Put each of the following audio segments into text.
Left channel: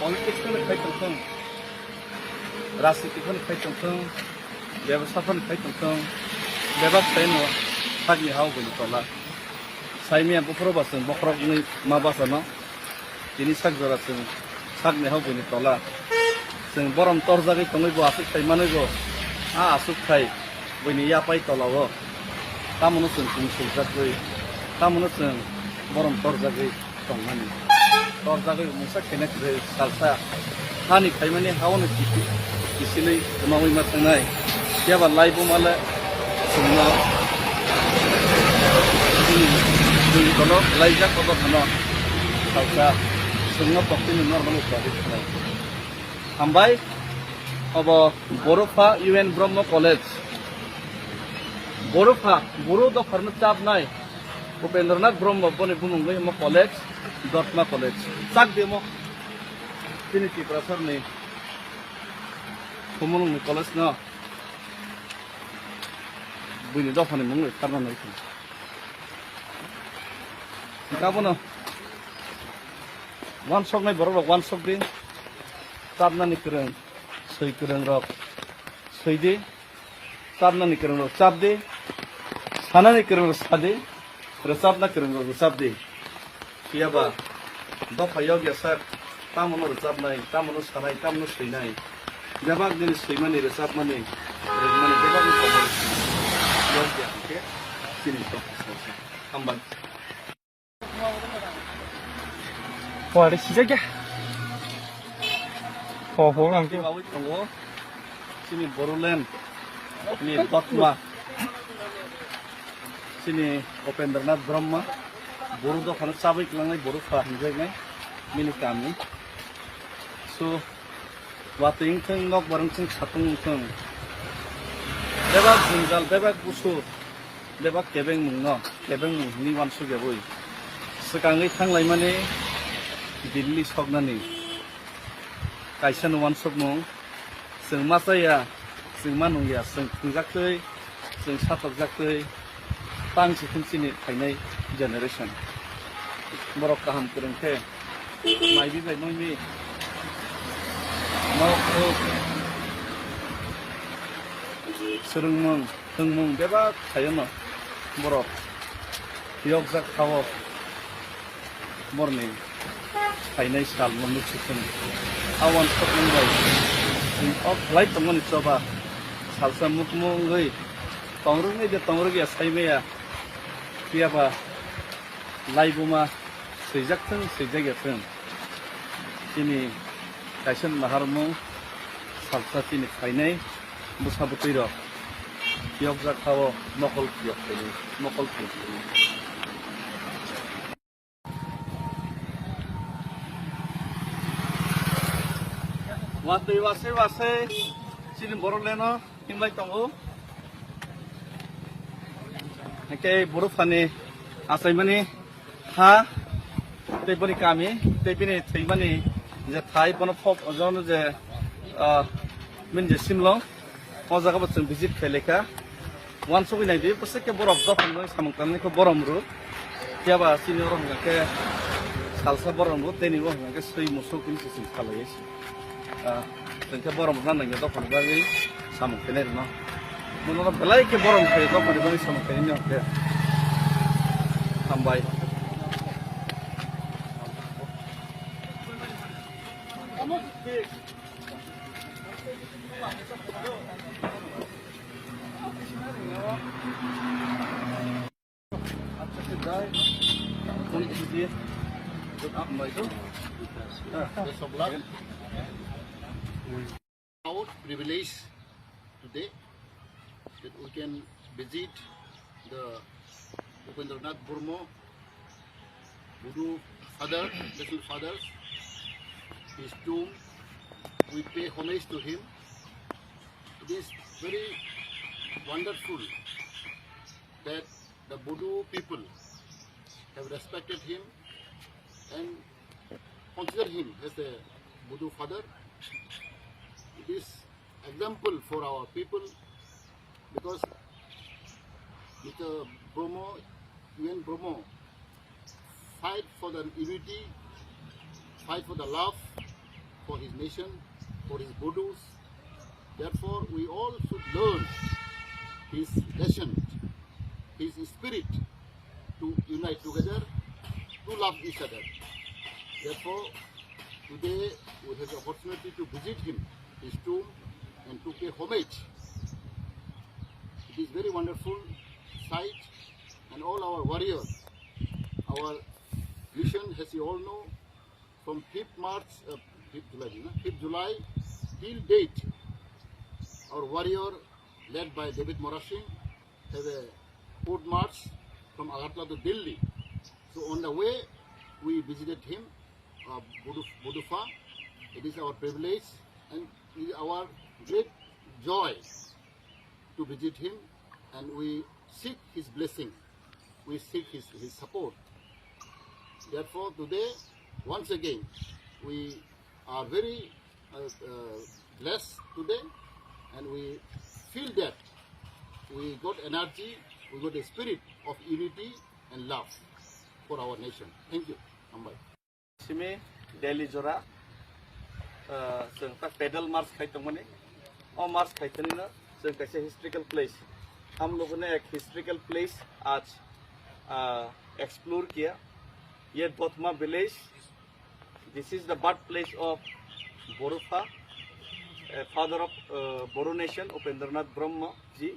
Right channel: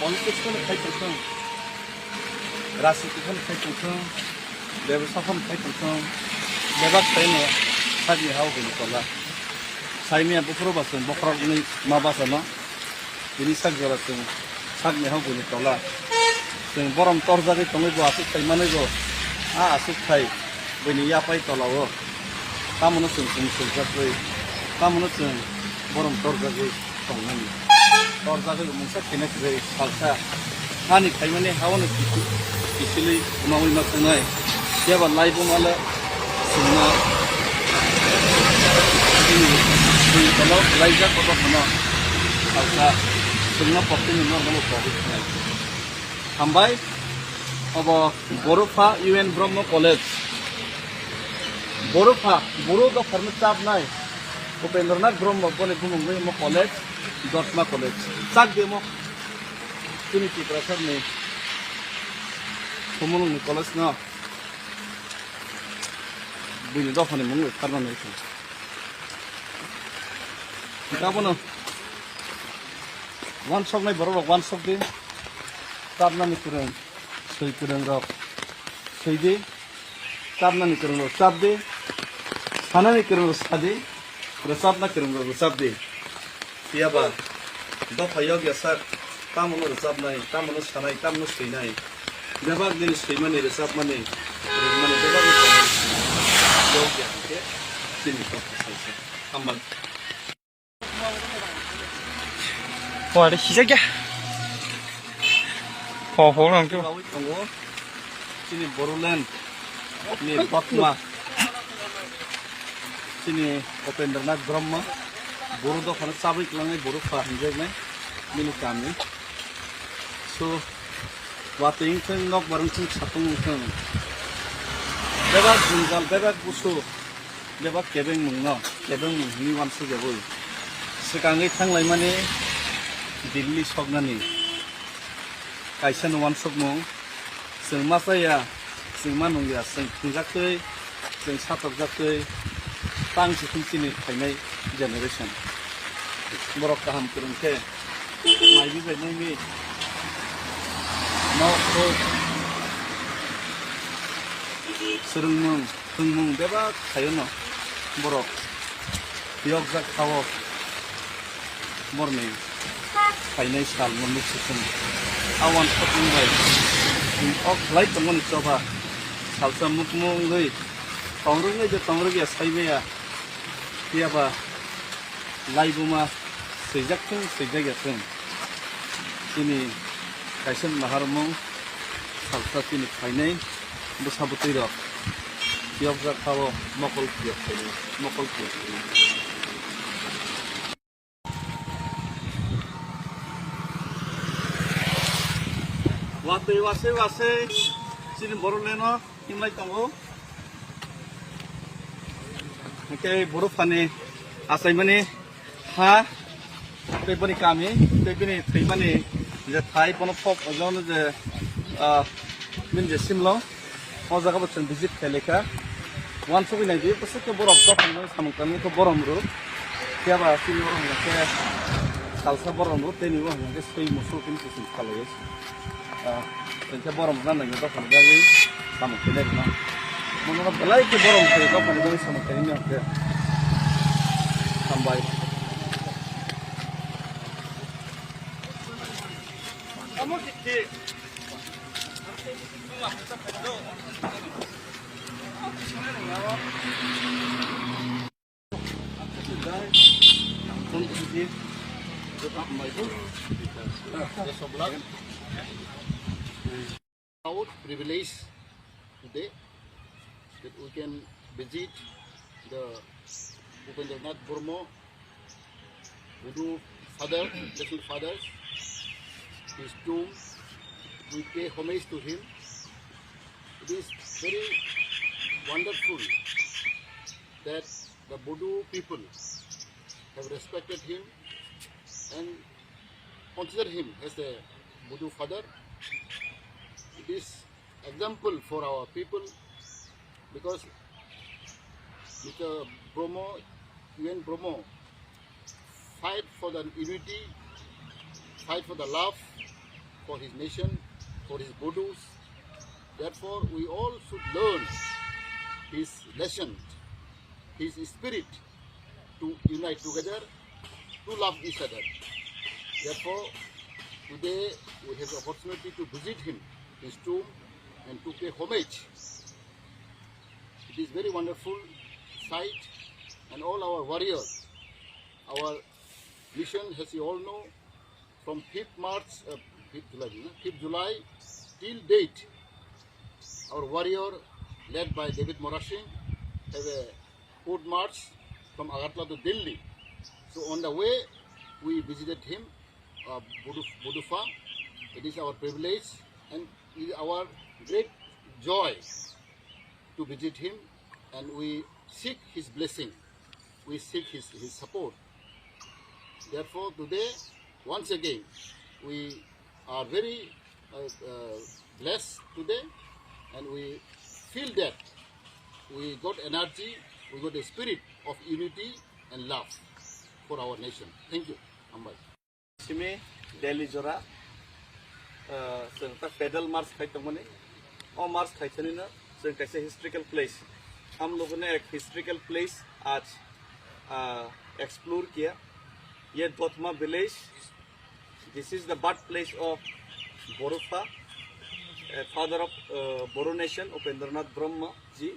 politicsखौनो खायथोंथों राजनितिखौनो खायथोंथों बेबसाखौनो खायथोंथों बेबा खायनो सागि हावगोन तला साइमिया बुफ्रबासों बख्रगनि माबासोना बिनि सागजरासों सागनि हावगोन तला जों बरम तरजागै तंगैबो आसुक खायमानैबो आसुक खाय बैनि यापाय तलावो तामोनो जों सुलजागै तामोनो जों बरम तरजागै तंनानै तरजागै मोनसे खेनाखै सालसा हानि खायमाने हावनो किसिलै उनावै मा थांनाय याबा लाइबो माले जोंनो दै तलाव लाइजाक बबा खाना सालसा जोंनो पक्तिनि नर्माल प्रॉफिट खानाय हामबाय अब बर'फा UN ब्रह्म कलेज बर'फा बर' दफारनो चाबनाय उपेन्द्रनाथ ब्रह्म बने बुंगै म कलेज दर्मा कलेज चाक देमो ट्रिनिटी प्रफेसरनि हमलंनि कलेज न बुनि दफानि मुङै खारनानै गाबोनो वान सक नाय बर' वान सक दे चाबनानि फोरों सै फोरों रक सैदे चाबनानि फोरों रक चाबदे सानानि फोरों रक सादे रोजाबना फोरों रक रोजाबदे याबा दफायाव गेसार तामोनो रोजाबनाय तामोनो सानाय तामोनो सैनाय बेबाग दिन सैमानि रोजाबमानि रोजमानि बेबाग याव गेसके सिनि दफासासो हामबाय 와, 시작이야. 호랑이. बावै दङ जोंनि बर'लेण्डनि बाक्मा जोंनि उपेन्द्रनाथ ब्रह्म बर' दखान चाबै लांनाय बर' फाहिनजानाय मिनि गामि स' वातैंथों नक बारंथों सातंथों बेबाग जुंगाल बेबाग गुसु बेबाग केबें मुंनो केबें मुंनि वानसु गेबै सिगाङै थांलाय माने दिल्ली सकनानि कायसान वान सक मुं जों मा जाया जों मा नंलिया जों खुंजाखै जों साथकजाखै तांसि खुमसिनि खायनाय जेनेरेसन बर' गाहाम फोरोंथे माइबि बायनायनि मावखौ सोलोंमुं होंमुं बेबा खायोनो बर' बियगजाक खावो मरनि खायनाय साल मोननै सुखुन आवान सकुंबाय अफ लाइट दंमोन चबा सालसा मुखमुङै तंरुङै जे तंरुगिया साइबाया बियाबा लाइबुमा सैजाकथों सैजागियाथों दिनै कायसान माहारमुं सालसा दिनै खायनाय बुसाबुतैर बियगजाक खावो मकल बियग खायनाय मकल बियग वातै वासै वासै चिन बर'लेण्डआव हिमलाय दङ ओमफ्राय बर'फानि आसायमानि हा दैबनि गामि दैबनि थैमानि जे थाइ बनो फब अजावनो जे मिनजुसिमल' अजागा बच्चन भिजिट खेलेखा वान सफैनाय बे बोसोरखे बरफ दफान सामकामनिखौ बरमरु जाबा चिनि बरमके सालसा बरमरु दैनि बरमके सै मुसुलखौ सिम खालायसै जोंखे बरम राननायनि दखान बागै सामखैनाय न मनोना बेलायके बरम खायो दखान बागै सामखैनाय नखे हामबाय Our privilege today that we can visit the Upendranath Burma Voodoo father, little father, his tomb. We pay homage to him. It is very wonderful that the Voodoo people have respected him and consider him as a Voodoo father. It is example for our people because Mr. Bromo, UN Bromo, fight for the unity, fight for the love, for his nation, for his Budus. Therefore, we all should learn his lesson, his spirit to unite together, to love each other. Therefore, today we have the opportunity to visit him, his tomb, and to pay homage. It is very wonderful sight, and all our warriors, our mission, as you all know, from 5th July till date, our warrior led by David Morashin have a foot march from Agartala to Delhi. So on the way, we visited him, Budufa. It is our privilege and it is our great joy to visit him, and we seek his blessing. We seek his support. Therefore, today, once again, we are very blessed today, and we feel that we got energy, we got a spirit of unity and love for our nation. Thank you. Ambai. Simi Delhi Jora, जों पैदल मार्च खाइतों मने, और मार्च खाइतों ने ना जों कैसे historical place, हम लोगों ने एक हिस्ट्रिकल प्लेस आज एक्सप्लोर किया. ये Dotma village, this is the birth place of Borufa, father of Boru nation, Upendranath Brahma ji.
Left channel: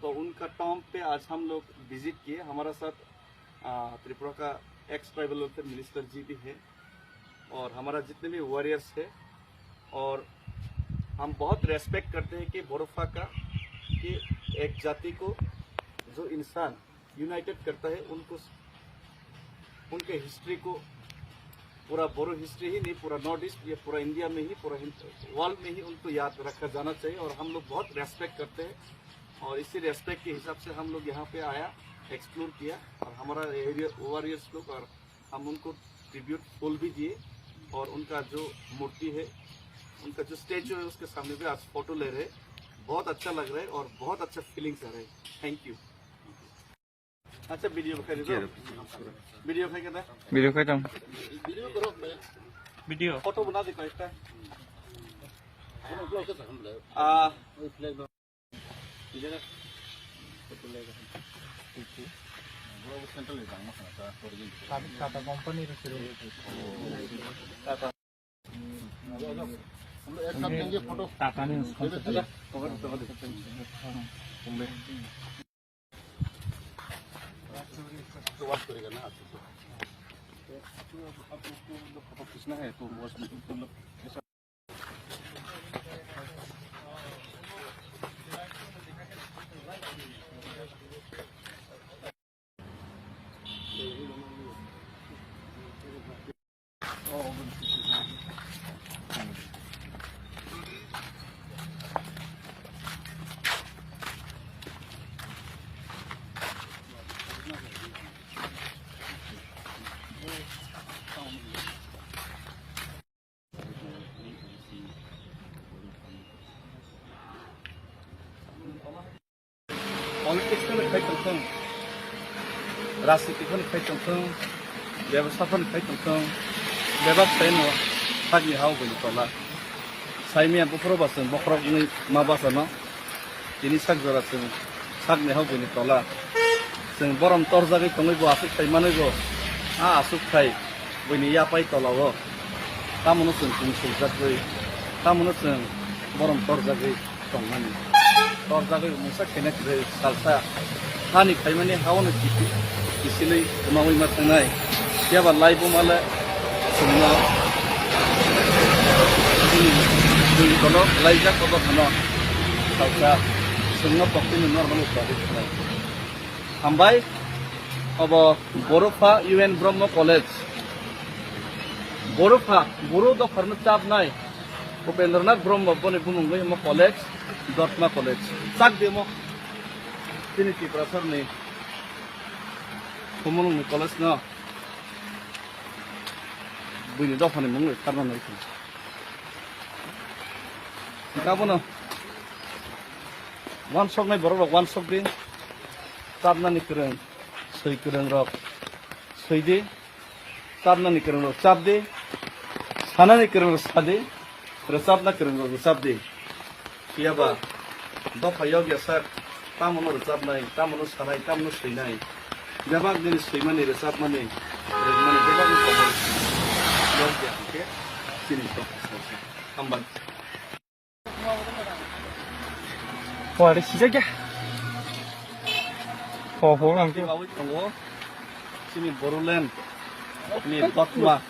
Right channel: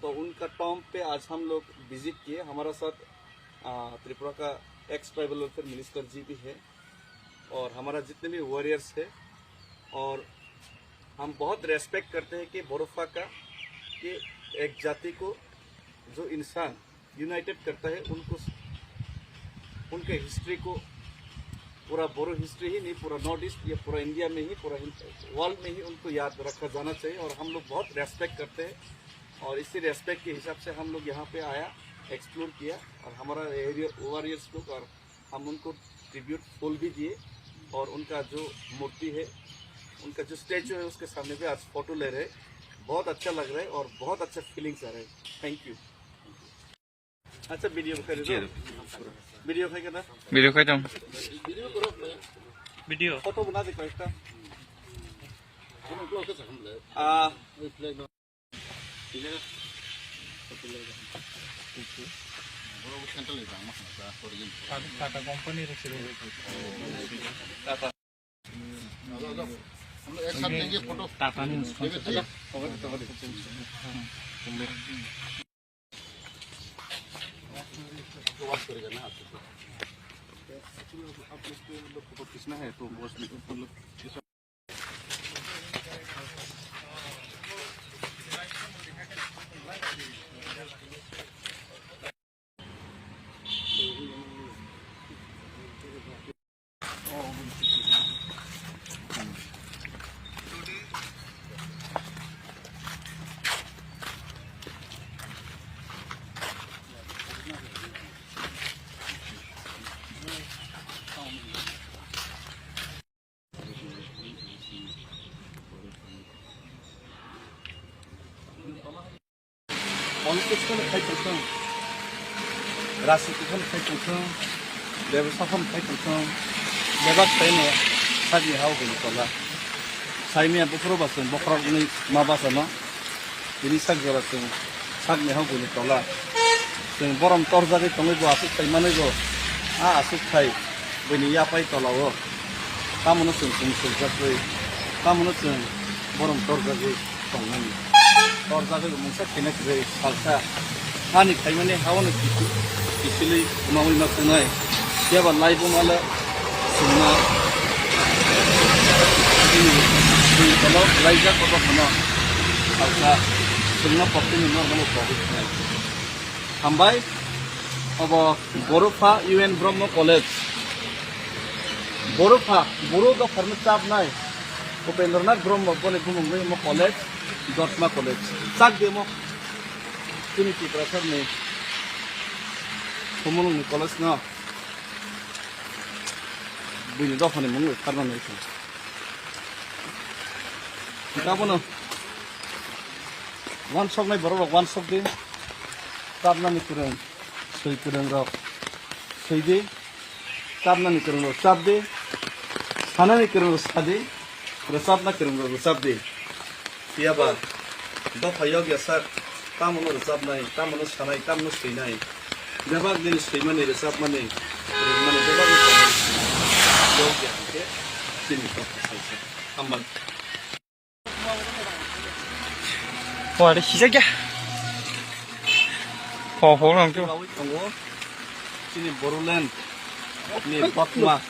तो उनका टॉम पे आज हम लोग विजिट किए. हमारा साथ त्रिपुरा का एक्स ट्राइबल वेलफेयर मिनिस्टर जी भी है, और हमारा जितने भी वॉरियर्स है, और हम बहुत रेस्पेक्ट करते हैं कि बोरोफा का, कि एक जाति को जो इंसान यूनाइटेड करता है, उनको उनके हिस्ट्री को, पूरा बोरो हिस्ट्री ही नहीं, पूरा नॉर्थ ईस्ट या पूरा इंडिया में ही, पूरा वर्ल्ड में ही उनको याद रखा जाना चाहिए. और हम लोग बहुत रेस्पेक्ट करते हैं, और इसी रेस्पेक्ट के हिसाब से हम लोग यहाँ पे आया, एक्सप्लोर किया, और हमारा एरिया वॉरियर्स लोग, और हम उनको ट्रिब्यूट फूल भी दिए, और उनका जो मूर्ति है, उनका जो स्टैचू है, उसके सामने भी आज फोटो ले रहे. बहुत अच्छा लग रहा है और बहुत अच्छा फीलिंग्स आ रहे हैं. Thank you. अच्छा वीडियो दिखाई दो, वीडियो दिखाई क्या वीडियो खाई तुम Video करो मैं. वीडियो फोटो बना दे कोई हम लोग कैसे हम ले? वही फ्लैग लो. इलेगा. फोटो लेगा. बड़ा सेंटर ले जाना है क्या? फॉर ये. टाटा कंपनी रखी रहो. हम एक साथ लेंगे फोटो. टाटा में तो बात करेगा ना आप लोग को फोटो खींचना है तो बस मतलब पॉलिटिक्स में खाई तंखों, राजनीति में खाई तंखों, व्यवसाय में खाई तंखों, व्यवसाय में सागी हाउ गई तोला. साइमिया बुकरो बासन, बकरो नहीं माँ बासना, ini sak jora sing sak ne hagu ni tola sing borom torja ge tongi bo asuk kai mane go asuk kai bini ya pai tola wo tamono sing sing jak ge tamono sing borom torja ge tongani torja ge musa kene ge salsa hani kai mane hawono kisili mawi ma tangai ya ba lai bo mala singna ini tolo lai jak ko khama salsa sungna pokti ni normal product है. हम भाई अब बोरोफा UN ब्रह्म college Bodofa बोरो का firm चाप नाय उपेंद्रनाथ ब्रह्म बोले बुमुंगे मो college दोतमा college साक देमो तिनी की प्रफर ने बुमुंगे कॉलेज ना बुनी दोफने मुंगे करना नहीं था. क्या बोलो वन शॉप नहीं बरोबर वन शॉप दे ताबना निकरन सही करन रॉक सही दे ताबना निकरन रॉक चाप दे Sana ni kereng resadi, resab na kereng resab di. Iya ba, do payog ya sar, tamono resab nai, tamono sanai, tamono seinai. Jabak ni seimani resab mani, resmani jabak ni komor. Yog ya, oke? Sini to, salsa. Ambang. 와, 내 시작이야. 보랑 좀. Bawi tunggu. Sini Borulen, ini Bakma.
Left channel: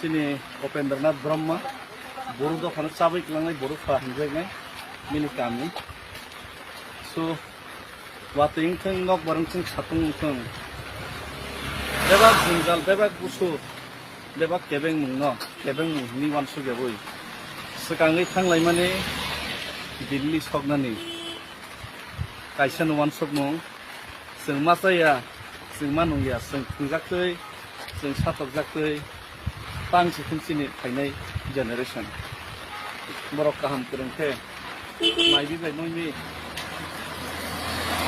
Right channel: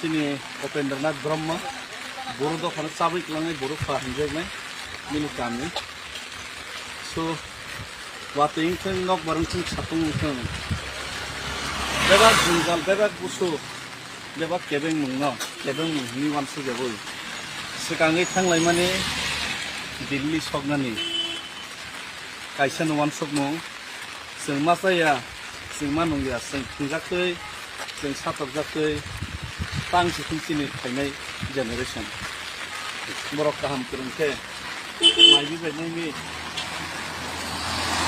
Sini Opendernath Brahma. Boru do khana sabik langai boru fahinjai nai. Mini kami. So, wating teng nok barang teng satung teng. Bebak jungal, bebak busu. Bebak kebeng mungno, kebeng mung ni wansu jabui. Sekangai tang lai mani Delhi sognani. Kaisan wansuk mung. Seng masaya, seng manung ya, seng tungjak tui, seng satok jak tui. Tang si sini kainai generation. Borok kaham kereng ke. Mai bi bai nai ni.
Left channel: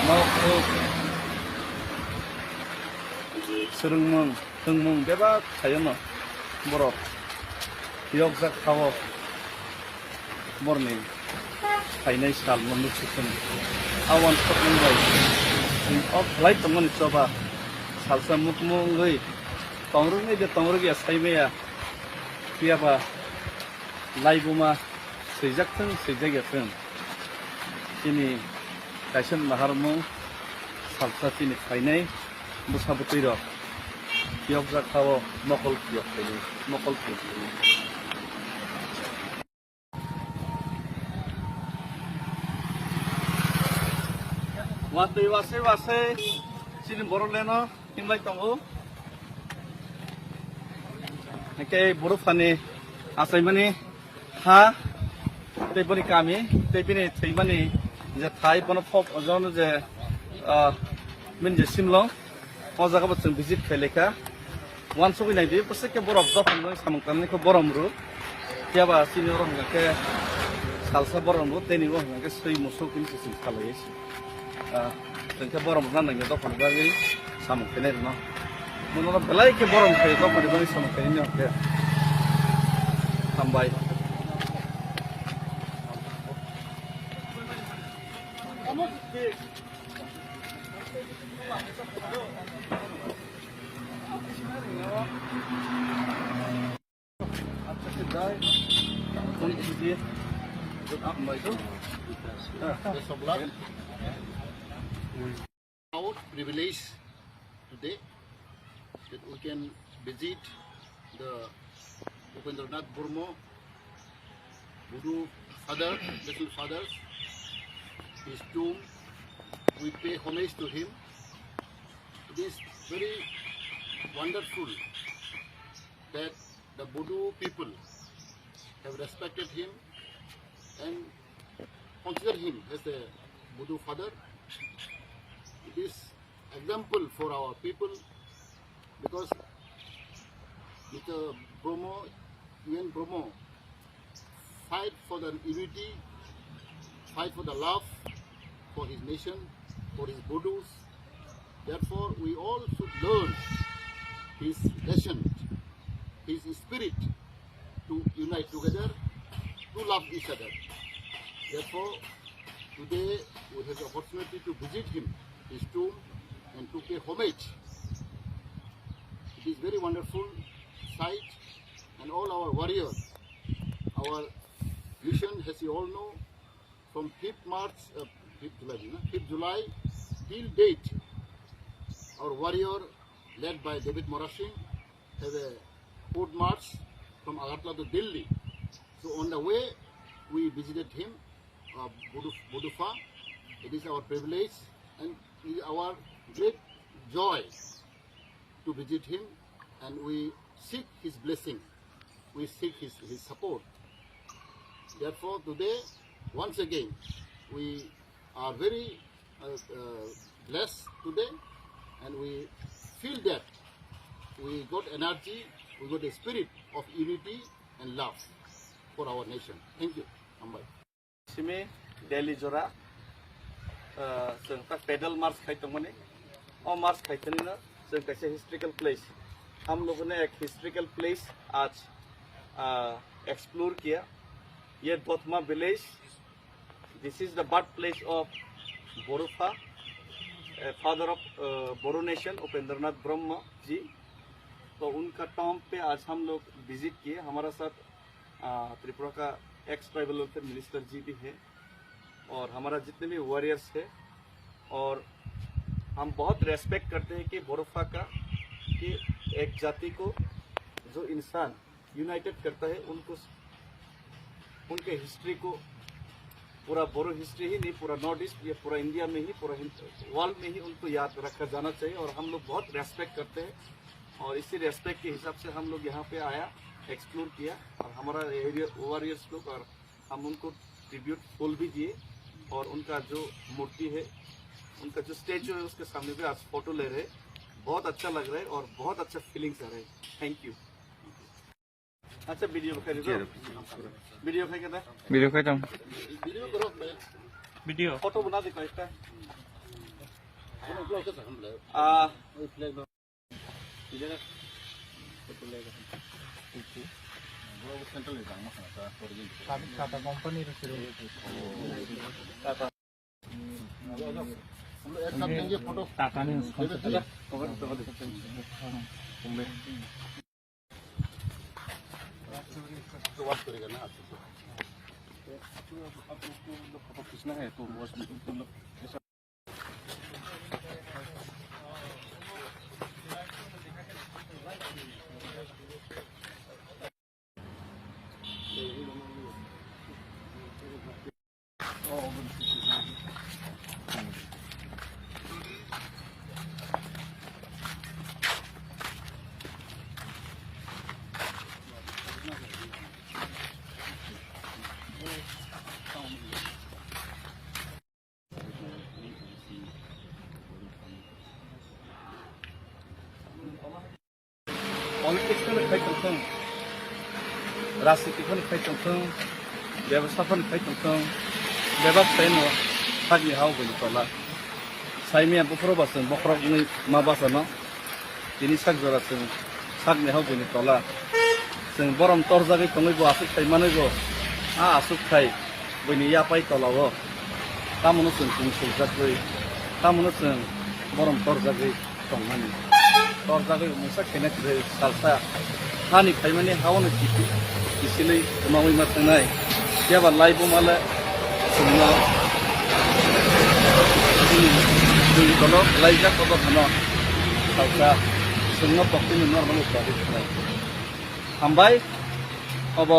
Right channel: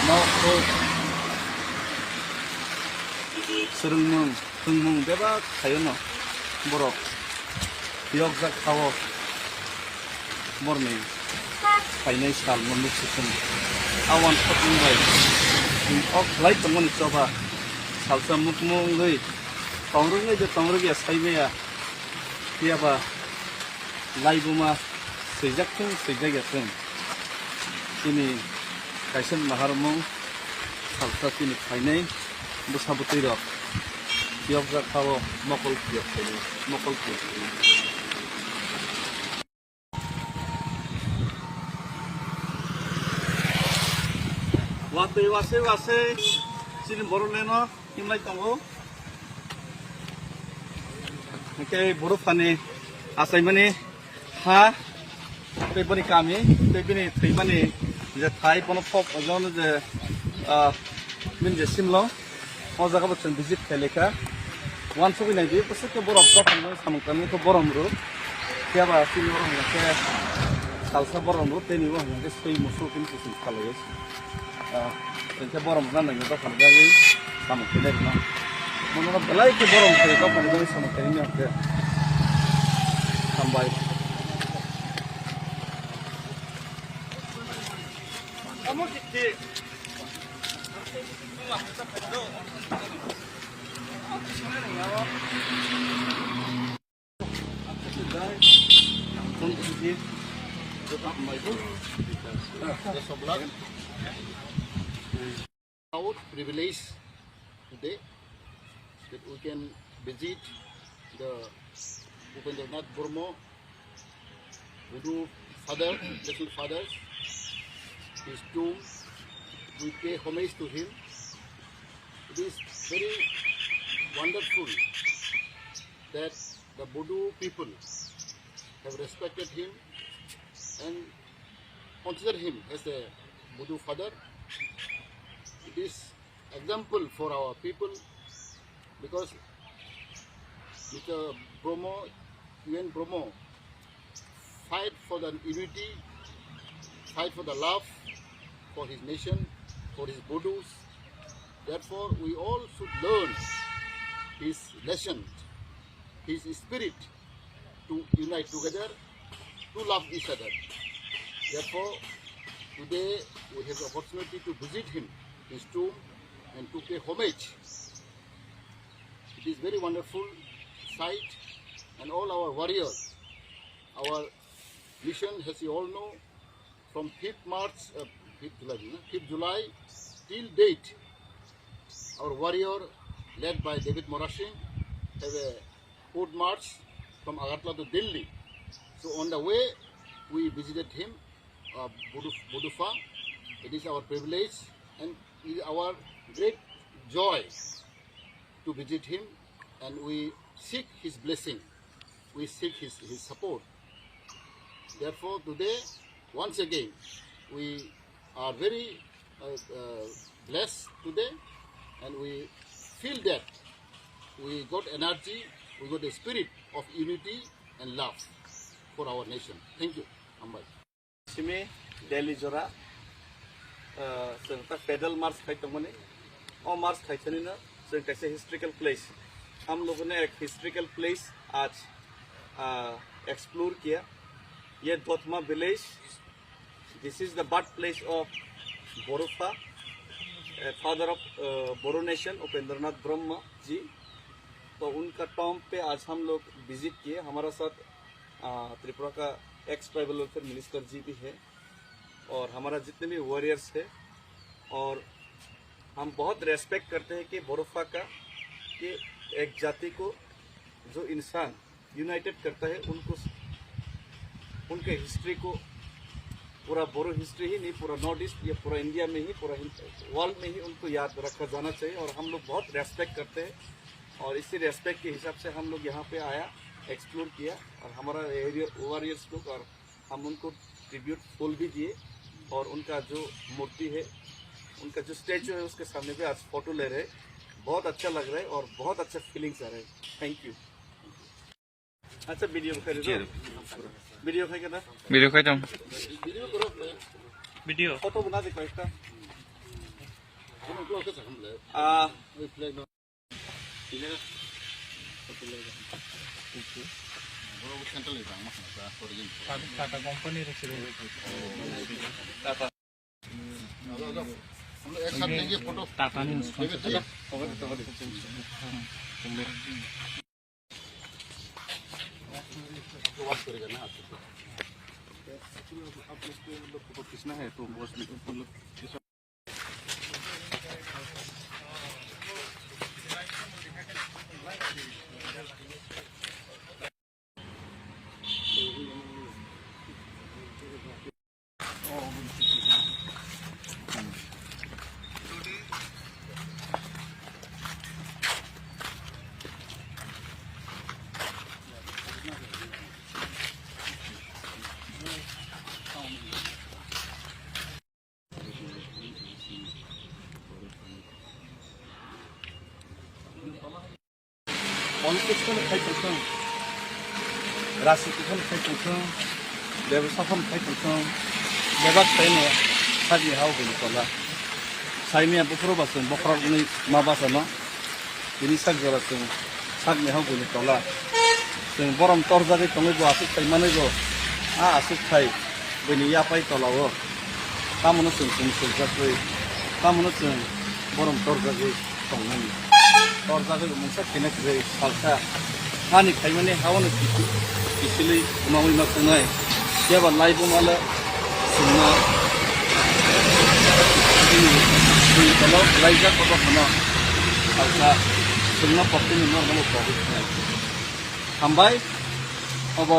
Mau ko. Serung mung, hung mung beba kayono. Borok. Yok jak kawo. Morning. Kainai sal monu sikun. Awan sok mung bai. Of light teman coba. Salsa mukmu ngai. Tongrung ngai jo tongrung ya sai me ya. Siapa? Live rumah sejak teng. Ini kaisan maharmu salsa ini kainai musa betiro. Tiap jak kawo mokol tiap ini mokol tiap. Wase silin Boruleno himlai tongo. Oke buru fani asai mani ha tepani kami tepini thaimani je thai pono pop ajon je min je simlo o jaga bo chen visit kheleka wan soki nai di pose ke borok do fani samang tamni ko borom ru tiaba sini ro ke salsa borom ru teni wo ke sei musul kin sin khalai Tengke borom nang nang dokon gari sama kene no. Mono belai ke borom ke dokon gari sama kene ne ke. Sampai. Kamu di Apa sih dai? Tunggu di tetap mai tu. Sebelah. Our privilege today that we can visit the Upendranath Burma Buddha father, national fathers, his tomb. We pay homage to him. It is very wonderful that the Buddha people have respected him and consider him as a Buddha father. It is example for our people because Mr. Bromo, UN Bromo, fight for the unity, fight for the love for his nation, for his Buddhas. Therefore, we all should learn his lesson, his spirit to unite together, to love each other. Therefore, today we have the opportunity to visit him, his tomb, and to pay homage. It is very wonderful sight, and all our warriors, our mission, as you all know, from 5th July till date, our warrior, led by David Morashing, have a foot march from Agartala to Delhi. So on the way, we visited him, Budufa. It is our privilege and it is our great joy to visit him, and we seek his blessing, we seek his support. Therefore, today, once again, we are very blessed today, and we feel that we got energy, we got a spirit of unity and love for our nation. Thank you. Ambai. Simi Delhi Jora, pedal march kaitung mani, or march kaituni na, so it's a historical place. हम लोगों ने एक historical place आज explore किया। ये Dotma village, this is the birth place of Bodofa, father of Boro nation Upendranath Brahma ji. तो उनका Tom पे आज हम लोग विजिट किए। हमारा साथ त्रिपुरा का एक्स ट्राइबल वेलफेयर मिनिस्टर जी भी है और हमारा जितने भी वॉरियर्स है, और हम बहुत रेस्पेक्ट करते हैं कि बोरोफा का, कि एक जाति को जो इंसान यूनाइटेड करता है, उनको उनके हिस्ट्री को, पूरा बोरो हिस्ट्री ही नहीं, पूरा नॉर्थ ईस्ट या पूरा इंडिया में ही, पूरा वर्ल्ड में ही उनको याद रखा जाना चाहिए। और हम लोग बहुत रेस्पेक्ट करते हैं और इसी रेस्पेक्ट के हिसाब से हम लोग यहाँ पे आया, एक्सप्लोर किया, और हमारा एरिया वॉरियर्स लोग, और हम उनको ट्रिब्यूट फूल भी दिए, और उनका जो मूर्ति है, उनका जो स्टेचू है, उसके सामने पे आज फोटो ले रहे। बहुत अच्छा लग रहा है और बहुत अच्छा फीलिंग्स आ रहे हैं। Thank you. अच्छा वीडियो खाई दो, वीडियो खाई करना, वीडियो खाई जाऊँ, वीडियो करो, वीडियो फोटो बना दे करेक्टा। हम लोग कैसे हम ले वही फ्लैग लो इधर फोटो ले वो सेंटर ले जाना है ओरिजिनल टाटा कंपनी रे सिरो टाटा हम एक साथ लेंगे फोटो। टाटा ने तो बात करेगा ना आप लोग को फोटो खींचना है तो बस पॉलिटिक्स में खाई चलते, राजनीति में खाई चलते, व्यवस्था में खाई चलते, बेबाक खाई सागी हाव बोली तला साइमिया बखरो बासन बखरो नहीं माँ बासना ini sak jora sing sak ni hau buni tala sing borom tor jagi tongai bo asuk khai manai bo a asuk khai buni ya pai tola wo tamono sing sing jakoi tamono sing borom tor jagi tongai tor jagi musa kenek re salsa hani khai mane hawono kisili umawi ma tanai ya ba lai bo mala singna ini tolo lai ja ko khama salsa semua pokoknya ini normal produk. Hambai, अब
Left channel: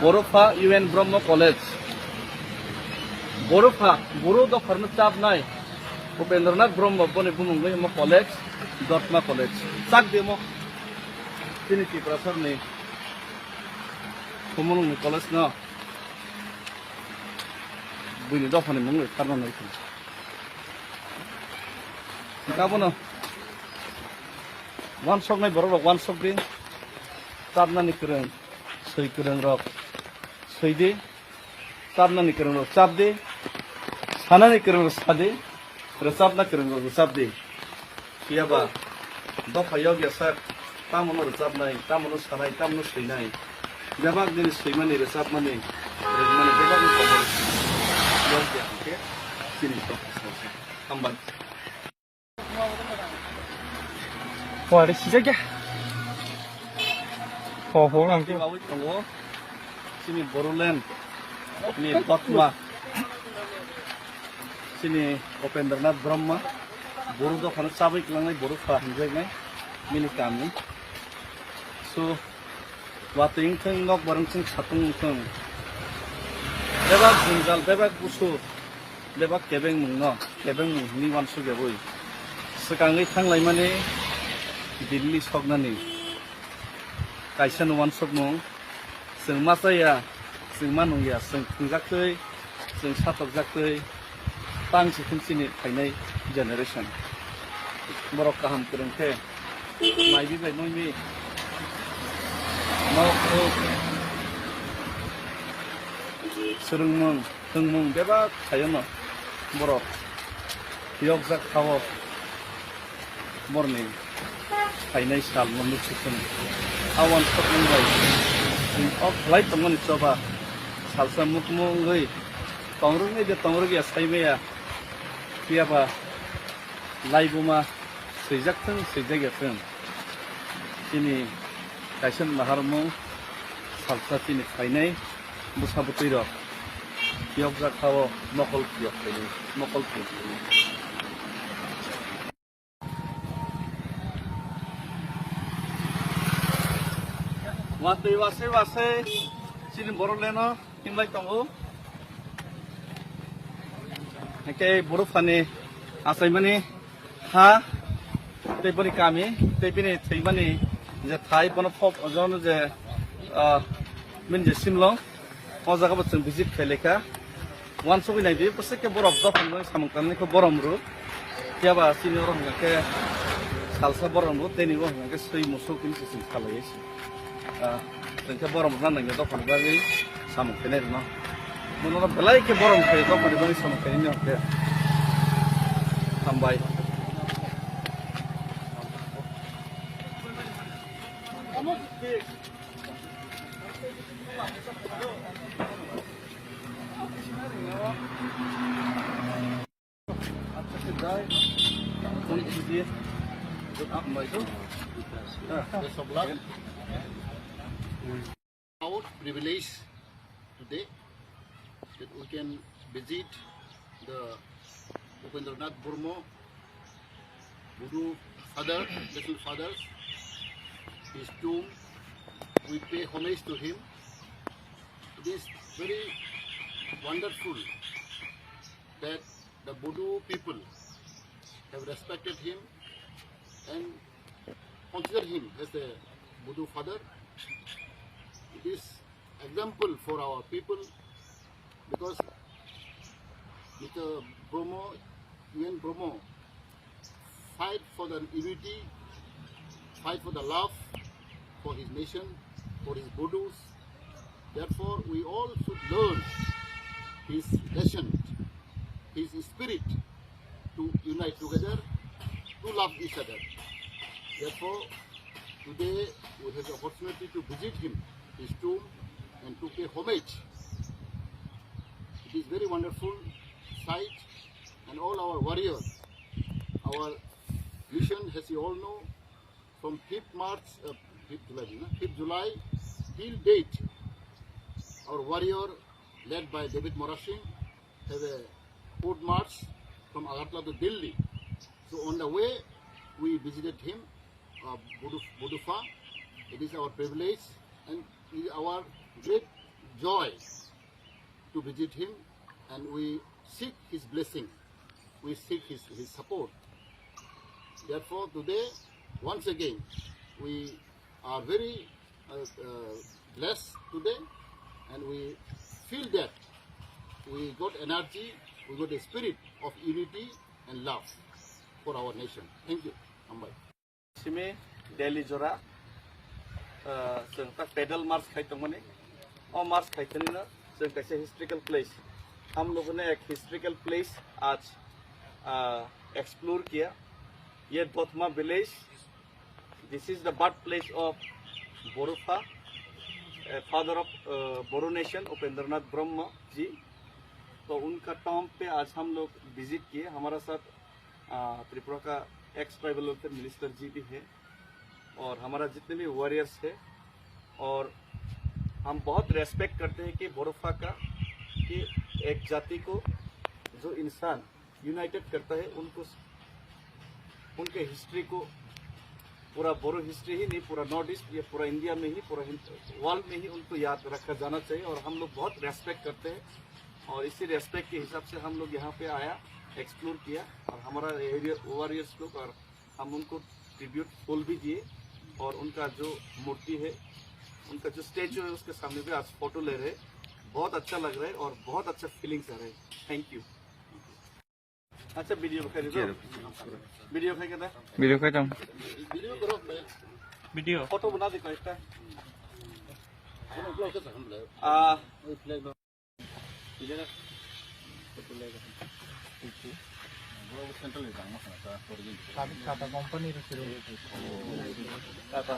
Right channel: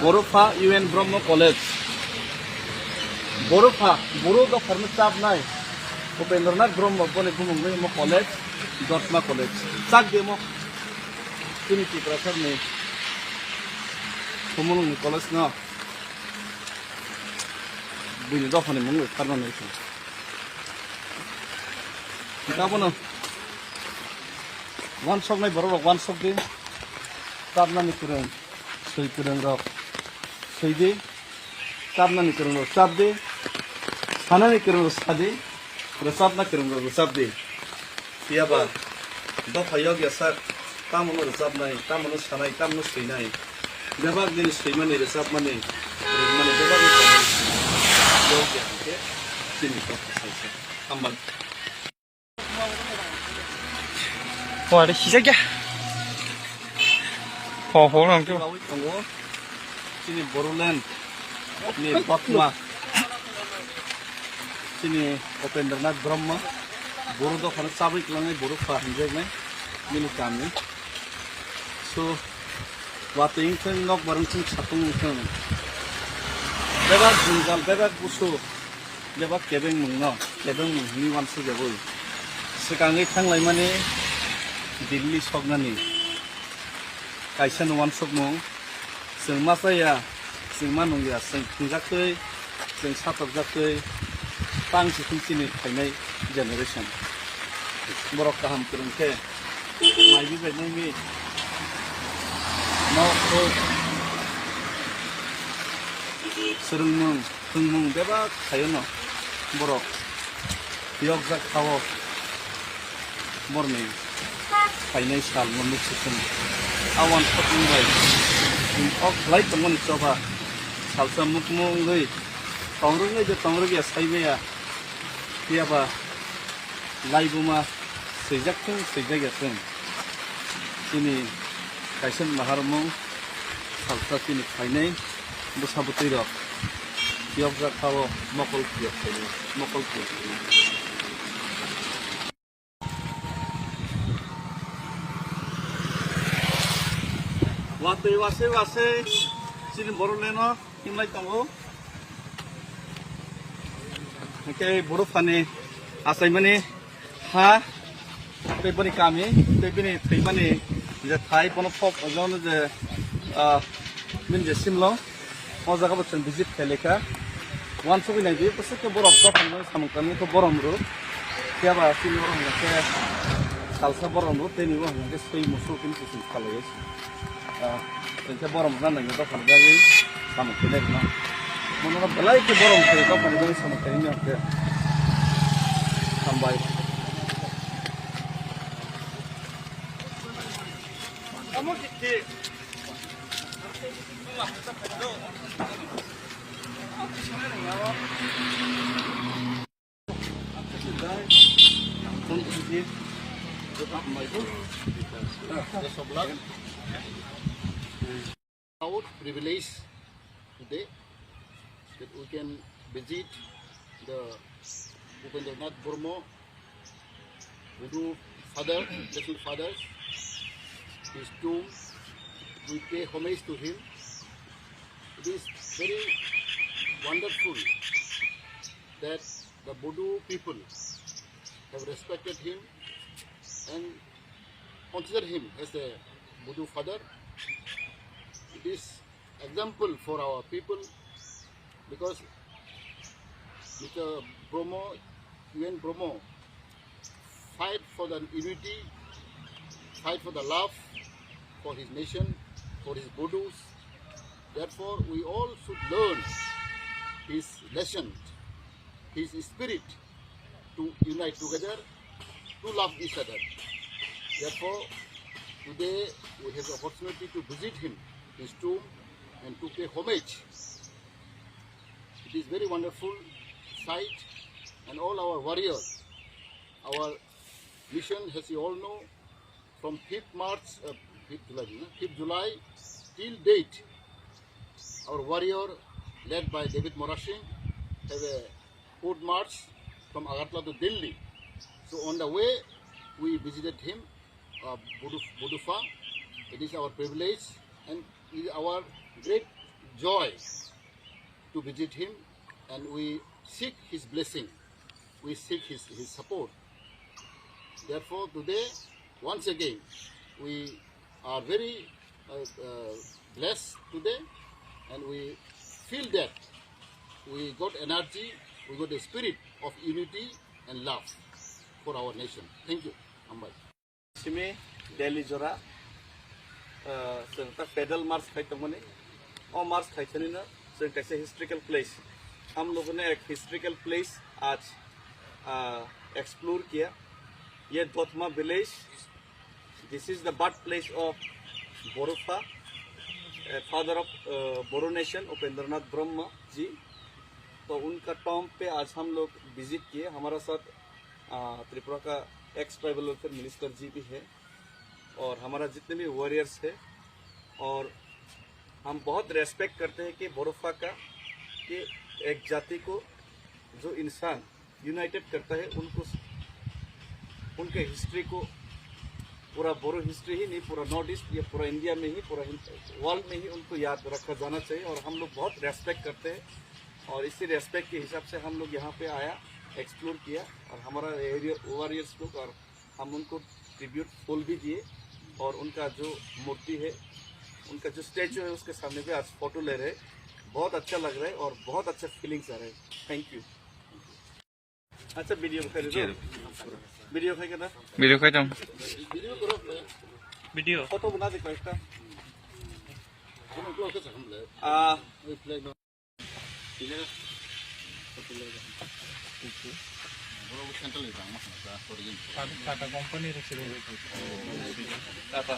बोरोफा UN ब्रह्म college, Bodofa बोरो का firm चाप नाय, उपेंद्रनाथ ब्रह्म बोले बुमुंगे मो college, दोतमा college, चाक demo, तीन की प्रसर ने, बुमुंगे कॉलेज ना, बुनी दो फने मुंगे करना नहीं थी, क्या बोलो? वन शॉप नहीं बरोबर वन शॉप दे ताबना निकरें सही करें रॉक सही दे ताबना निकरें रॉक साब दे खाना निकरें रॉक सादे रसाब ना करें रॉक रसाब दे किया बा दो फायोग या सर तामनो रसाब नहीं तामनो सानाई तामनो सही नहीं जब आप दिन सही मने रसाब मने रजमने जब आप कमर योग क्या है सिनी तो हम बन 와, 내 시작이야. 보람 좀. 가고 있던 거, 신이 보로랜드, 니 박마, 신이 उपेंद्रनाथ ब्रह्म, बोरो खाना चाबै क्लांगै बोरो फाहिंजोगनाय मिनि कामनि सो वातिं थों नक बारं थों सातुं थों बेबा गुंजाल बेबा गुसु बेबा केबें मुंनो केबें मुंनि वानसु गेबोय सिगाङै थांलाय माने दिल्ली सकनानि कायसा नवान सकनो जों मा जाया जों मा नंलिया जों खुंजाखै जों साथबजाखै पांसे खुंसिनि थायनाय जेनेरेशन बर' गाहाम फोरोंथे माइबि बायनायनि मावखौ सोलोंमों फोरोंमों बेबा थायोनो बर' यगजाक थाव बरनि फाइनाल साल मोननै सिखुन आवान फटमुंबाय अफ लाइट दंमोन चबा सालसा मुखमुंगै तंरुङै दे तंरुगिया साइबाया कियाबा लाइबुमा सैजाकथों सैजागाथों दिनै गायसन माहारमु सालसा दिनै फाइनाल बुसाबुतैर कियब जाखाव मकल कियब फाइनाल मकल कियब वातै वासे वासे चिन बरलेनो हिमलाय तंगो के बरफानि आसायमानि हा तैबनि कामि तैबनि थैमानि जे थाइ पन फप अजन जे मिनगे सिमलो अजागा बचन भिजिट खेलेका वान सबै नाय बे पसे के बरफ दफन सामकानि को बरम रु याबा सिनो रंग के सालसा बरम रु तेनि वो के सै मुसु किन किसिम खालायसि जोंखे बरम राननाय दफन गागै सामकानि न मनोरा बलाय के बरम के दफन गागै सामकानि न के हामबाय अमोकिति Proud privilege today that we can visit the Upendranath Burma Budu father, little fathers, his tomb. We pay homage to him. It is very wonderful that the Budu people have respected him and consider him as a Budu father. It is example for our people because Mr. Bromo, UN Bromo, fight for the unity, fight for the love for his nation, for his Budus. Therefore, we all should learn his lesson, his spirit to unite together, to love each other. Therefore, today we have the opportunity to visit him, his tomb, and to pay homage. It is very wonderful sight, and all our warriors, our mission, as you all know, from 5th July till date, our warrior, led by David Morashing, have a foot march from Agartala to Delhi. So on the way, we visited him, Budufa. It is our privilege and it is our great joy to visit him, and we seek his blessing. We seek his support. Therefore, today, once again, we are very blessed today, and we feel that we got energy, we got a spirit of unity and love for our nation. Thank you. Ambai. Simi Delhi Jora, जोंता पैदल मार्च खाइतोंमोने और मार्च खाइतोंनिना जों कैसे historical place हम लोगों ने एक historical place आज explore किया ये Dotma village this is the birth place of Bodofa father of Boro nation Upendranath Brahma ji तो उनका टॉम पे आज हम लोग विजिट किए हमारा साथ त्रिपुरा का एक्स ट्राइबल वेलफेयर मिनिस्टर जी भी है और हमारा जितने भी वॉरियर्स है और हम बहुत रेस्पेक्ट करते हैं कि बोरोफा का कि एक जाति को जो इंसान यूनाइटेड करता है उनको उनके हिस्ट्री को पूरा बोरो हिस्ट्री ही नहीं पूरा नॉर्थ ईस्ट या पूरा इंडिया में ही पूरा वर्ल्ड में ही उनको याद रखा जाना चाहिए और हम लोग बहुत रेस्पेक्ट करते हैं और इसी रेस्पेक्ट के हिसाब से हम लोग यहाँ पे आया एक्सप्लोर किया और हमारा एरिया वॉरियर्स लोग और हम उनको ट्रिब्यूट फूल भी दिए और उनका जो मूर्ति है उनका जो स्टैचू है उसके सामने भी आज फोटो ले रहे बहुत अच्छा लग रहा है और बहुत अच्छा फीलिंग्स आ रहे हैं थैंक यू अच्छा वीडियो खाई दो वीडियो खाई करना वीडियो खाई दम Video karo, वीडियो फोटो बना दे कोई Ano vlog ka sa hamle? Flag no. Hindi na. Central Tata company एक साथ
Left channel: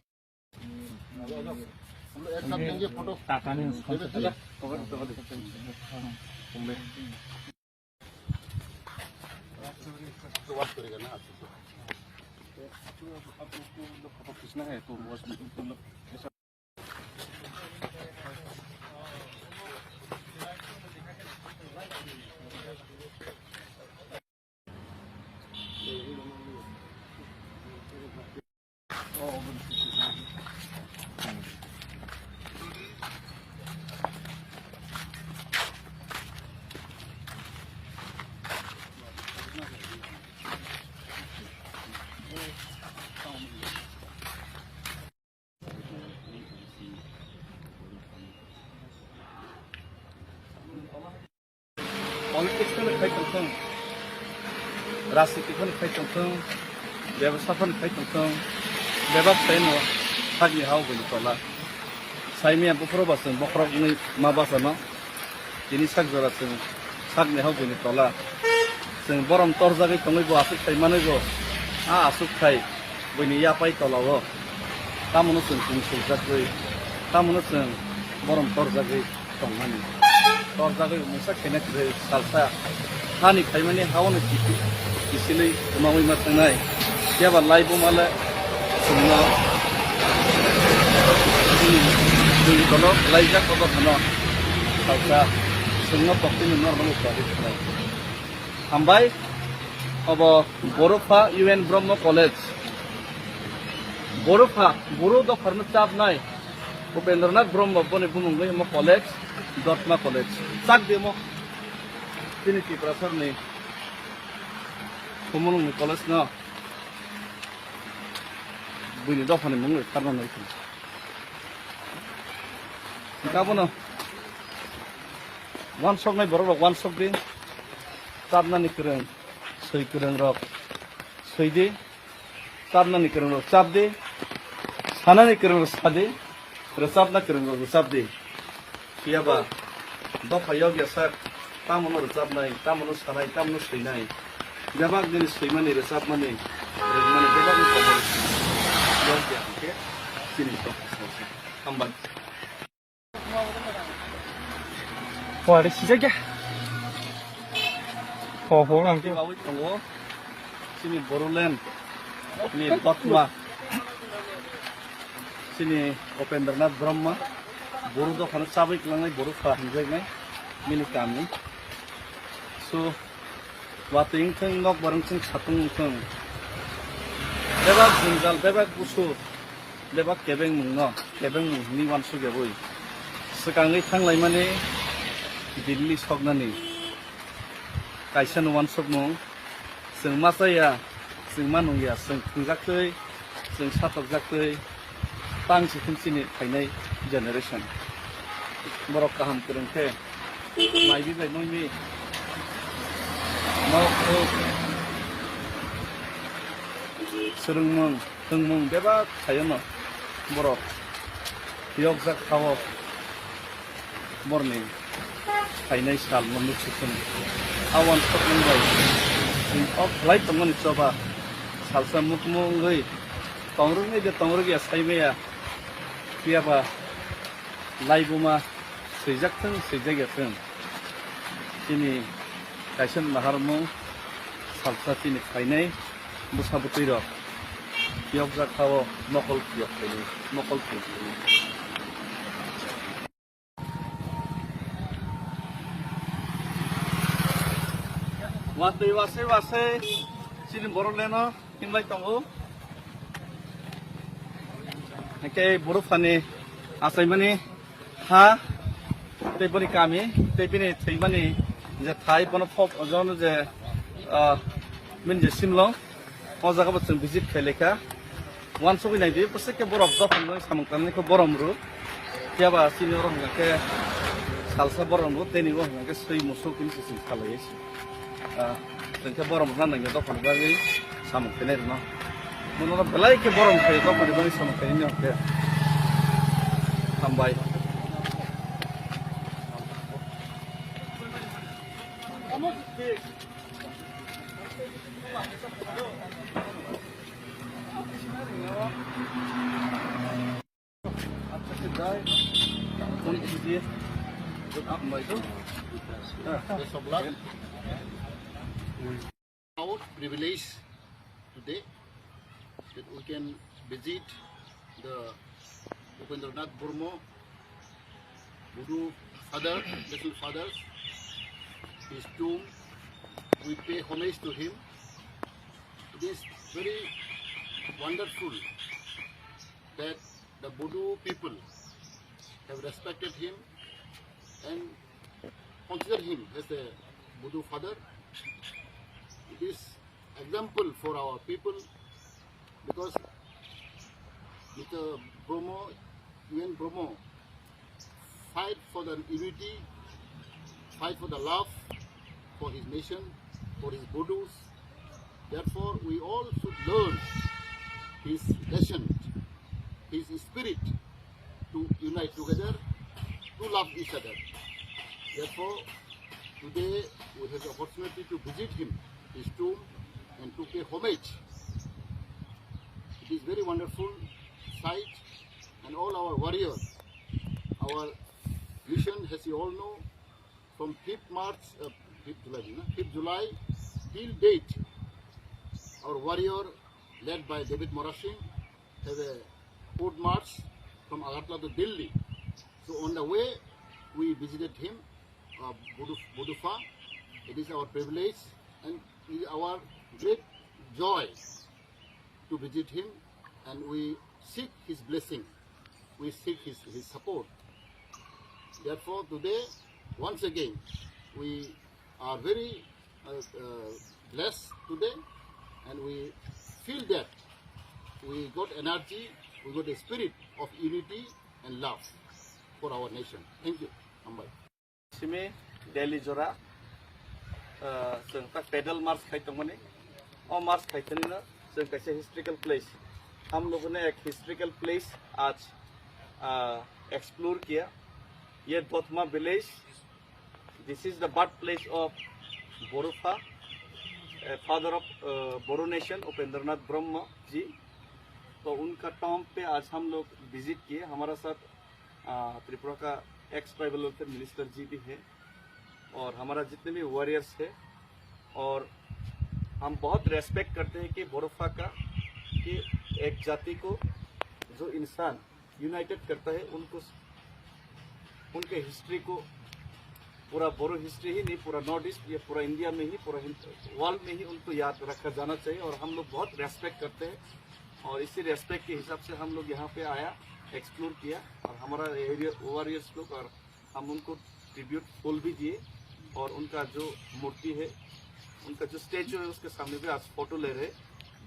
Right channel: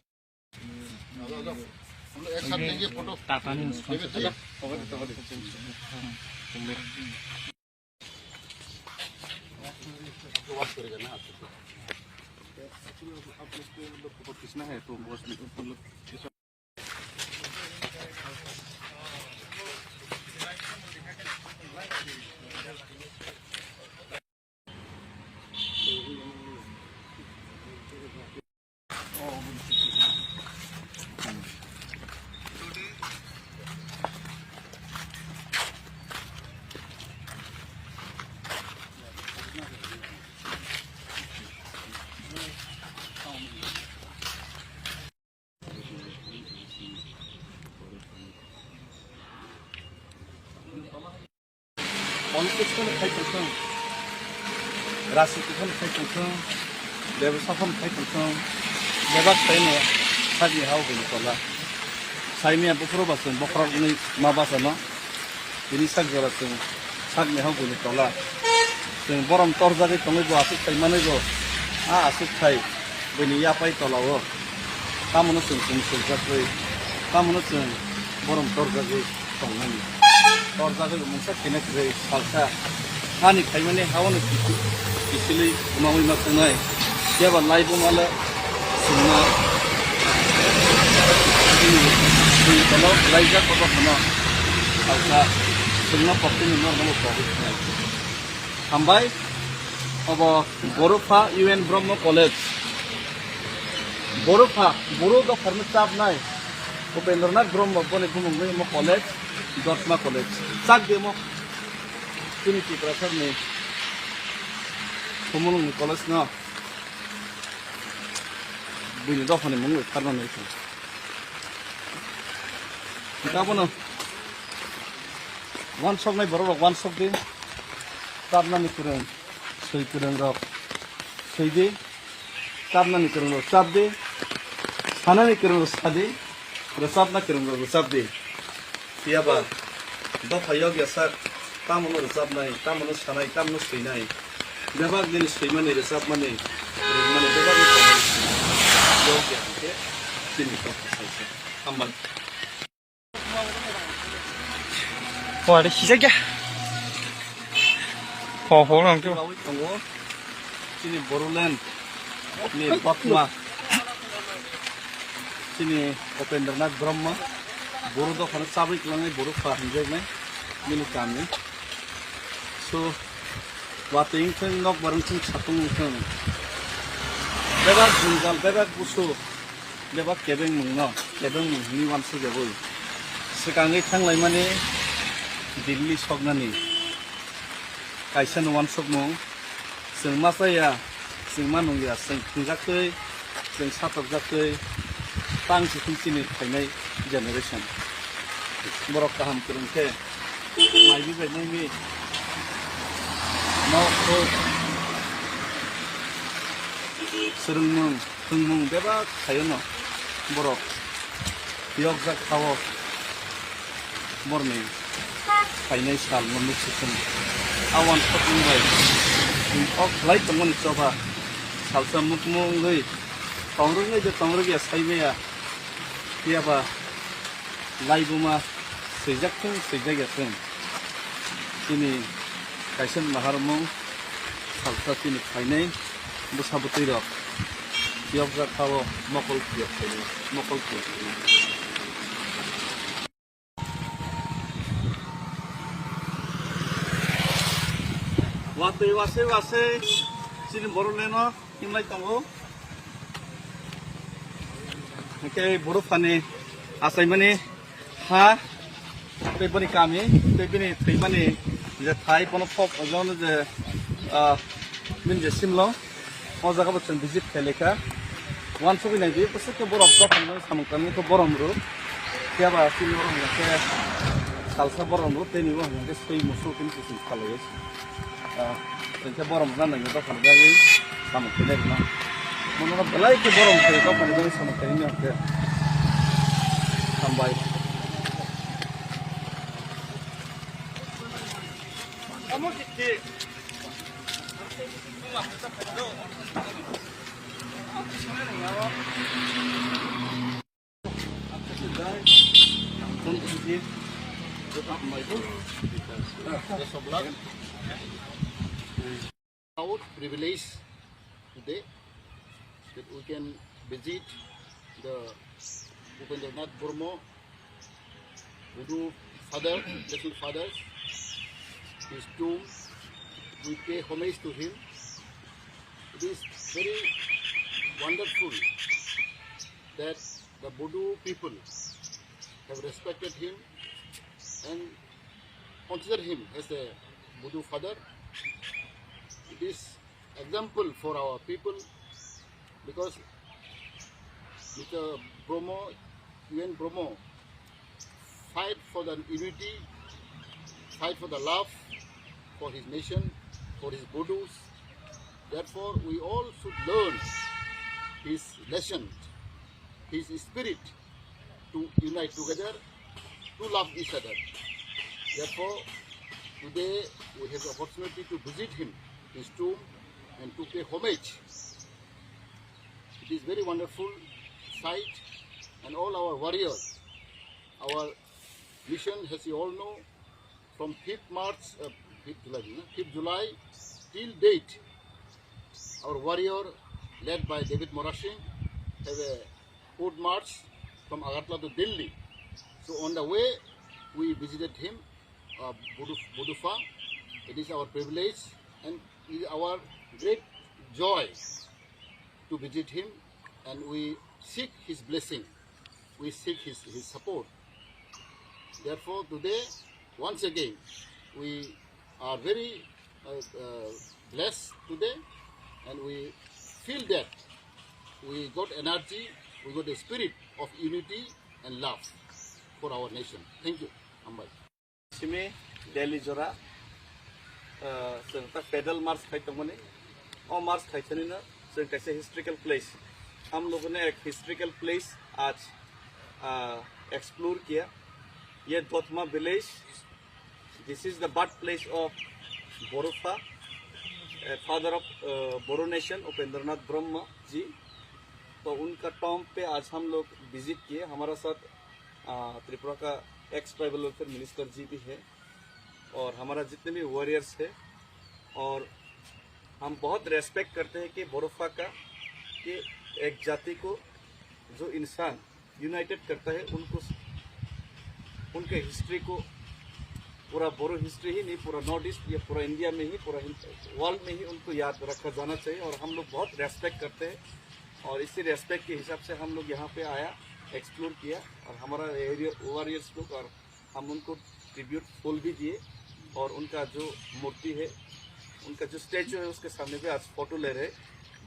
लेंगे फोटो टाटा ने वॉश करेगा ना आप लोग फोटो खींचना है तो पॉलिटिक्स में खाई चलते हैं, राजनीति में खाई चलते हैं, व्यवसाय में खाई चलते हैं, व्यवसाय में खाली हाउ बोली तला, साइमिया बुफरो बासन बखरा नहीं माँ बासना, ini sak jora sing sak ne haw buni tola sing borom tor jage tongi bo asuk thai mane go a asuk thai buni ya pai tola wo tamono sing sing jakwe tamono sing borom tor jage tongani tor jage musa kenek re salsa hani khai mane hawne kisili mawi ma tangai ya ba lai bo mala singna ini tolo lai jak ko bana salsa sungna pokti ni normal service nai hambai obo Borupha UN Brahma College Borupha Boro do farm chap nai Upendranath Brahma bone bumung mo college Dortma college sak demo tini ki professor ni bumung ni college na buni do phane mung karna nai kita bono one shot naik baru one shot deh, karena nih keren, saya keren rok, saya deh, karena nih keren rok, sab deh, sana nih keren rok sab deh, resap nak keren rok sab deh, siapa, dua payah biasa, tamu nol resap naik, tamu nol sarai, tamu nol sei naik, jawab jenis sei mana resap mana, jawab nih komoditi, jauh biasa, sini kau selesai, tambah. 와, 내 시작이야. 보랑 좀. sini Boruland, ini Batma, sini Upendranath Brahma, Boru do khana sabik langai Boru fahinjai nai, ini kami. So, wating theng nok barang theng satung theng. Bebak jungal, bebak busu, bebak kebeng mungno, kebeng ni wansu jaboi. Sekarang thang lai mane Delhi sognani, kaisan wan sogmo, sing masaya, sing manung ya, sing jakte, sing satok jakte, tang si kuncini kainai generation. Borok kaham kurungke, mai bi bai ni, mau ko, surung mung beba kayono, borok, yok jak kawo, morning. Kainai sal menuk sukun awan sokung bai ok lai teman coba salsa mukmung gai tongrung ya saime ya tiapa lai buma sejak teng ini kaisan maharmu salsa tini kainai busabuti ro tiap jak kawo mokol tiap wase silin Boruleno himlai tongo ke Boruphani asai mani ha tebani kami tebini theimani je thai pono pop ojon je min je simlo o jaga bo chen visit kheleka 179% ke borok do phano samangkani ko boromru tiaba silin ro ke salsa boromru teni bo ke sei musul kin kin khalais tengke borom kan nggak tahu kan lagi sama kener no, menurut belai ke borom ke tahu kan lagi sama kenernya ke sampai. Kamu Best of luck. Proud privilege today that we can visit the Upendranath Burma Buddha father, little fathers, his tomb. We pay homage to him. It is very wonderful that the Buddha people have respected him and consider him as a Buddha father. It is example for our people because Mr. Bromo, UN Bromo, fight for the unity, fight for the love for his nation, for his Buddhas. Therefore, we all should learn his lesson, his spirit to unite together, to love each other. Therefore, today we have the opportunity to visit him, his tomb, and to pay homage. It is very wonderful sight, and all our warriors, our mission, as you all know, from 5th July till date, our warrior, led by David Morashing, have a foot march from Agartala to Delhi. So on the way, we visited him, Budufa. It is our privilege and it is our great joy to visit him, and we seek his blessing. We seek his support. Therefore, today, once again, we are very blessed today, and we feel that we got energy, we got a spirit of unity and love for our nation. Thank you, Ambai. Simi Delhi Jora, pedal march खाइतोंमने, और march खाइतोंने ना, कैसे historical place. हम लोगों ने एक historical place आज explore किया. ये दोतमा village. This is the birthplace of Borufa, father of Boru nation, Upendranath Brahma ji. तो उनका टॉम पे आज हम लोग विजिट किए. हमारा साथ त्रिपुरा का एक्स ट्राइबल वेलफेयर मिनिस्टर जी भी है और हमारा जितने भी वॉरियर्स है, और हम बहुत रेस्पेक्ट करते हैं कि बोरोफा का कि एक जाति को जो इंसान यूनाइटेड करता है, उनको उनके हिस्ट्री को पूरा बोरो हिस्ट्री ही नहीं, पूरा नॉर्थ ईस्ट या पूरा इंडिया में ही, पूरा वर्ल्ड में ही उनको याद रखा जाना चाहिए. और हम लोग बहुत रेस्पेक्ट करते हैं और इसी रेस्पेक्ट के हिसाब से हम लोग यहाँ पे आया, एक्सप्लोर किया और हमारा एरिया वॉरियर्स लोग, और हम उनको ट्रिब्यूट फूल भी दिए और उनका जो मूर्ति है, उनका जो स्टैचू है उसके सामने पे आज फोटो ले रहे.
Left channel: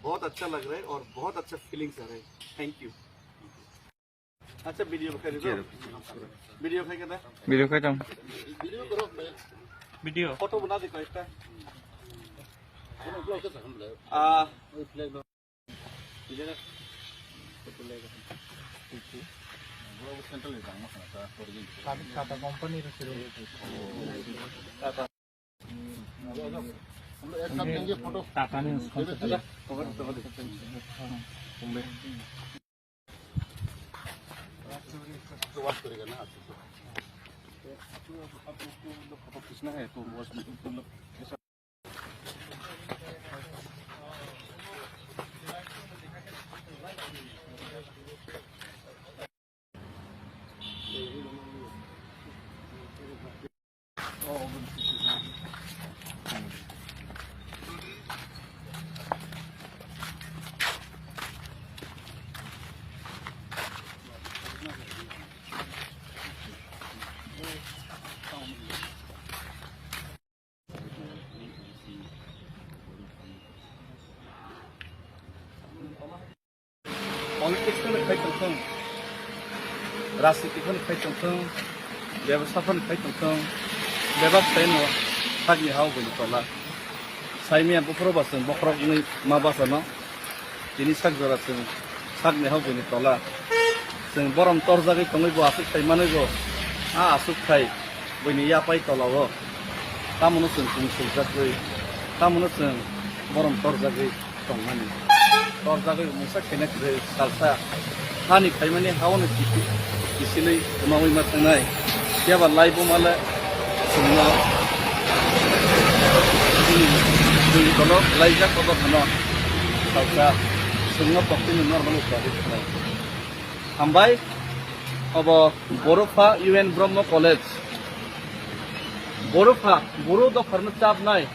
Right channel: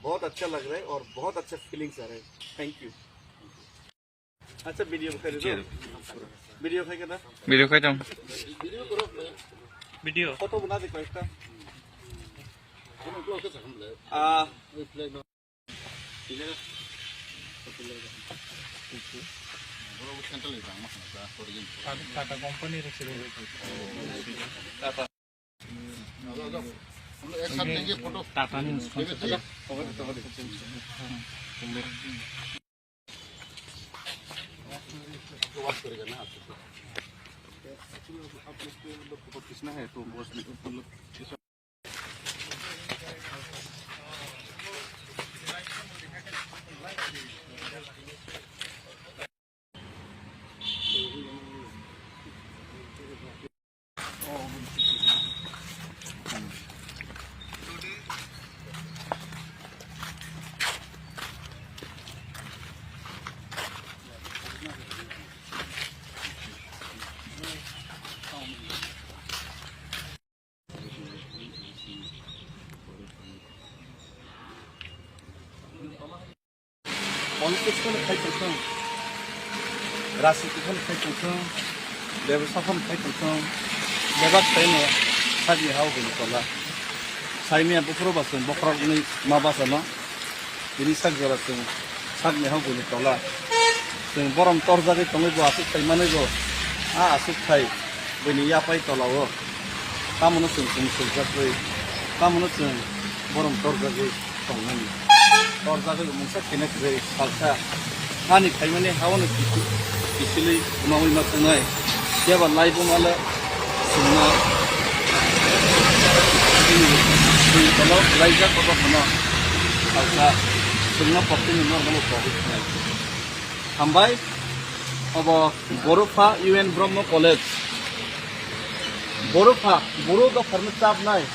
बहुत अच्छा लग रहा है और बहुत अच्छा फीलिंग्स आ रहे हैं. Thank you. अच्छा वीडियो खाई दो, वीडियो खाई करना, वीडियो खाई जाऊँ, Video करो मैं. वीडियो फोटो बना दे कोई सा. हम लोग कैसे हम ले? वही फ्लैग में. इधर फोटो ले. बड़ा वो सेंटर ले जाना है क्या? ओरिजिनल. टाटा कंपनी रखी है. हम एक साथ लेंगे फोटो. टाटा ने उसको तो बात करेगा ना आपको. आप लोग फोटो खींचना है तो बस मतलब पॉलिटिक्स में खाई चलते हैं, राजनीति में खाई चलते हैं, व्यवसाय में खाई चलते हैं, व्यवसाय में खाली हाउ बोली पला, साइमिया बुकरो बासन बुकरो नहीं माँ बासना, ini sak jora sing sak ne hau buni pala sing borom torjagi tongai bo asuk thai manai bo asuk thai buni ya pai tolawo tamono sing sing jakoi tamono sing borom torjagi tongmani tor jaga mungsa kena kre salsa hani khaimani hawan kisili umawi matangai yaba laibo mala sumna di kalau laija ko kono salsa sumna pokti ni normal ko hambai obo Borofa UN Brahma College Borofa Boro do farma chap nai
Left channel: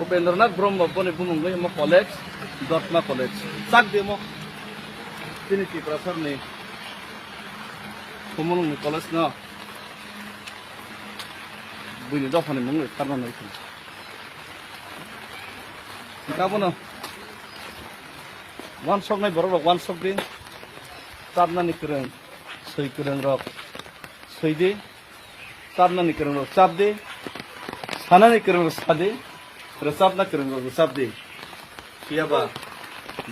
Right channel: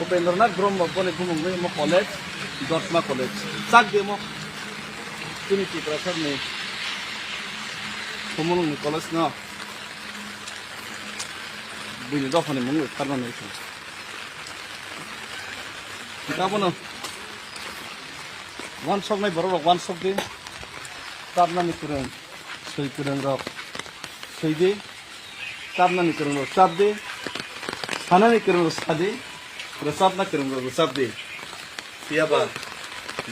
Upendranath Brahma bone bumungoi mo college Dortma College sak demo tini ki professor ni kumulung college na buni do phane mungoi farma nai kabono one shot nai boro one shot de tabna ni kurang sei kurang rok sei de tabna ni kurang rok tab de sana ni kurang rok sade resap na kurang rok resap de kiaba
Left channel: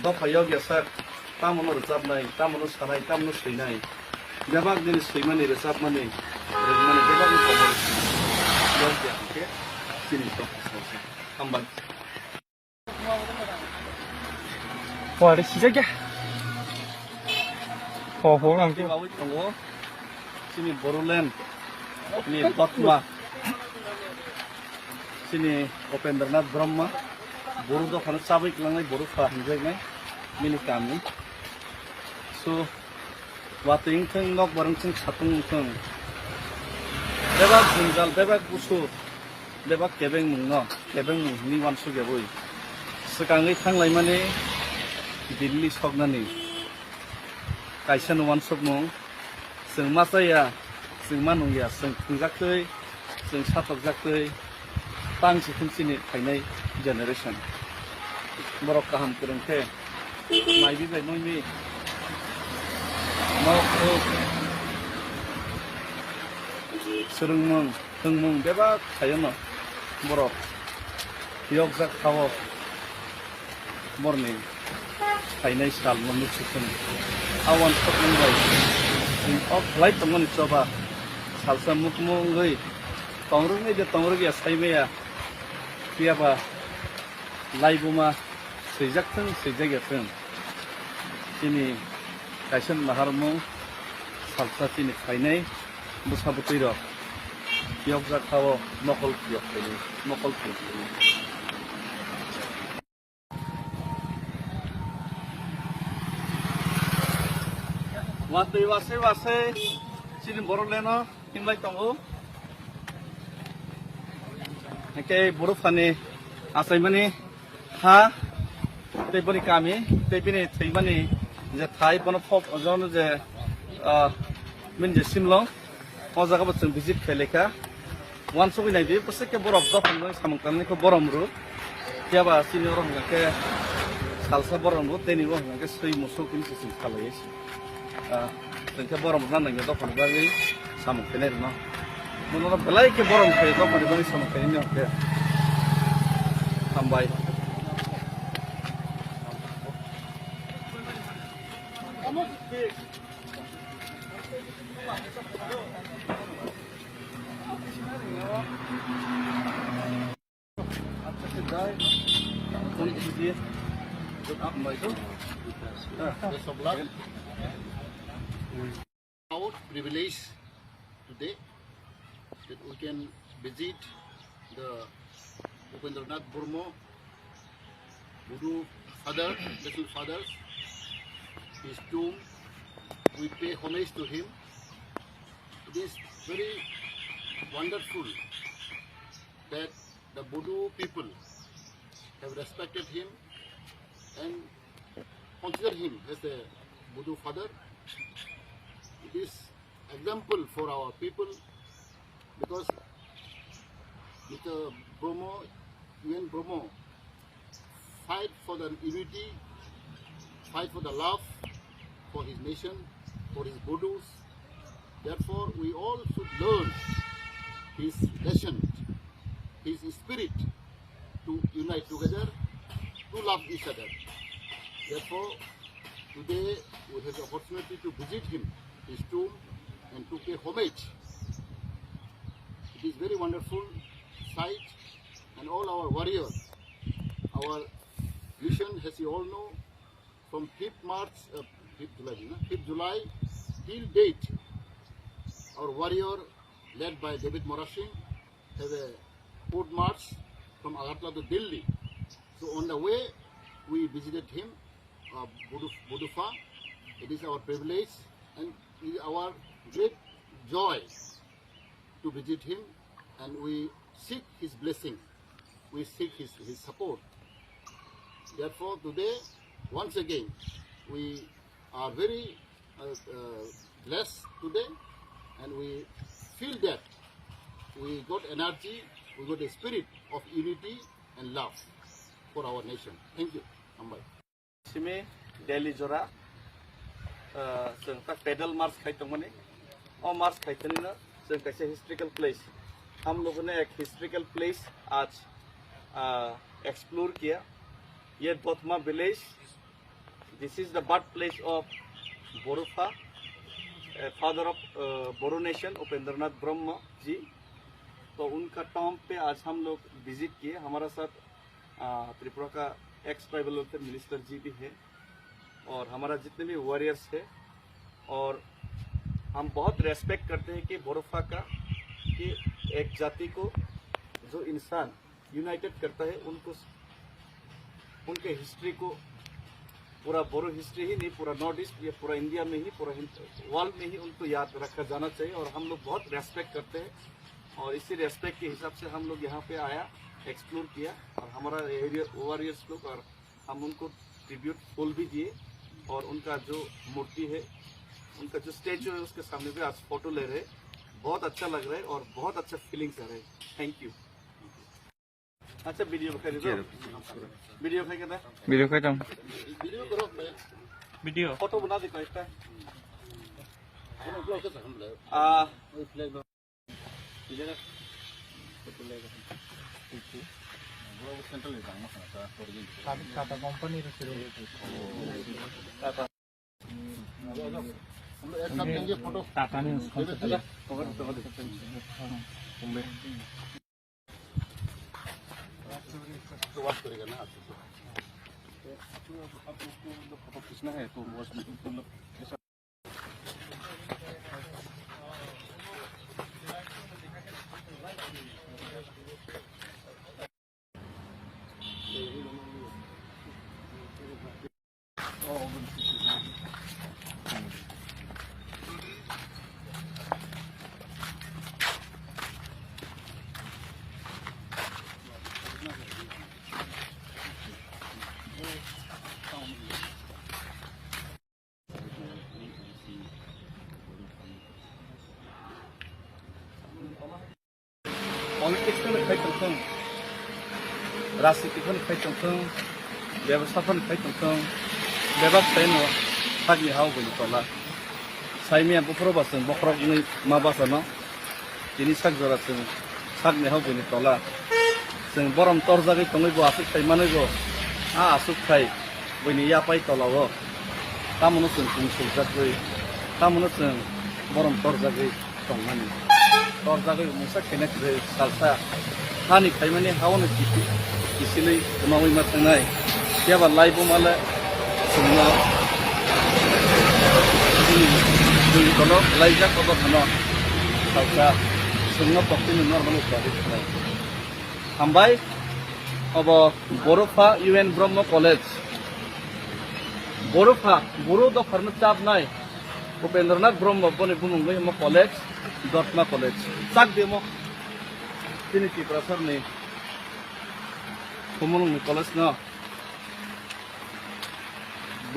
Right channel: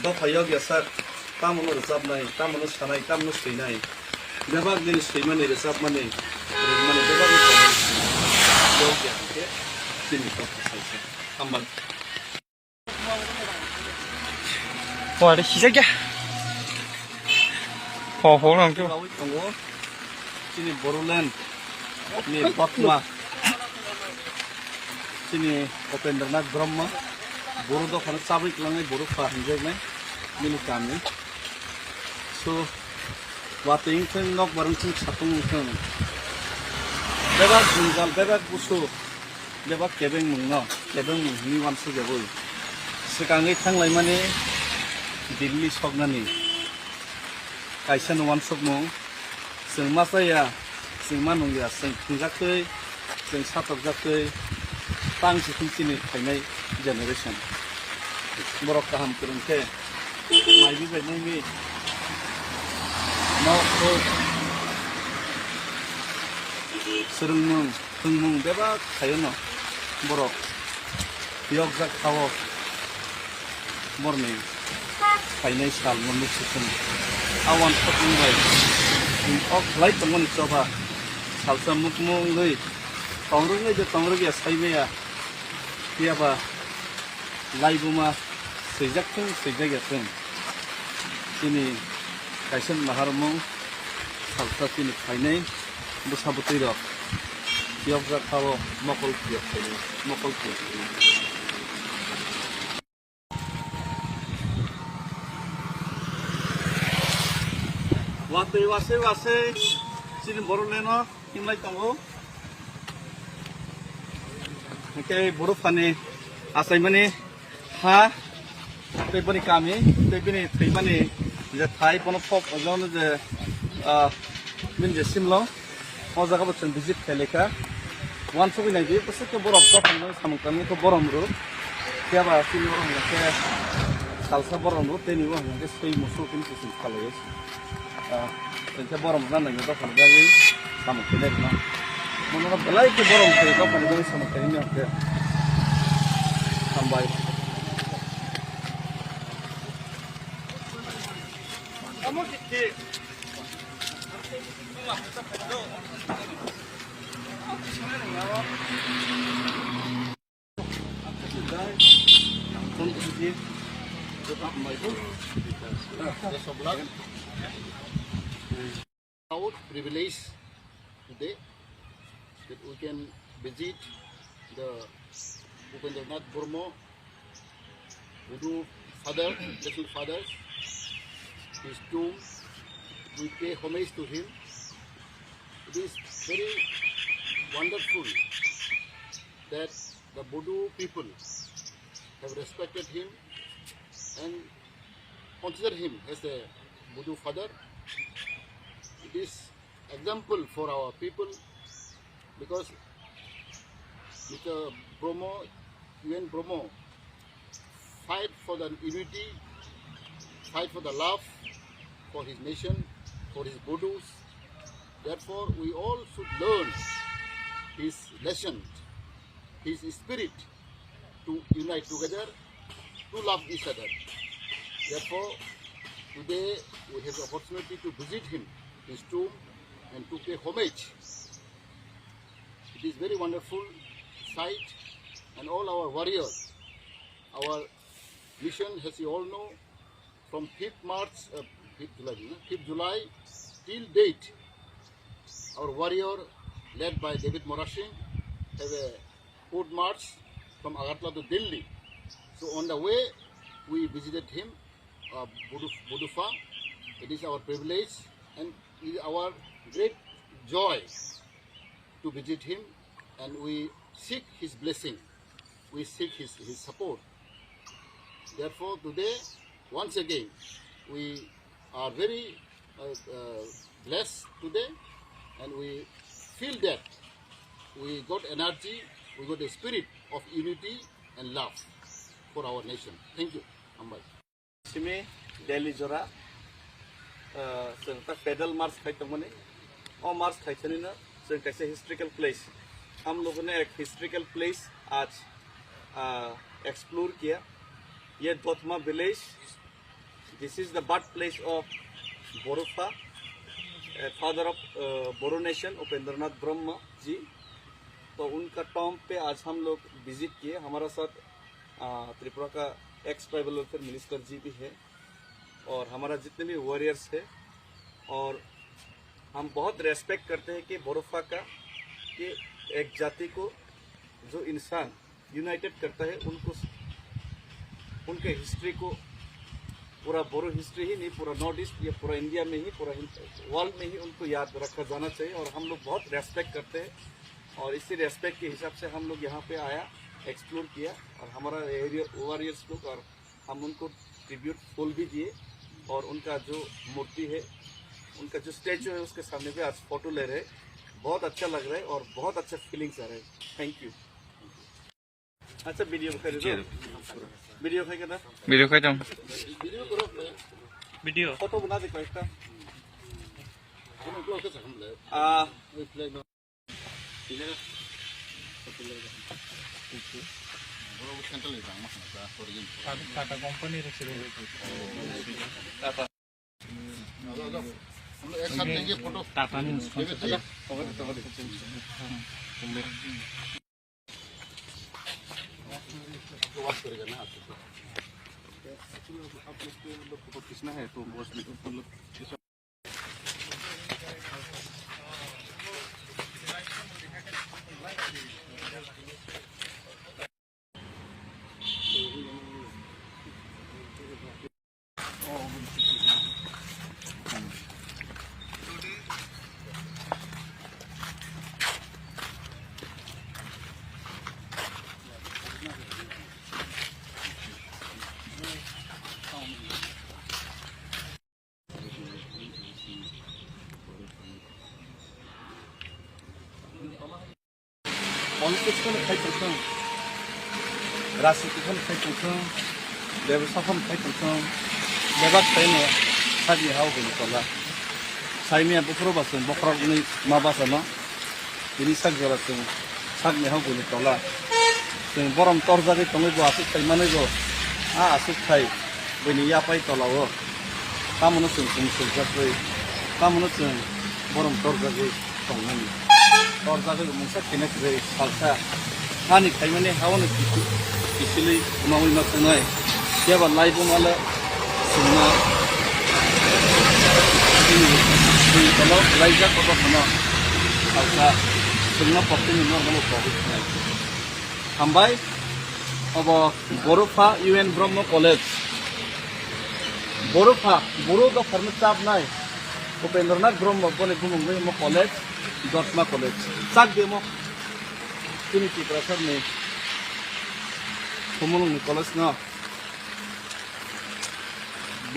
do phayog ya sar tamono resap nai tamono sanai tamono sei nai jabak din sei mane resap mane mane jabak ko yog ya ke sini to ambal 와, 내 시작이야. 호랑 좀. Awit tunggu sini Boruland ini Batma sini Upendranath Brahma Boru do khana sabik langai Boru fa hinjai nai minu kami so wating theng nok barang theng satung theng bebak jungal bebak busu bebak kebeng mungno kebeng ni wan su jaboi sekangai thanglai mane Delhi sognani kaisa wan sokmo sing masaya sing manung ya sing thingjaktei sing satokjaktei tang sikhumchini khainai generation borok kaham kurungke maibi bainai ni no ko surungmung thungmung beba khayono borok yogjak khawo morning khainai sal monuk sikhum awan pokmung bai ok lai tongmon choba salsa mukmung goi tongrung ngai de tongrung ya saibe ya kiaba laibuma seijak thung seijak ya thung ini kaisen maharmu salsa tini khainai busabutui ro kiok ja khawo mokol kiok khainai mokol kiok wase sin Boroleno hinlai tongo ke buru phane asai mani ha tebani kami tebani thimani je thai pono phop ojon je min je simlo o jaga botun visit kheleka wan sobi nai bi pose ke borok do phane samung kami ko borom ru tiaba sini borom ke salsa borom ru teni bo ke sei musul kun sin khaloi tengke borom nang nang do phane bagi samung kene no mono belai ke borom ke do phane bagi samung kene ne ke sambai kamu di Our privilege today that we can visit the Upendranath Brahma Buddha father, little fathers, his tomb. We pay homage to him. It is very wonderful that the Buddha people have respected him and consider him as a Buddha father. It is example for our people because Mr. Brahma, UN Brahma, fight for the unity, fight for the love for his nation, for his Buddhas. Therefore, we all should learn his lesson, his spirit to unite together, to love each other. Therefore, today we have the opportunity to visit him, his tomb, and to pay homage. It is very wonderful sight, and all our warriors, our mission, as you all know, from 5th March, 5th July till date, our warrior, led by David Morashing, have a foot march from Agartala to Delhi. So on the way, we visited him, Budufa. It is our privilege and it is our great joy to visit him, and we seek his blessing. We seek his support. Therefore, today, once again, we are very blessed today, and we feel that we got energy, we got a spirit of unity and love for our nation. Thank you. Ambai. Simi Delhi Jora, pedal march खाइतों मने, और march खाइतों ना, संग कैसे historical place. हम लोगों ने एक historical place आज explore किया. ये दोतमा village. This is the birthplace of Borufa, father of Boru nation, Upendranath Brahma ji. तो उनका टॉम पे आज हम लोग विजिट किए. हमारा साथ त्रिपुरा का एक्स ट्राइबल वेलफेयर मिनिस्टर जी भी है और हमारा जितने भी वॉरियर्स है, और हम बहुत रेस्पेक्ट करते हैं कि बोरोफा का, कि एक जाति को जो इंसान यूनाइटेड करता है, उनको उनके हिस्ट्री को, पूरा बोरो हिस्ट्री ही नहीं, पूरा नॉर्थ ईस्ट या पूरा इंडिया में ही, पूरा वर्ल्ड में ही उनको याद रखा जाना चाहिए. और हम लोग बहुत रेस्पेक्ट करते हैं और इसी रेस्पेक्ट के हिसाब से हम लोग यहाँ पे आया, एक्सप्लोर किया, और हमारा एरिया वॉरियर्स लोग, और हम उनको ट्रिब्यूट फूल भी दिए, और उनका जो मूर्ति है, उनका जो स्टैचू है, उसके सामने पे आज फोटो ले रहे. बहुत अच्छा लग रहा है और बहुत अच्छा फीलिंग्स आ रहे हैं. Thank you. अच्छा वीडियो कर दो. वीडियो खाई करना. वीडियो खाई जाऊँ. Video करो. वीडियो. फोटो बना दे कोई सा. हम लोग कैसे हम ले? वही फ्लैग लो. इधर. वो सेंटर ले जाना है क्या? टाटा कंपनी रखी है. हम एक साथ लेंगे फोटो. टाटा ने उसको तो बात करेगा ना आप लोग को फोटो खींचना है तो वो पॉलिटिक्स में खाइतों थे, राजनीति में खाइतों थे, व्यवसाय में खाइतों थे, व्यवसाय में सागी हाउ को निकाला. साइमिया बुफरो बासन बखरा नहीं माबासना, ini sak joratung, sak ni hagu ni tola. Sing borom torjagi tongi bu asuk kai mana go, asuk kai, bini ya pai tola go. Kamu nu sing sujatui, kamu nu sing borom torjagi tongani. Torjagi musa kena kiri salsa. Hani kai mana hawa nu kisili umawi matenai. Siapa laibu mala semua. Ini kalau laijak apa semua salsa. Semua pokoknya minor mana profesional. Hambai, अब बोरोफा UN ब्रह्म college, Bodofa Boro द firm चाप नाय, उपेंद्रनाथ ब्रह्म बने बुमुंगे मो college, दर्शना college, साग demo, तिनी की प्रसर ने, बुमुंगे कॉलेज ना,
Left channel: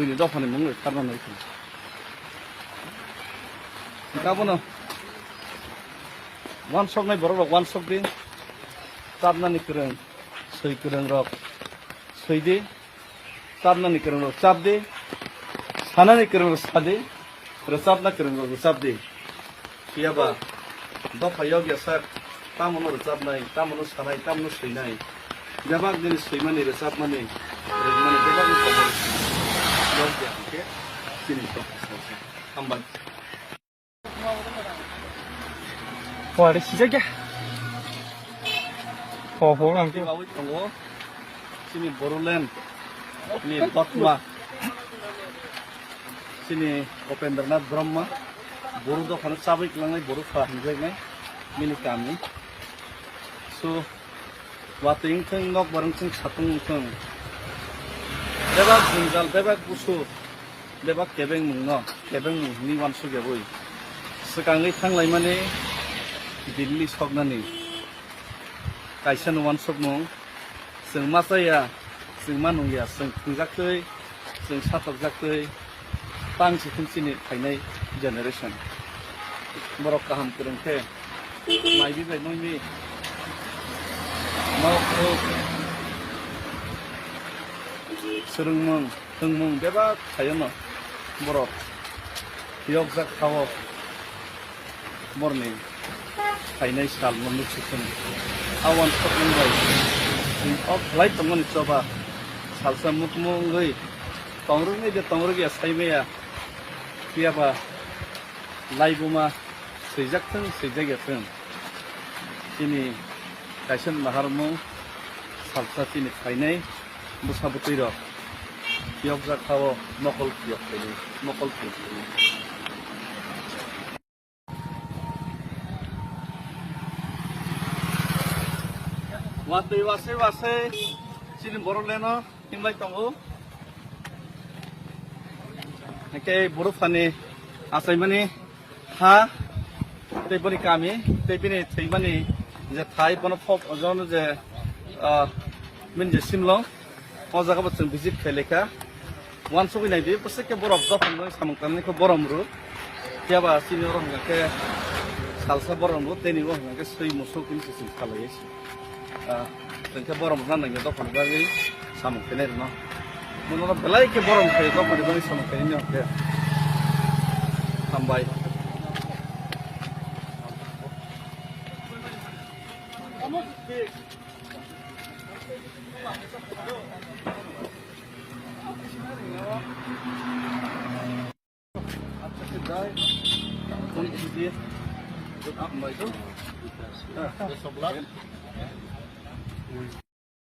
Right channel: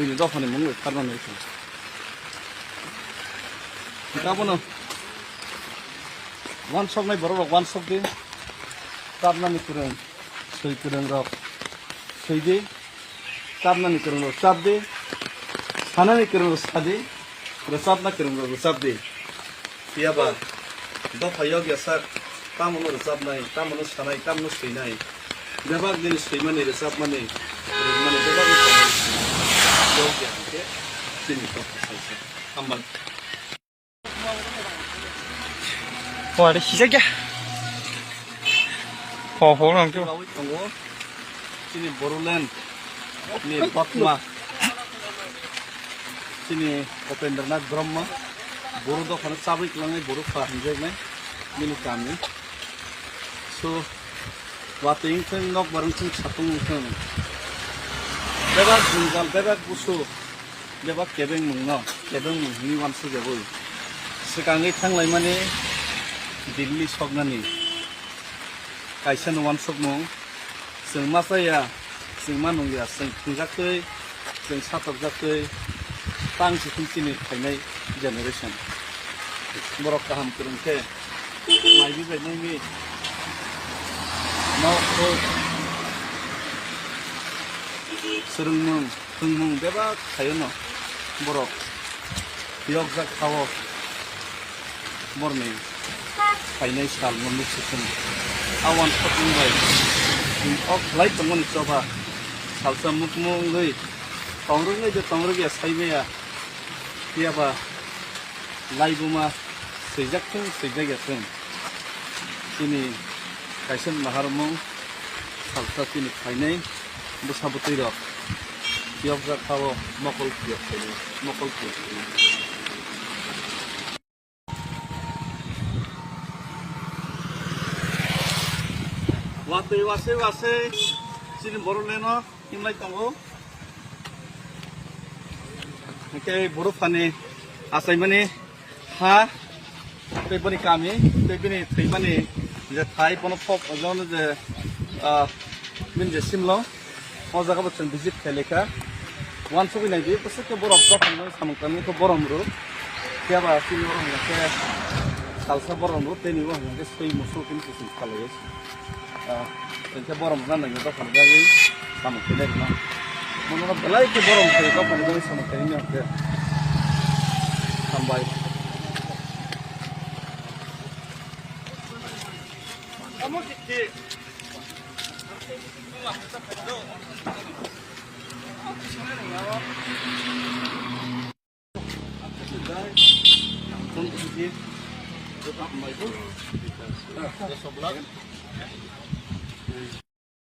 बुनी द फने मुंगे करना नहीं थी. क्या बोलो? One shot naik baru one shot deh, karena nikereng, saya kereng rok, saya deh, karena nikereng rok, sab deh, sana nikereng rok sab deh, resap na kereng rok resap deh, iya bah, do payah biasa, tamu nu resap naik, tamu nu sana, tamu nu sih naik, jawab jenis sih mana resap mana, resap mana jawab itu komoditi, jauh dia itu, sini tu, ambang. 와, 시작이야. 보람 좀. sini Boruland, ni Bakma sini Upendranath Brahma buru dokhan sabik langai buru fahamjai mini kami so wating theng nok barang theng satung theng bebak jungal bebak busu bebak kebeng mungno kebeng ni wan su jaboi sekangai thanglai mane Delhi sognani kaisa wan sokmo जों मा जाया जों मा नंलिया जों खुंजाखै जों साथकजाखै तांसि खुमसिनि फायनाय generation बरक गाहाम फोरोंथे माइबि बायनायनि मावखौ सोलोंमुं फोरोंमुं बेबा थायोनो बरक बियाव जाखाव मरनि फायनाय साल मोननै सिखुन आवान सपमुंबाय of light teman coba salsa mukmung goi tongrung ya saibe ya dia ba lai buma sejak teng ini kaisen maharmu salsa tini kainai busabuti ro tiok ja khawo mokol tiok wase silin boru leno himlai tongo ke boru fani asai mani ha tebani kami tebini theimani je thai pono pop ojon je min je simlo o jaga botun visit kheleka wan sobi nai bi pose ke borok dokhan noi samangkani ko borom ru tiaba sini ro ke salsa borom ru teni bo ke sei musul kun sisim khalai Tengke borom sana nggak tahu kan lagi sama keler no, menurut belai ke borom ke tahu kan lagi sama kelernya ke sampai. Kamu di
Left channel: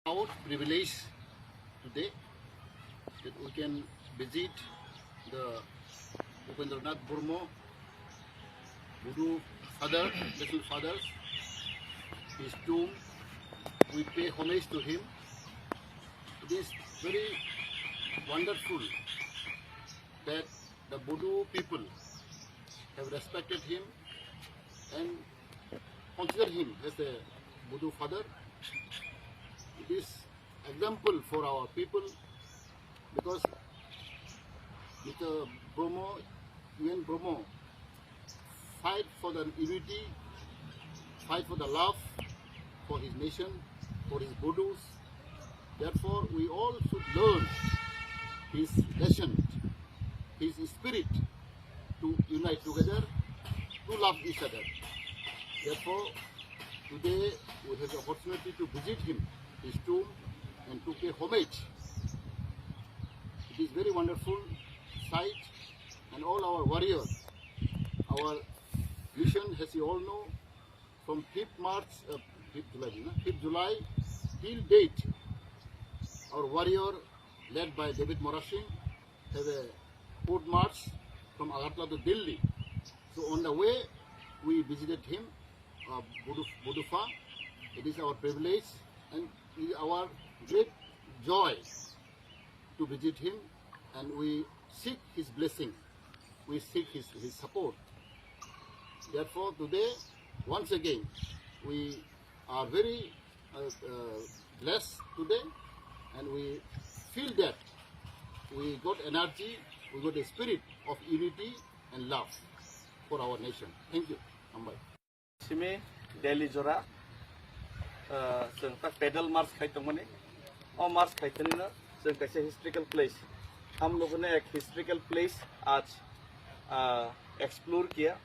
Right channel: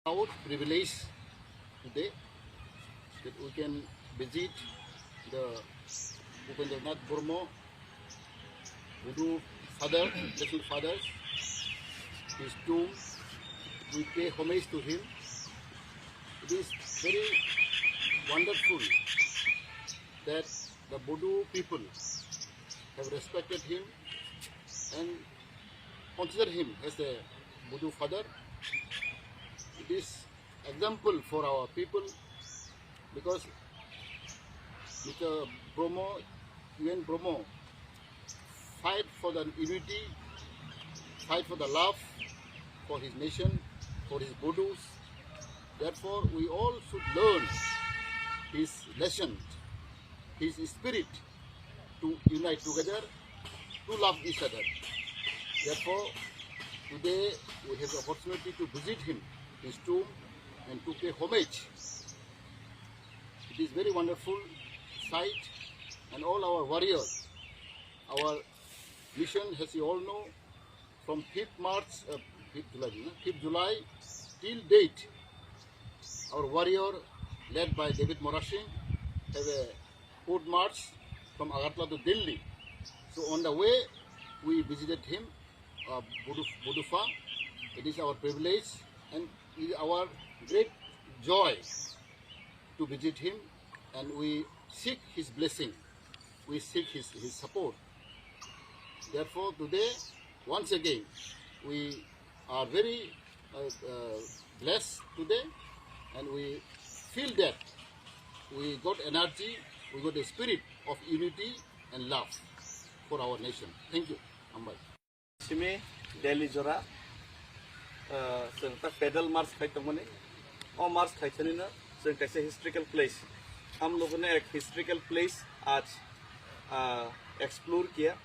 Proud privilege today that we can visit the Upendranath Brahma Buddha father, little father, his tomb. We pay homage to him. It is very wonderful that the Buddha people have respected him and consider him as the Buddha father. It is example for our people because Mr. Bromo, UN Bromo, fight for the unity, fight for the love for his nation, for his Buddhas. Therefore, we all should learn his lesson, his spirit to unite together, to love each other. Therefore, today we have the opportunity to visit him, his tomb, and to pay homage. It is very wonderful sight, and all our warriors, our mission, as you all know, from 5th July till date, our warrior, led by David Morashing, have a foot march from Agartala to Delhi. So on the way, we visited him, Budufa. It is our privilege and it is our great joy to visit him, and we seek his blessing, we seek his support. Therefore, today, once again, we are very blessed today, and we feel that we got energy, we got a spirit of unity and love for our nation. Thank you. Ambai. Simi Delhi Jora जों पैदल मार्च खाइतों मने और मार्च खाइतनी ना जों कैसे historical place हम लोगों ने एक हिस्ट्रिकल प्लेस आज एक्सप्लोर किया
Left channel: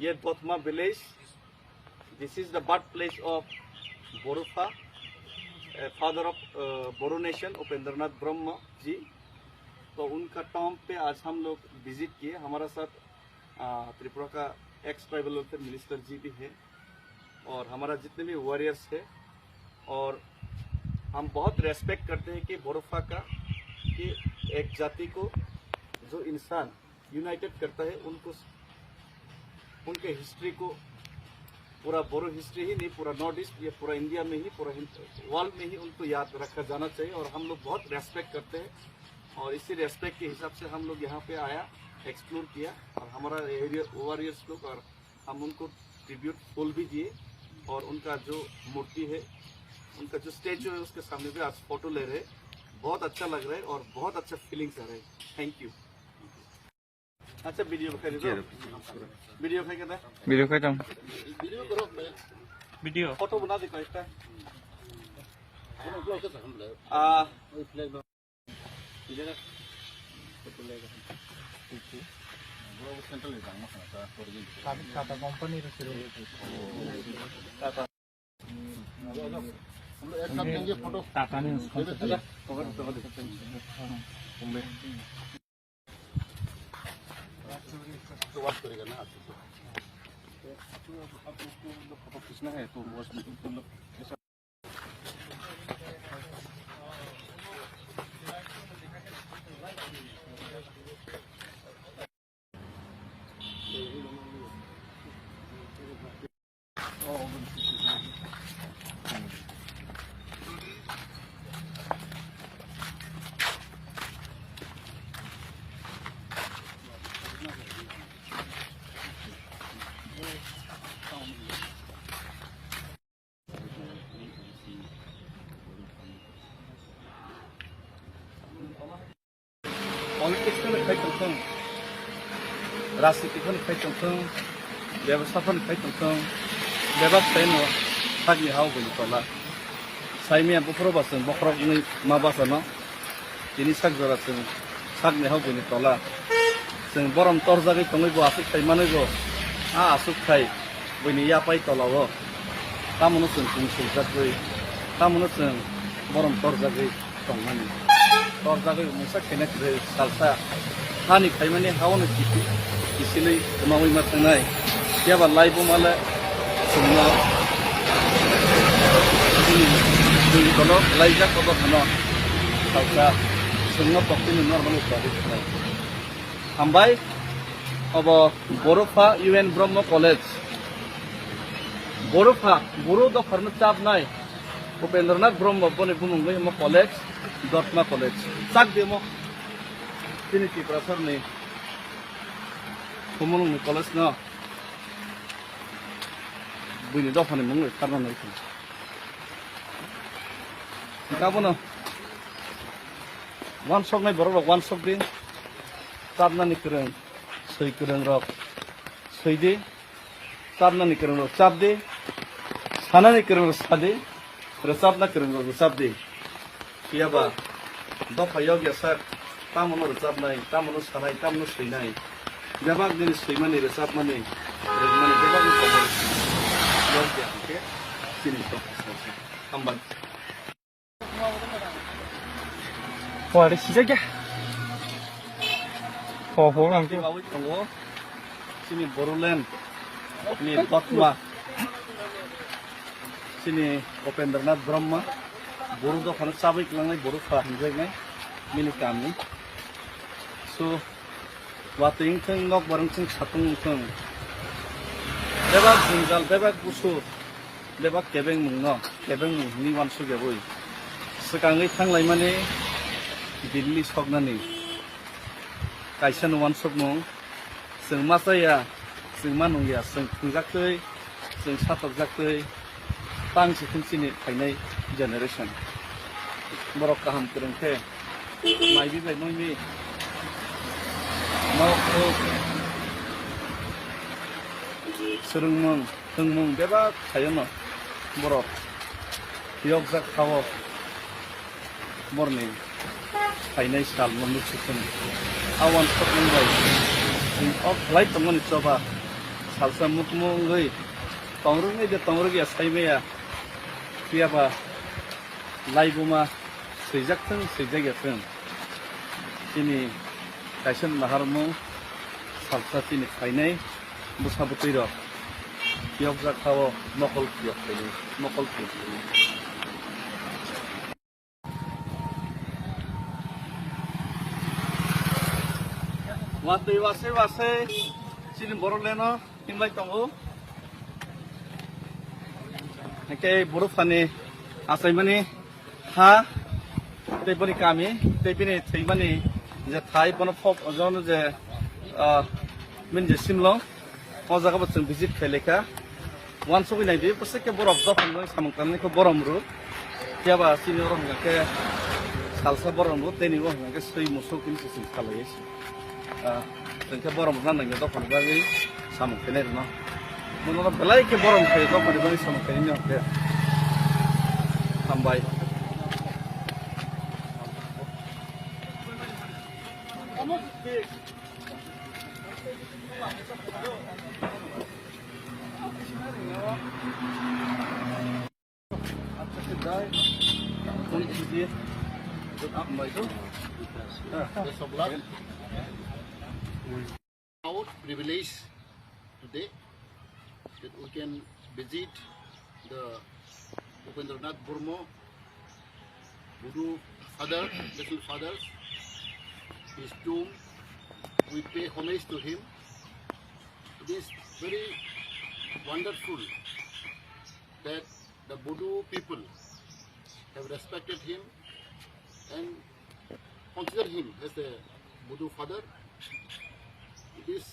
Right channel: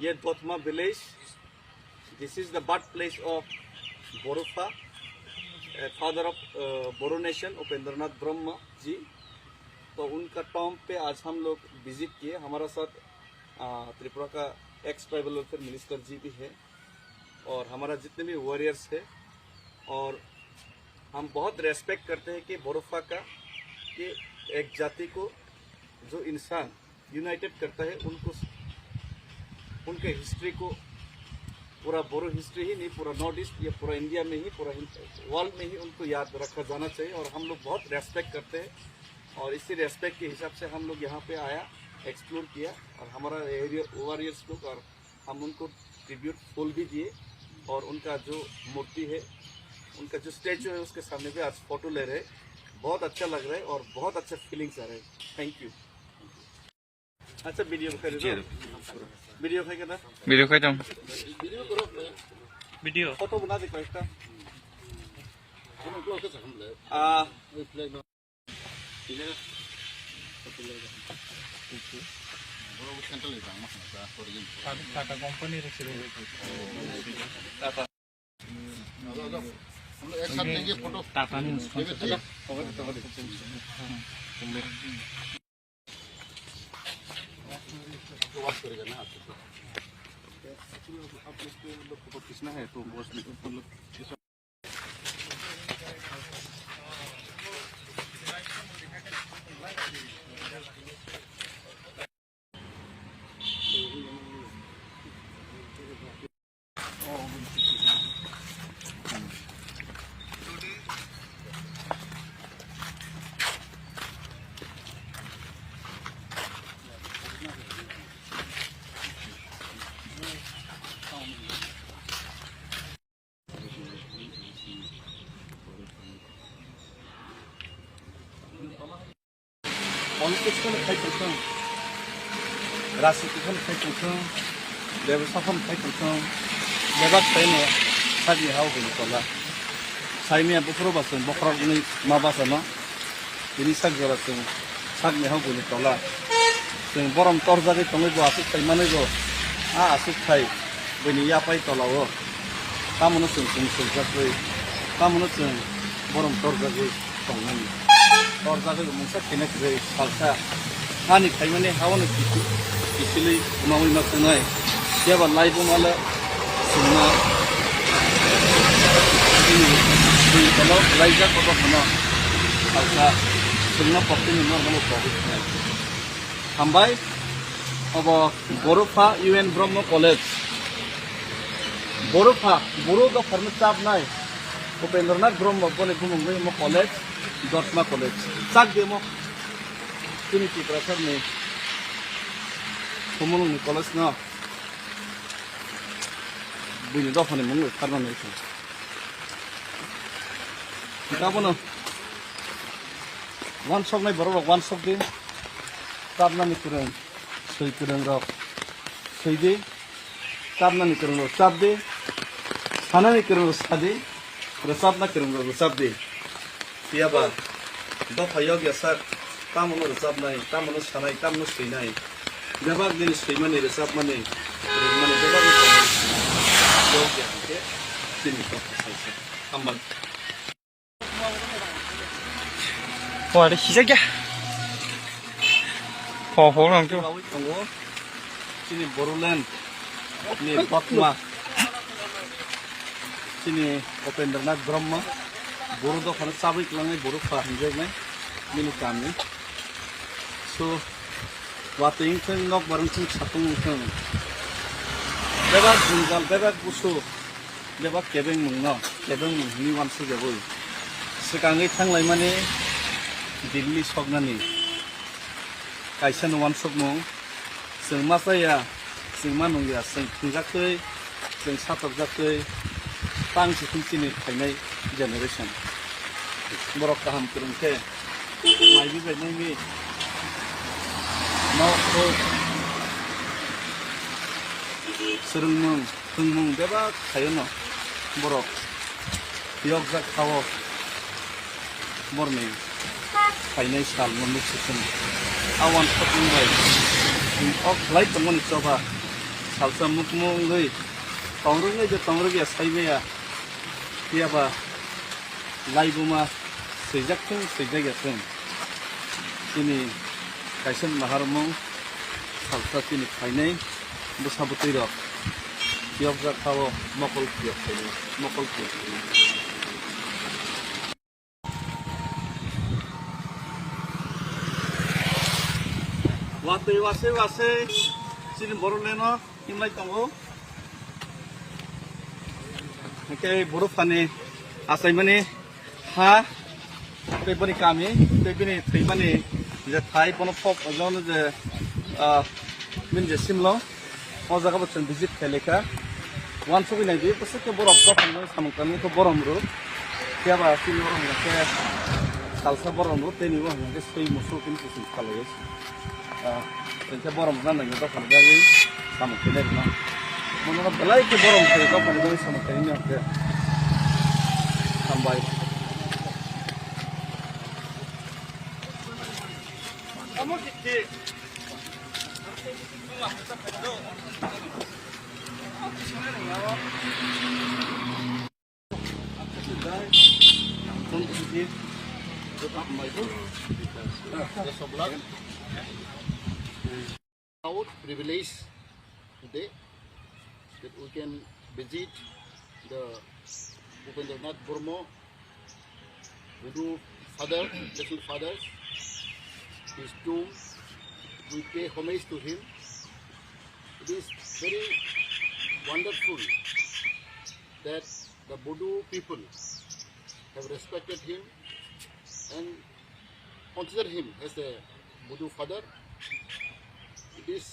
ये Dotma village this is the birth place of Bodofa father of Boro nation Upendranath Brahma ji तो उनका टॉम पे आज हम लोग विजिट किए हमारा साथ त्रिपुरा का एक्स ट्राइबल वेलफेयर मिनिस्टर जी भी है और हमारा जितने भी वॉरियर्स है और हम बहुत रेस्पेक्ट करते हैं कि बोरुफा का कि एक जाति को जो इंसान यूनाइटेड करता है उनको उनके हिस्ट्री को पूरा बोरो हिस्ट्री ही नहीं, पूरा नॉर्थ ईस्ट या पूरा इंडिया में ही, पूरा वर्ल्ड में ही उनको याद रखा जाना चाहिए। और हम लोग बहुत रेस्पेक्ट करते हैं और इसी रेस्पेक्ट के हिसाब से हम लोग यहाँ पे आया, एक्सप्लोर किया और हमारा एरिया वॉरियर्स लोग, और हम उनको ट्रिब्यूट फूल भी दिए और उनका जो मूर्ति है, उनका जो स्टैचू है उसके सामने भी आज फोटो ले रहे। बहुत अच्छा लग रहा है और बहुत अच्छा फीलिंग्स आ रहे हैं। Thank you. अच्छा वीडियो खाई दो, वीडियो खाई करना, वीडियो खाई दम, वीडियो करो वीडियो फोटो बना दे कोई टा हम लोग कैसे हम ले वही फ्लैग ना इलेगा फोटो ले बरो सेंटर ले जाना है क्या फॉर ये टाटा कंपनी रखी रहे टाटा हम एक साथ लेंगे फोटो टाटा ने तो बात करेगा ना आप लोग फोटो खींचना है तो बस मतलब पॉलिटिक्स में खाई करते हैं, राजनीति में खाई करते हैं, व्यवसाय में खाई करते हैं, व्यवसाय में सागी हाउ गई तला, साइमिया बुकरो बासन बकरो नहीं माँ बासना, ini sak jora sing sak ni hau guni tala, sing borom torjagi tongi bo asuk kai mane bo, asuk kai, bini ya pai tala wo, kamu sing jakui, kamu borom torjagi tongani. और जाके मुझसे किने करे salsa खानी खाई मैंने how न किसी उमावी मत नहीं क्या बात लाइफ माले सुनना ये चलो लाइफ जा कब सुना सालसा सुनना पक्की में नॉर्मल प्रॉफिट है हम भाई अब बोरोफा यूएन ब्रह्म कॉलेज बोरोफा बोरो का फर्म चाप नहीं उपेंद्रनाथ ब्रह्म बोले बुमुंगे मो college Dotma College. Sak demo. Sini ki professor ne. Kumulung ni college na. Buni dofa ni mungu karna na itu. Kita apa no? One shot na baru one shot de. Karna ni keren. Sei keren rok. Sei de. Karna ni keren rok. Sab de. Sana ni keren rok sade. Resab na keren rok sab de. Iya ba, do payog ya sar, tamu no resap nai, tamu no sanai, tamu no sei nai. Jabak ni sei mane resap mane, resmane jabak ni komor. Yog ya, oke? Sini to, ambang. 와, 내 시작이야. 보랑 좀. Tunggu, sini Boruland, ni Dotma, sini Upendranath Brahma. Boru do khana sabai klangai boru fahinjai mai minu kami so wating thang nok barang thang satung thang beba jungal beba busu beba kebeng mungno kebeng ni wan su jaboi sekangai thang lai mane Delhi sognani kaisan wan sok mung sing masaya sing manung ya sing thungjak tei sing satok jak tei tang si thungchini khainai generation borok kaham kurang ke mai bi bai mai ni mau ko surung mung beba khayono borok yok jak khawo morning khainai sal mon sukun awan khotmung bai ok lai pangoni choba salsa mukmung goi tongrung ne jo tongrung ya saibe ya tiaba laibuma sejak yakin ini kaisan maharmu salsa ini kainai busabutiro tiap kawo mokol tiap ini mokol tiap ini watui wase silin boroleno himlai tongo ke borofani asaimani ha teibani kami teibani theibani je thai pono pop ojon je min je simlo o jaga botun visit kheleka wan sobi nai di poseke borof dofan noi samangkani ko boromru tiaba sinoro ke salsa boromru teni wo ke sei musul kun sin khalai tenke borom nan nang dofan gagi samangkani no mono belai ke borom ke dofan doi samangkani no ke sambai kamu di Proud privilege today that we can visit the Upendranath Burma Budu father, little father, his tomb. We pay homage to him. It is very wonderful that the Budu people have respected him and consider him as a Budu father. It is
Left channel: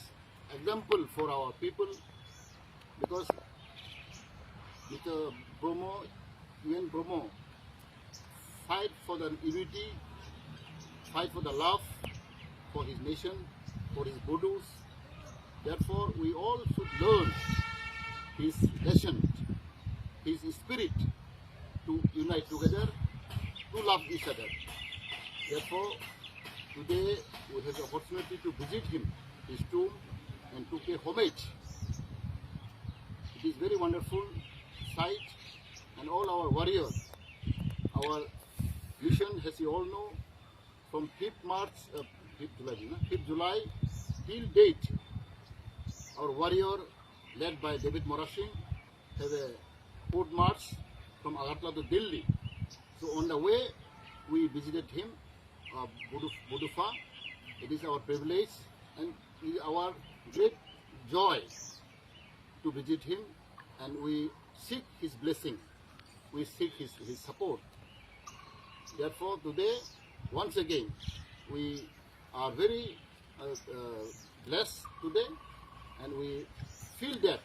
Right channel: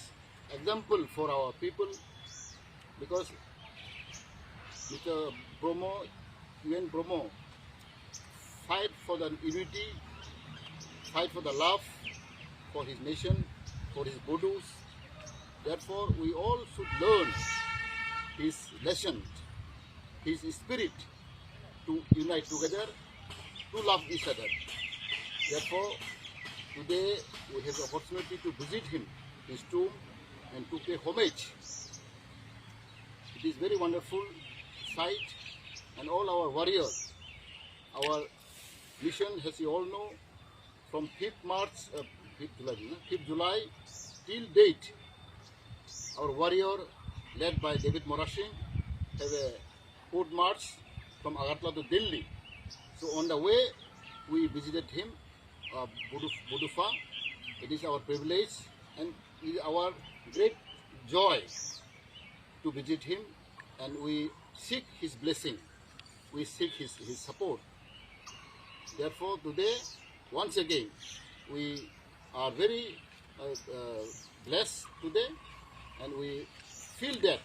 example for our people because Mr. Bromo, UN Bromo, fight for the unity, fight for the love for his nation, for his Budus. Therefore, we all should learn his lesson, his spirit to unite together, to love each other. Therefore, today we have the opportunity to visit him, his tomb, and to pay homage. It is very wonderful sight, and all our warriors, our mission, as you all know, from 5th July till date, our warrior led by David Morashing have a foot march from Agartala to Delhi. So on the way, we visited him, Budufa. It is our privilege and it is our great joy to visit him, and we seek his blessing, we seek his support. Therefore, today, once again, we are very blessed today, and we feel that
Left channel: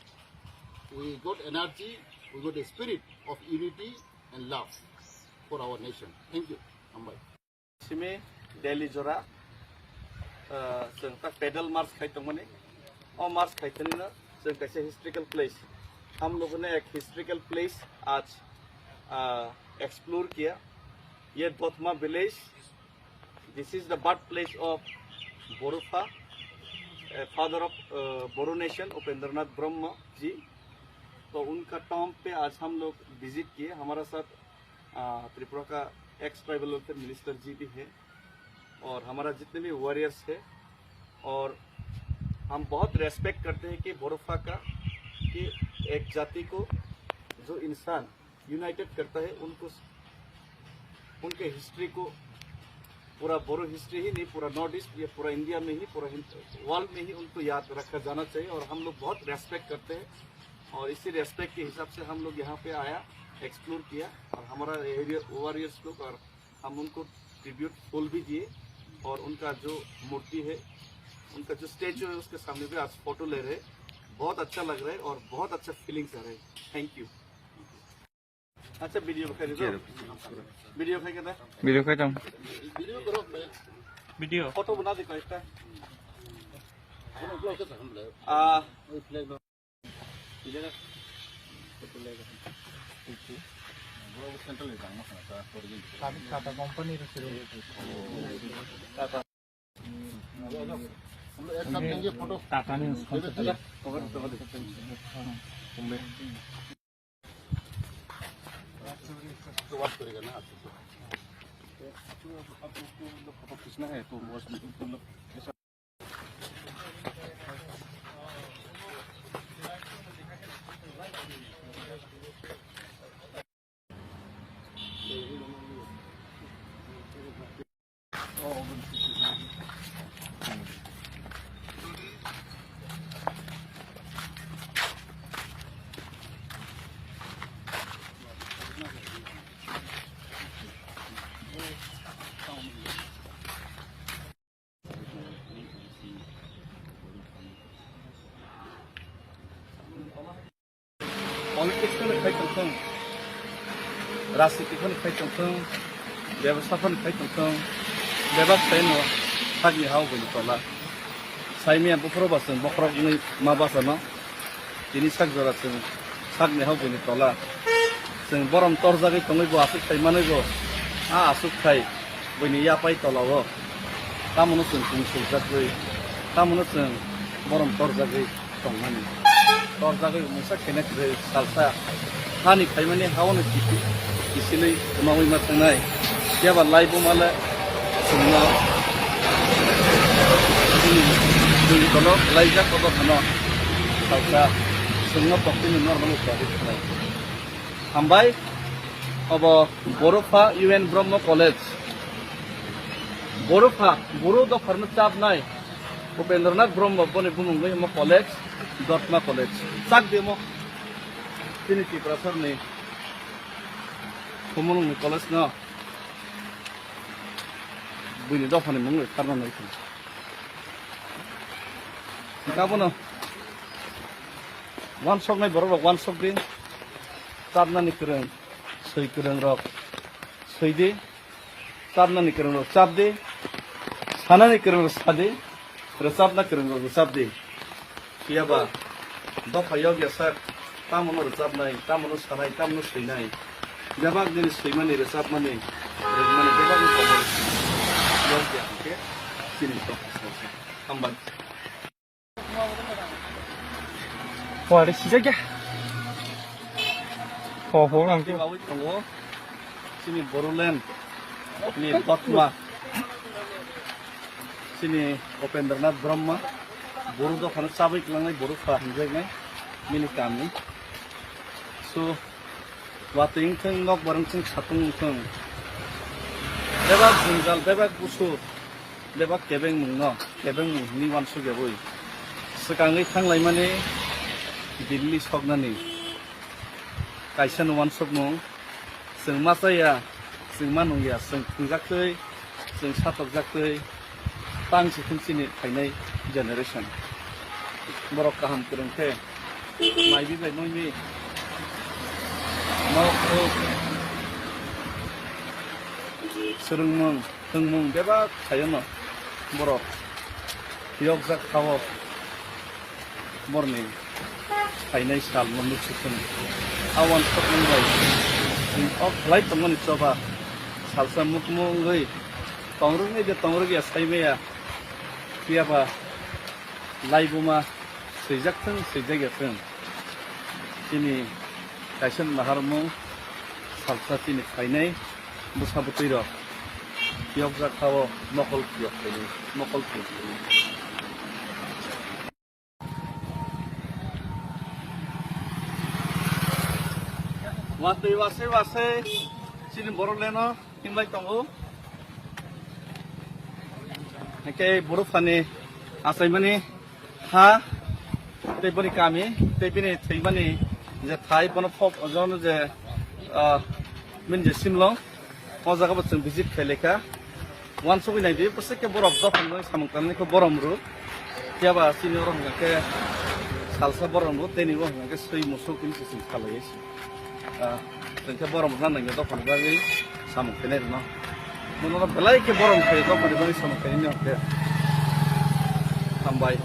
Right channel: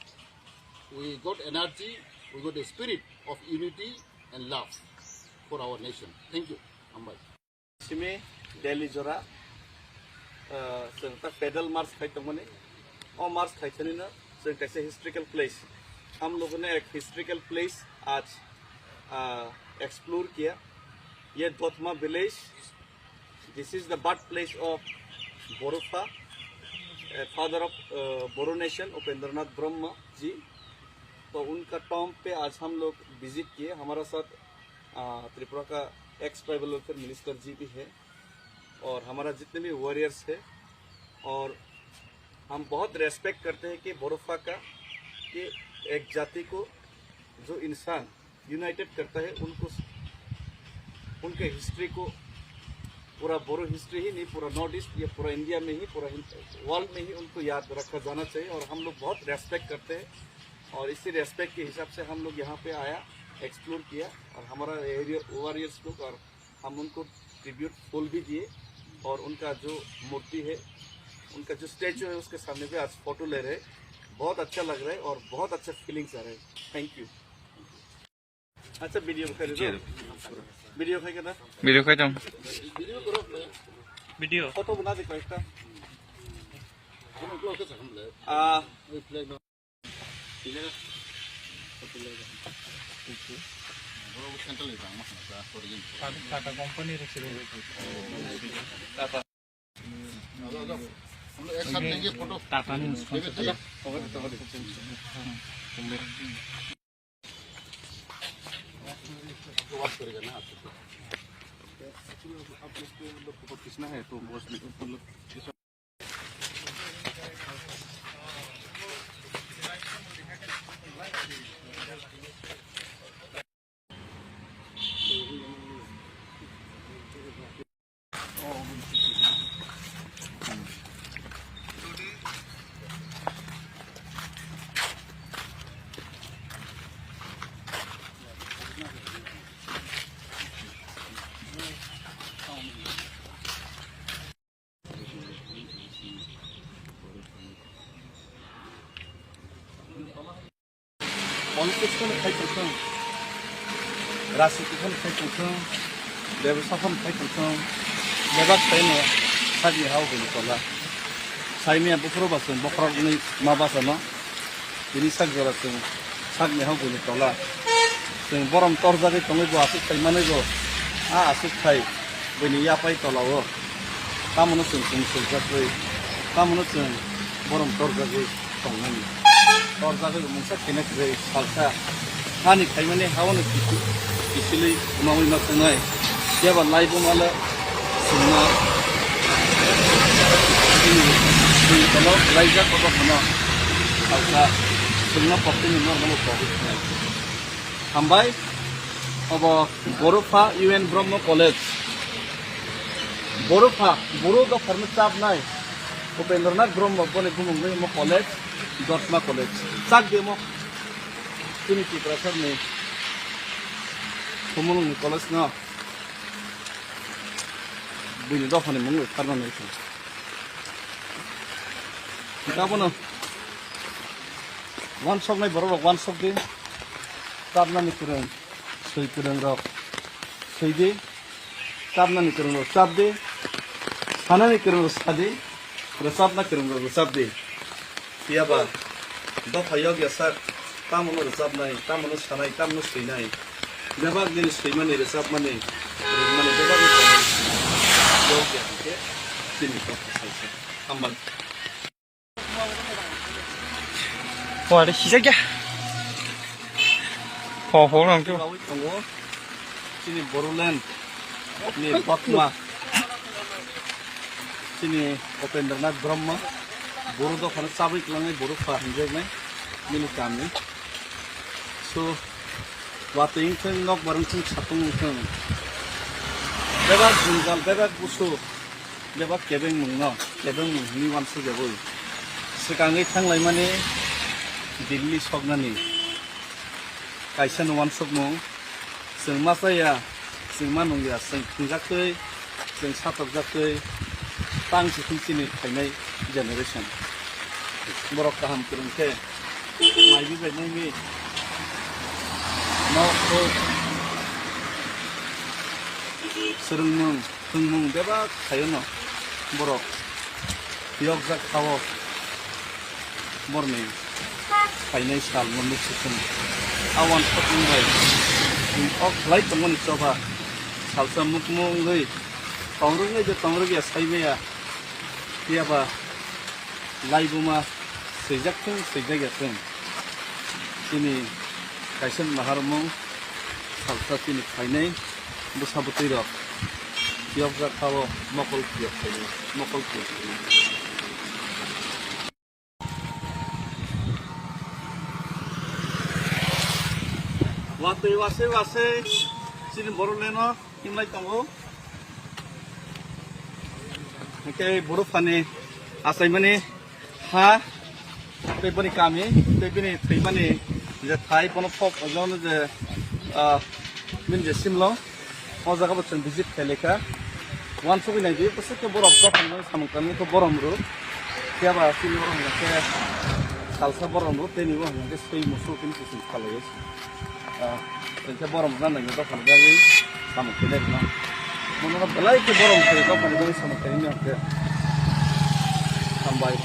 we got energy, we got a spirit of unity and love for our nation. Thank you. Ambai. Simi Delhi Jora, pedal march खाइतों मने, और march खाइतों नहीं ना, कैसे historical place. हम लोगों ने एक historical place आज explore किया. ये दोतमा village. This is the birthplace of Borufa, father of Boru nation, Upendranath Brahma ji. तो उनका टॉम पे आज हम लोग विजिट किए. हमारा साथ त्रिपुरा का एक्स ट्राइबल वेलफेयर मिनिस्टर जी भी है और हमारा जितने भी वॉरियर्स है, और हम बहुत रेस्पेक्ट करते हैं कि बोरोफा का, कि एक जाति को जो इंसान यूनाइटेड करता है, उनको उनके हिस्ट्री को, पूरा बोरो हिस्ट्री ही नहीं, पूरा नॉर्थ ईस्ट या पूरा इंडिया में ही, पूरा वर्ल्ड में ही उनको याद रखा जाना चाहिए. और हम लोग बहुत रेस्पेक्ट करते हैं और इसी रेस्पेक्ट के हिसाब से हम लोग यहाँ पे आया, एक्सप्लोर किया, और हमारा एरिया वॉरियर्स लोग, और हम उनको ट्रिब्यूट फूल भी दिए, और उनका जो मूर्ति है, उनका जो स्टैचू है, उसके सामने पे आज फोटो ले रहे. बहुत अच्छा लग रहा है और बहुत अच्छा फीलिंग्स आ रहे हैं. Thank you. अच्छा वीडियो खाई दो, वीडियो खाई करना, वीडियो खाई Video करो मैं. वीडियो फोटो बना दे कोई Ano block ka sa kamla? May flag no. Ile na. Photo le. Upo. Bro, kanta le bang na sa origin. Tata company रखी रहे. टाटा हम एक साथ लेंगे फोटो. टाटा ने उसको तो बात करेगा ना आप लोग को फोटो खींचना है तो मोस्टली पलिटिक्सखौनो खायथोंथों राजनितिखौनो खायथोंथों बेबस्थाखौनो खायथोंथों बेबा खायनो सागि हावगोन तला साइमिया बखरबासों बखरगनै माबासोना बिनि सागजरासों सागनि हावगोन तला जों बरम तरजागै तंगैबो आसुक खायमानैबो आसुक खाय बैनि यापाय तलावो तामोनो जों सुंसुजागै तामोनो जों बरम तरजागै तंनानै तरजागै मोनसे खेनेख्रै सालसा हानि खायमाने हावनो किसिलै उनावै मा थांनाय जेबा लाइबो माले जोंना दै तलाव लाइजा कबा खाना सालसा जोंना पक्तिनि नर्माल प्रभिस हामबाय अब बर'फा UN ब्रह्म कलेज बर'फा बर' दफारनो चाबनाय उपेन्द्रनाथ ब्रह्म बने बुंगै म कलेज दतमा कलेज चाक देमो ट्रिनिटी प्रफेसरनि कमलनि कलेज न बुनि दफानि मुङै खारनानै गाबोनो वान सक नाय बर' वान सक दे चाबनानि फोरों सै फोरों रक सैदे चाबनानि फोरों रक चाबदे सानानि फोरों रक सादे रोजाबना फोरों रक रोजाबदे कियाबा दफायाव गेसार तामोनो रोजाबनाय तामोनो सानाय तामोनो सैनाय बेबाग दिन सैमानि रोजाबमानि रोजमानि बेबागनि खबर बेयाव गेसके दिनै दफा हामबाय 와, 내 시작이야. 호랑주. 가고 있던 거, 신이 보롤랜드, 니 박마, 신이 오펜드르나트 브롬마, 보르도 하는 사브이 클랑의 보르 파한적네, 미니 까미. 소, 와트잉튼 nok 바릉튼 차통튼, 베박 중갈, 베박 부수, 베박 개백 묵너, 개백 묵니 완수 개보이. 스강의 탕라이마니 दिल्ली सकनानि कायसन वान सकनो जों मा जाया जों मा नंलिया जों खुंजाखै जों साथकजाखै तांसि खुमसिनि थायनाय जेनेरेसन बर' गाहाम फोरोंथे माइबि बायनायनि मावखौ सोलोंमुं फोरोंमुं बेबा थायोनो बर' बियगजाक खाव बरनि फाइनाल साल मोननै सिखोन आवान सपमुंबाय अफ लाइट तंगन चबा सालसा मुकमुंगै तंरुङै जे तंरुगिया साइमेया कियाबा लाइबुमा सैजाकथों सैजागेथों तिनि कायसन माहारमुं सालसा तिनि फाइनाल बुसाबुतैर बियगजा खाव मकल पियक मकल पियक वातै वासे वासे चिन बर'लेनो हिमलाय दङो एके बर'फानि आसायमानि हा दैबनि गामि दैबनि थैमानि जे थाइ बन फप अजन जे मिनजे सिमलो अजागाबो जों भिजिट खायलेखा वान सबिनाय बे पसेके बरफ दफान सामकालनिखौ बरमरु जेबा सिनि बरमके सालसा बरमरु तेनिबो हंगे सै मुसुलकुनि किसिम खालायसि इनके बरम जानाय दखान गागे सामखैनाय न मनोना बेलाय के बरम के दखान गागे सामखैनाय न के हामबाय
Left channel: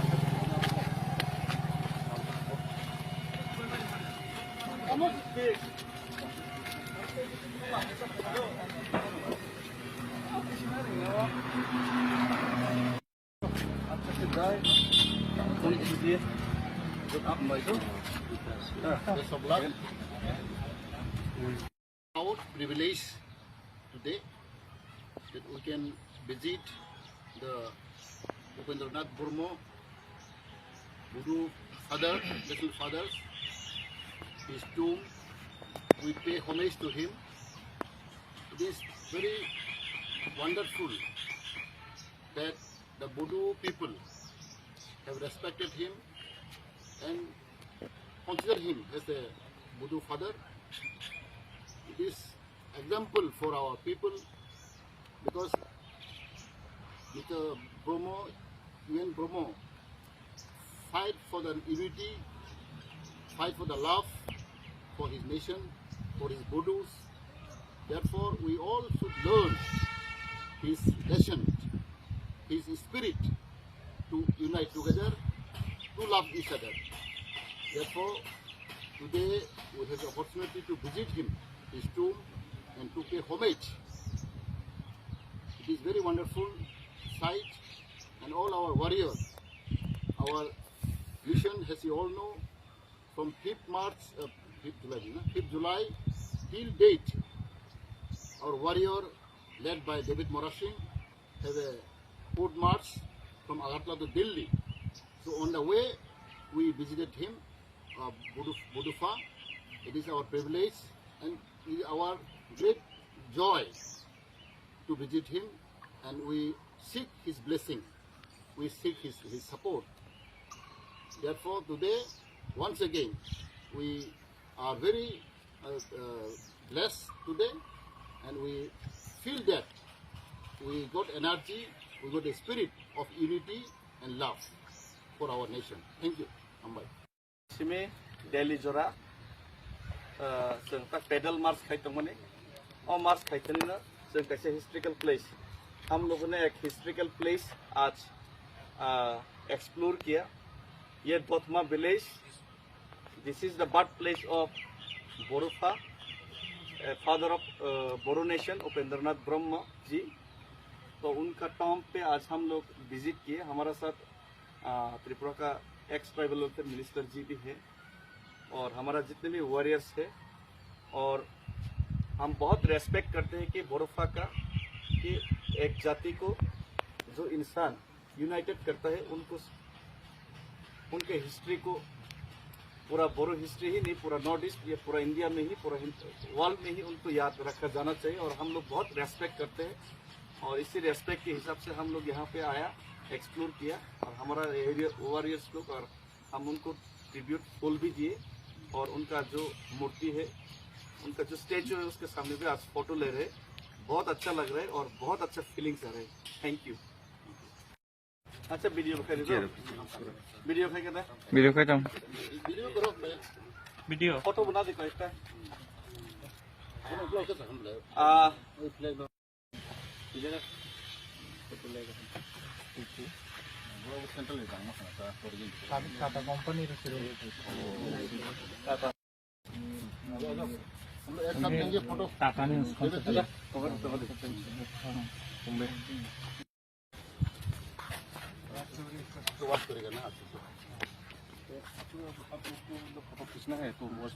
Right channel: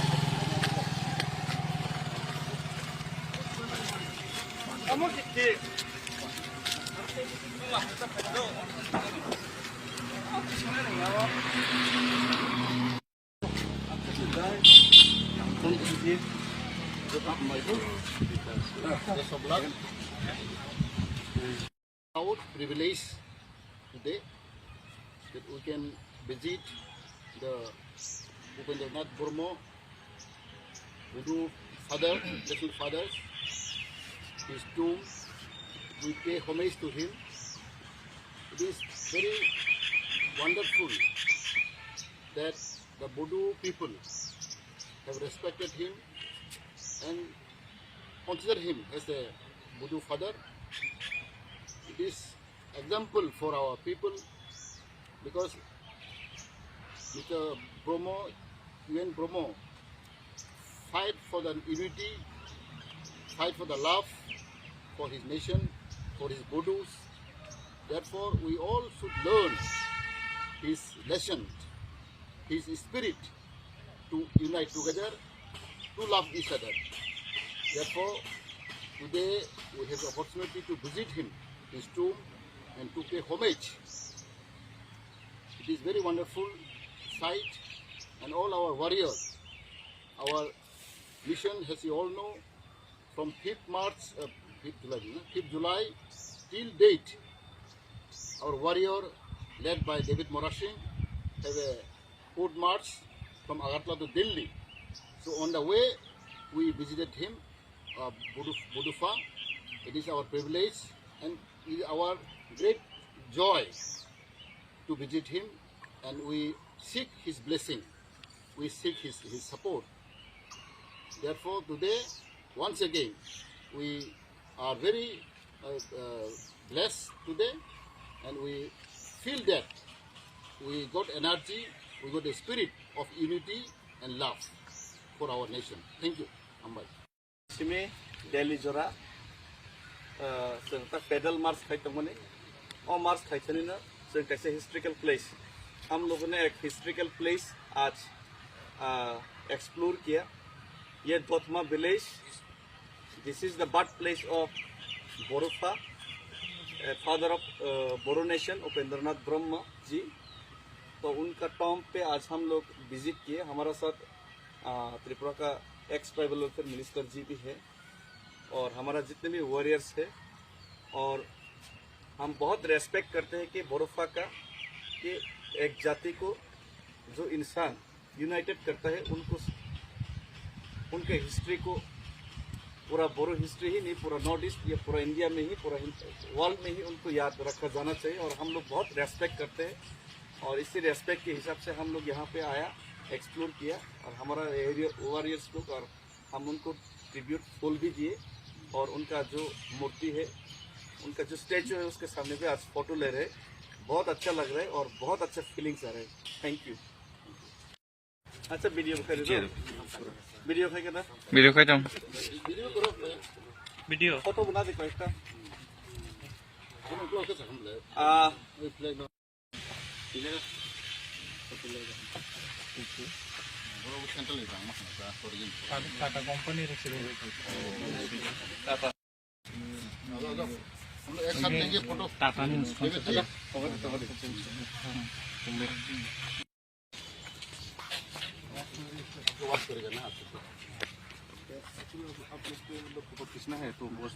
Our privilege today that we can visit the Upendranath Burma Buddha father, little fathers, his tomb. We pay homage to him. It is very wonderful that the Buddha people have respected him and consider him as a Buddha father. It is example for our people because Mr. Bromo, UN Bromo, fight for the unity, fight for the love, for his nation, for his Budus. Therefore, we all should learn his lesson, his spirit to unite together, to love each other. Therefore, today we have the opportunity to visit him, his tomb, and to pay homage. It is very wonderful sight, and all our warriors, our mission, as you all know, from 5th July till date, our warrior, led by David Morashing, have a foot march from Agartala to Delhi. So on the way, we visited him, Budufa. It is our privilege and it is our great joy to visit him, and we seek his blessing. We seek his support. Therefore, today, once again, we are very blessed today, and we feel that we got energy, we got a spirit of unity and love for our nation. Thank you. Ambai. Simi Delhi Jora, जों पैदल मार्च खाइतों मने, और मार्च खाइतों ने ना जों कैसे historical place, हम लोगों ने एक हिस्ट्रिकल प्लेस आज एक्सप्लोर किया. ये Dotma village, this is the birth place of Borufa, father of Boru nation, Upendranath Brahma ji. तो उनका टॉम पे आज हम लोग विजिट किए. हमारा साथ त्रिपुरा का एक्स ट्राइबल वेलफेयर मिनिस्टर जी भी है, और हमारा जितने भी वॉरियर्स है, और हम बहुत रेस्पेक्ट करते हैं कि बोरोफा का, कि एक जाति को जो इंसान यूनाइटेड करता है, उनको उनके हिस्ट्री को, पूरा बोरो हिस्ट्री ही नहीं, पूरा नॉर्थ ईस्ट या पूरा इंडिया में ही, पूरा वर्ल्ड में ही उनको याद रखा जाना चाहिए. और हम लोग बहुत रेस्पेक्ट करते हैं, और इसी रेस्पेक्ट के हिसाब से हम लोग यहाँ पे आया, एक्सप्लोर किया, और हमारा एरिया वॉरियर्स लोग, और हम उनको ट्रिब्यूट फूल भी दिए, और उनका जो मूर्ति है, उनका जो स्टैचू है, उसके सामने भी आज फोटो ले रहे हैं. बहुत अच्छा लग रहा है और बहुत अच्छा फीलिंग्स आ रहे हैं. Thank you. अच्छा वीडियो दिखाई दो, वीडियो दिखाई क्या वीडियो खाई तुम Video करो. वीडियो फोटो बना दे कोई सा. हम लोग कैसे हम ले? वही फ्लैग लो. इलेगा. बड़ा सेंट्रल ले जाना है क्या? ओरिजिन. टाटा कंपनी रखी है. हम लोग एक साथ लेंगे फोटो. टाटा ने उसको वाच करेगा ना. आप लोग फोटो खींचना है तो बस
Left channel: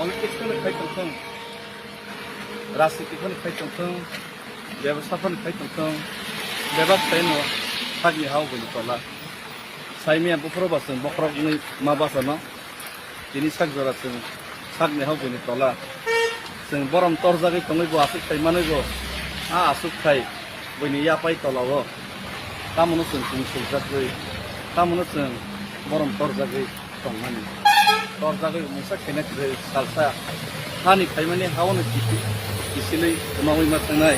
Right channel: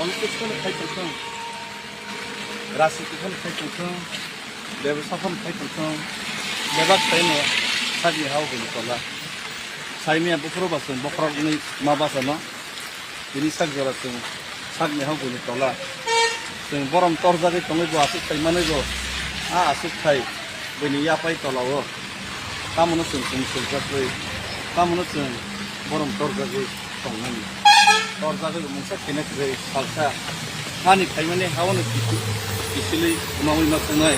पॉलिटिक्स में खाई तंखों, राजनीति में खाई तंखों, व्यवसाय में खाई तंखों, व्यवसाय में सागी हाउ बोली तला. साइमिया बुफरो बासन, बखरा गुनी मा बासना, बिनी साग जरा जों सागी हाउ बोली तला. जों बरम तोरजागे तंगै बो आसुक खाई माने बो, आसुक खाई बिनी यापाई तलावो. तामनो जों सुलजागै, तामनो जों बरम तोरजागै तंगनानि. तोरजागै मुसा केनेक्रे सालसा हानि खाइमाने हावनो किसिलै उनावै मा थांनाय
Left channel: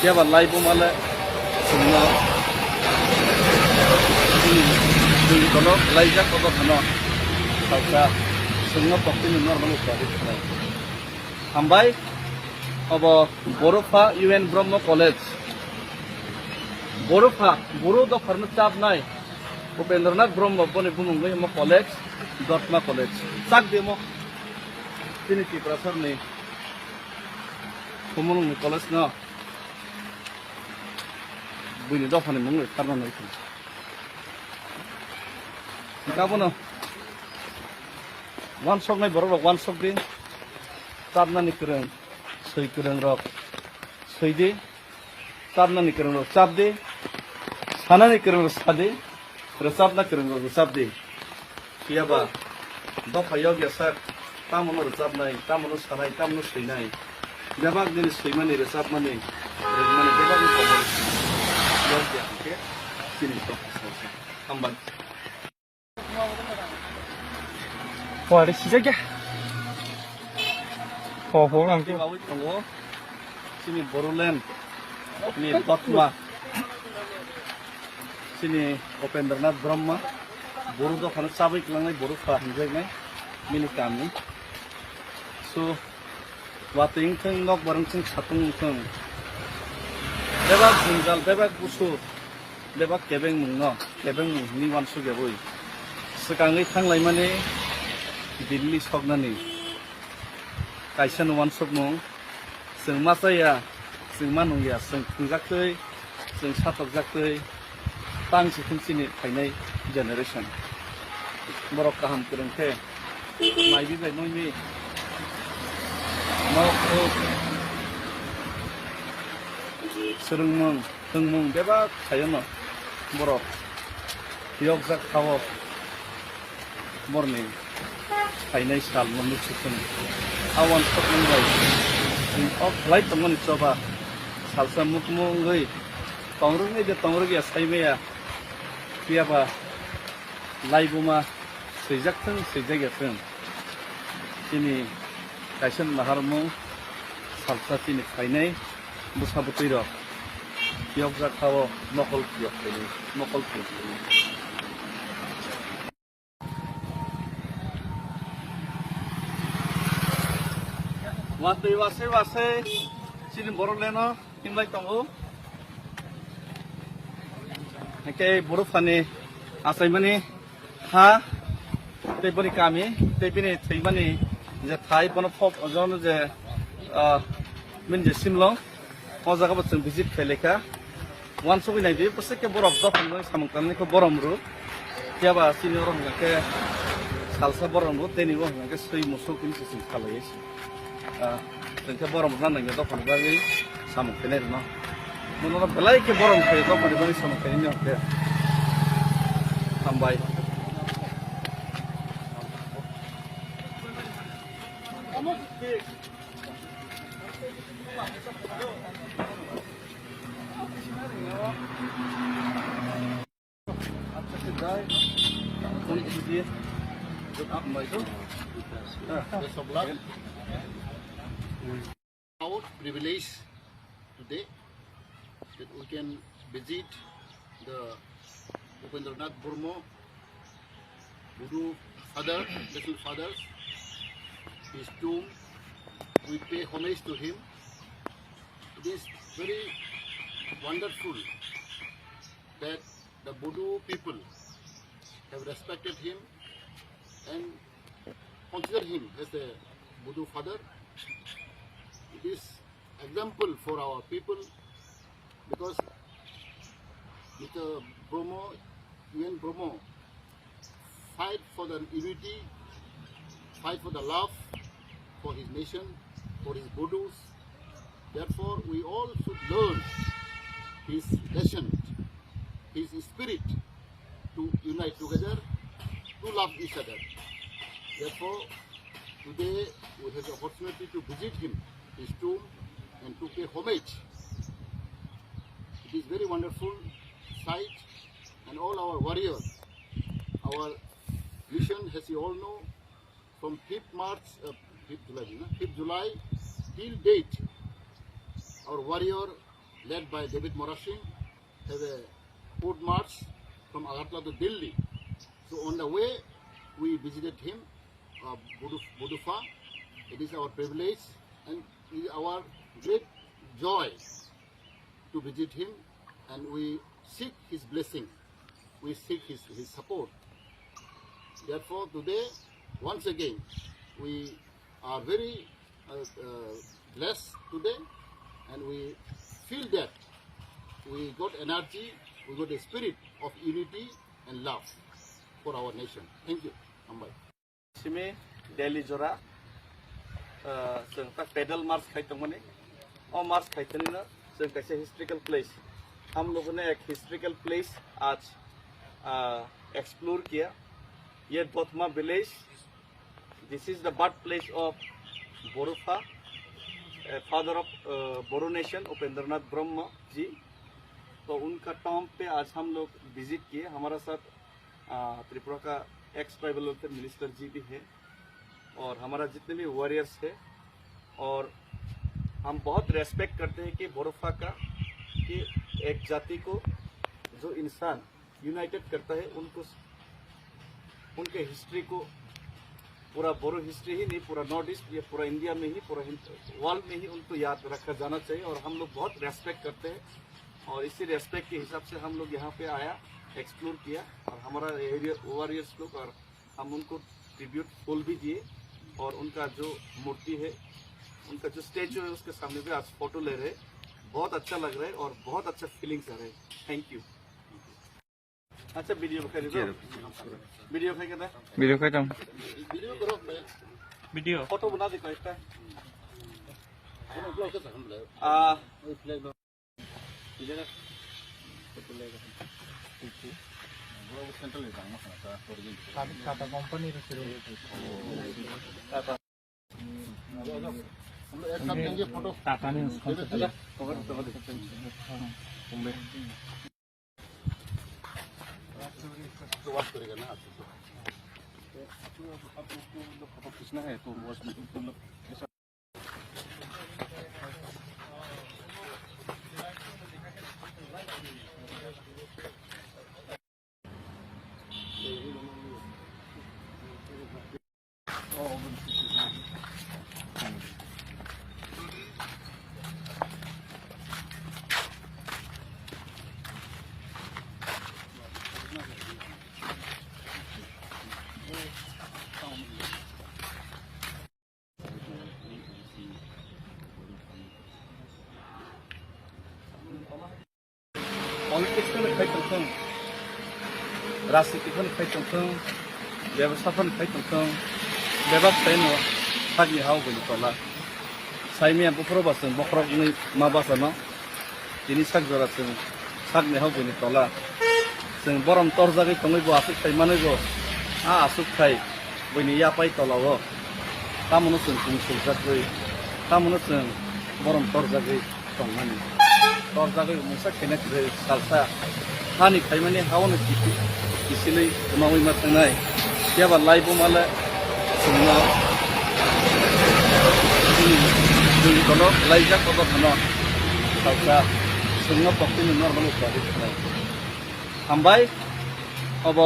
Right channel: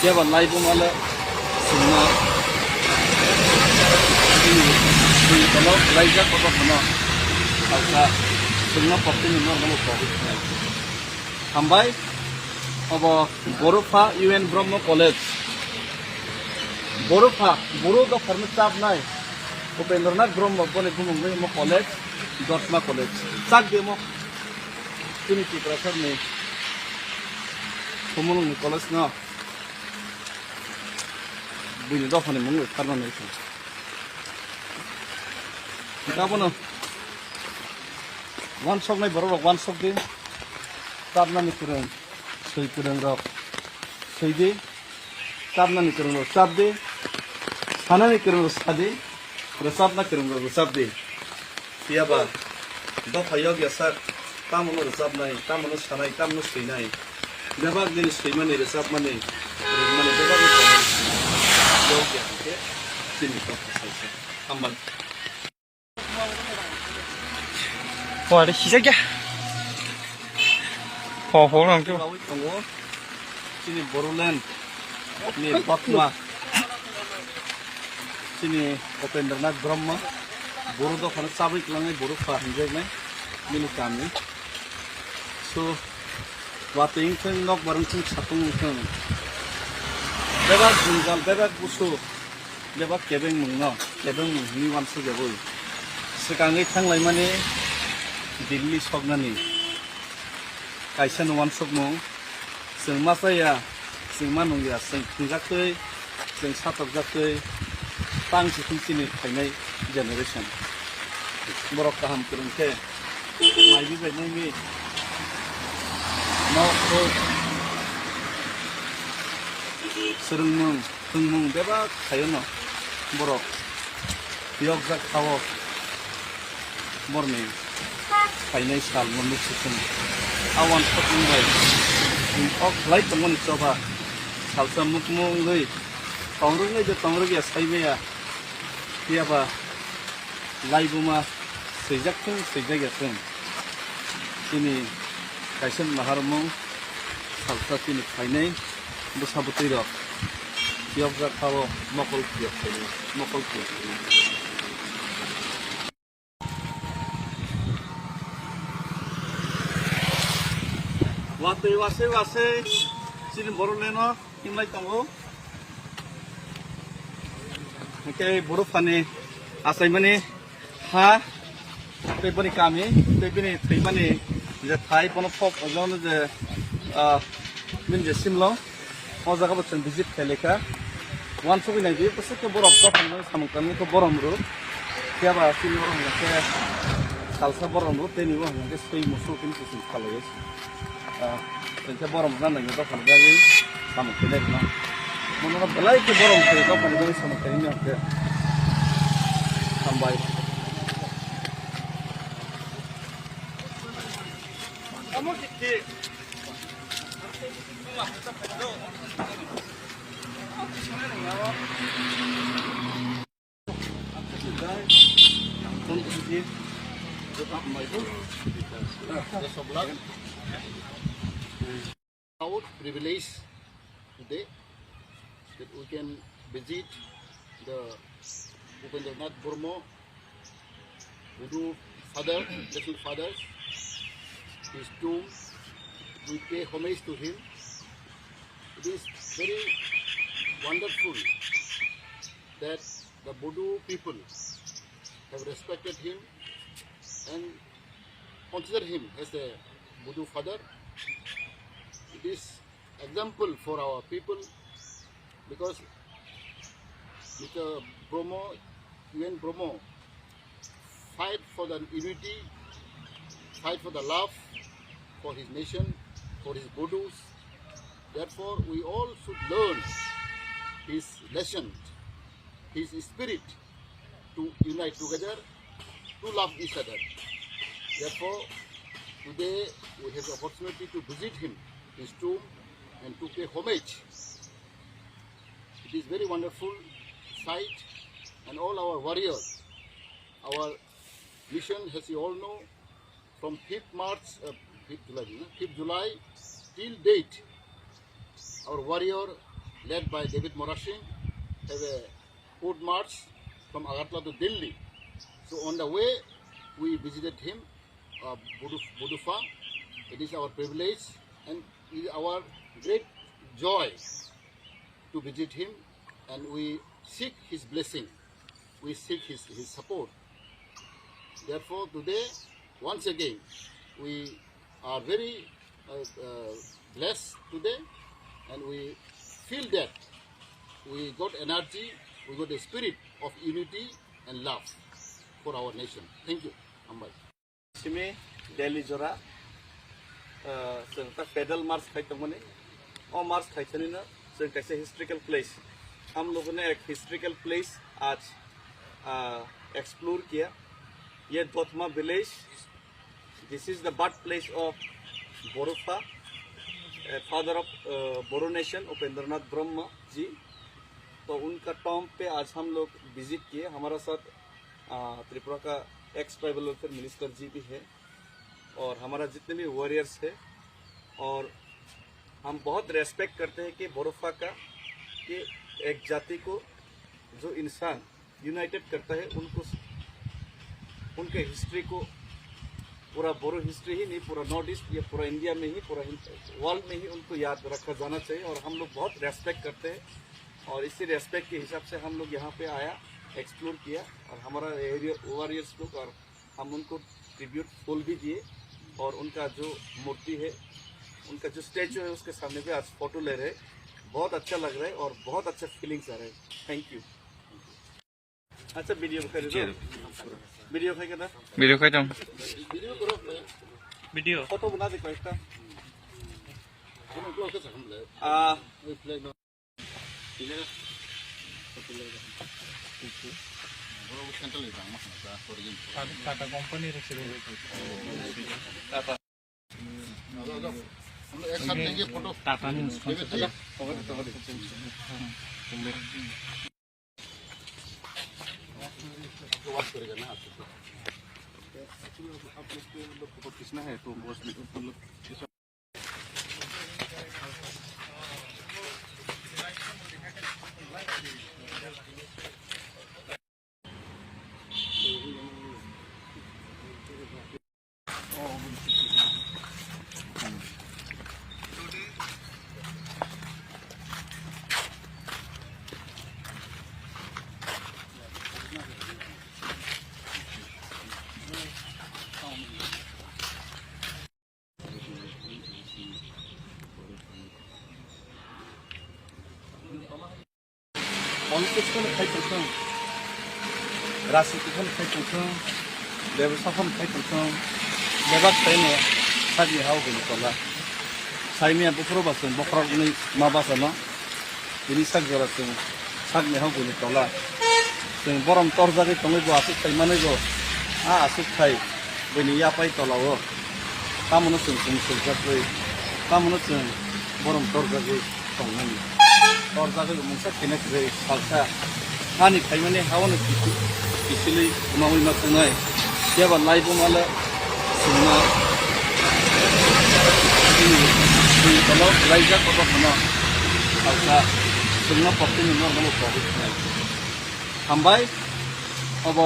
जेबा लाइबो माले सुंना दै तलो लाइजा कबा खना सालसा सुंना पक्तिनि नर्माल प्राइवेट हामबाय. अब बोरोफा यूएन ब्रह्म कॉलेज, बोरोफा बोरो द फर्म चाबनाय उपेंद्रनाथ ब्रह्म बने बुंगै म कॉलेज, दर्शना कॉलेज साग देमो तिनी टिप्रासर ने कोमोन कॉलेज ना बुनि दफाने मंगै खारनानै छ. गाबोनो वान सक नाय बरो वान सक दे ताबनानि करन सै करन रक सै दे ताबनानि करन रक चाब दे Sana ni kerung resadi, resab na kerung resab di. Iya ba, do payog ya sar, tamu no resab nai, tamu no sanai, tamu no sinai. Jabak din sima ni resab mani, resmani jabak ni komor. Yog ya ke, sini to kisah. Ambal. 와, 내 시작이야. 보랑 좀. Bawi tunggu, sini Boruland, ini Batma, sini Opendernath Brahma, Boru do kan sabik langai Boru fahinjai nai, minu kami. So, wating teng nok bareng teng satung teng. Bebak jungal, bebak busu, bebak kebeng mungno, kebeng mung ni wan su jabui. Sekangai tang lai mani Delhi sognani. Kaisa nuan sokmo, sing masaya, sing manung ya, sing tunjaktei, sing satok jaktei, tang si sini kainai generation. Borok kaham kurungke, mai bi bai nai mi, mau ko, serung mung beba kayono, borok, yog jak kawo, morning, kainai sal morning sukun. Awan sokong bay, ok light teman coba, salsa mukmung gay, tangrung gay tangrung ya say ya, tiapa, light buma, sejak ya teng, ini kaisen mahar mung, salsa ini kainai, busa butiro, tiap jat kawo mokol tiap ini, mokol tiap ini. Wase, sini Boruland no, imlai tongo. Oke, Boru fani, asai mani, ha, tepani kami, tepani tepani, je Thai pano pop, ajon je, min je simlo, oza ka bachan visit keleka, wan sobi nai je, pasti ke borok do fani samang kami ko borom ru, tiaba sini borom ke salsa borom ru, teni borom ke sui musul kun sisi kalais. Tengke borom nanda nggak tahu lagi sama kene no. Menurut belai ke borom ke tahu lagi sama kene ni sampai. Kamu di. Apa sih guys? Tunggu sedikit. Tetap mbak itu. Besok lagi. Proud privilege today that we can visit the Upendranath Burma Budu father, little fathers, his tomb. We pay homage to him. It is very wonderful that the Budu people have respected him and consider him as a Budu father. It is example for our people because Mr. Bromo, UN Bromo, fight for the unity, fight for the love for his nation, for his Budus. Therefore, we all should learn his lesson, his spirit to unite together, to love each other. Therefore, today we have the opportunity to visit him, his tomb, and to pay homage. It is very wonderful sight, and all our warriors, our mission, as you all know, from 5th July till date, our warrior, led by David Morashing, have a foot march from Agartala to Delhi. So on the way, we visited him, Budufa. It is our privilege and it is our great joy to visit him, and we seek his blessing, we seek his support. Therefore, today, once again, we are very blessed today, and we feel that we got energy, we got a spirit of unity and love for our nation. Thank you, Ambai. Simi Delhi Jora, pedal march kaitung mani, or march kaituni na, so it's a historical place. हम लोगों ने एक historical place आज explore किया। ये Dotma village, this is the birth place of Bodofa, father of Boro nation Upendranath Brahma ji. तो उनका Tom पे आज हम लोग विजिट किए। हमारा साथ त्रिपुरा का एक्स ट्राइबल वेलफेयर मिनिस्टर जी भी है और हमारा जितने भी वॉरियर्स है, और हम बहुत रेस्पेक्ट करते हैं कि बोरोफा का, कि एक जाति को जो इंसान यूनाइटेड करता है, उनको उनके हिस्ट्री को, पूरा बोरो हिस्ट्री ही नहीं, पूरा नॉर्थ ईस्ट या पूरा इंडिया में ही, पूरा वर्ल्ड में ही उनको याद रखा जाना चाहिए। और हम लोग बहुत रेस्पेक्ट करते हैं और इसी रेस्पेक्ट के हिसाब से हम लोग यहाँ पे आया, एक्सप्लोर किया और हमारा एरिया वॉरियर्स लोग, और हम उनको ट्रिब्यूट फूल भी दिए और उनका जो मूर्ति है, उनका जो स्टेचू है उसके सामने भी आज फोटो ले रहे। बहुत अच्छा लग रहा है और बहुत अच्छा फीलिंग्स आ रहे हैं। Thank you. अच्छा वीडियो दिखा दो, वीडियो दिखा के वीडियो का जम वीडियो करो मैं वीडियो फोटो बना दे कोई हम ब्लॉग से हम ले ओए फ्लैग नो इलेगा फोटो ले बरो सेंटर ले जाना है क्या टाटा कंपनी रे शुरू हम एक साथ लेंगे फोटो टाटा ने कवर तो बात करेगा ना आप लोग फोटो खींचना है तो बॉस में तुम लोग पॉलिटिक्स में खाई चलते, राजनीति में खाई चलते, व्यवसाय में खाई चलते, व्यवसाय में सागी हाउ बनी पला, साइमिया बुकरो बासन बुकरो नहीं माबासा ना, इन्हीं साग जरा से साग में हाउ बनी पला, से बरम तोर जाके तंगे जो आसुक खाई माने जो आसुक खाई बनी या पाई तलाव, तामनो से जाके तामनो से बरम तोर जाके तंगे तोर जाके मुझसे कनेक्ट रहे सालसा खानी खाई माने हाउ न किसी मावी मत नहीं क्या बात लाइव माले सुना ini kalau lainnya kalau mana saja semua pasti minor malu kali hambai अब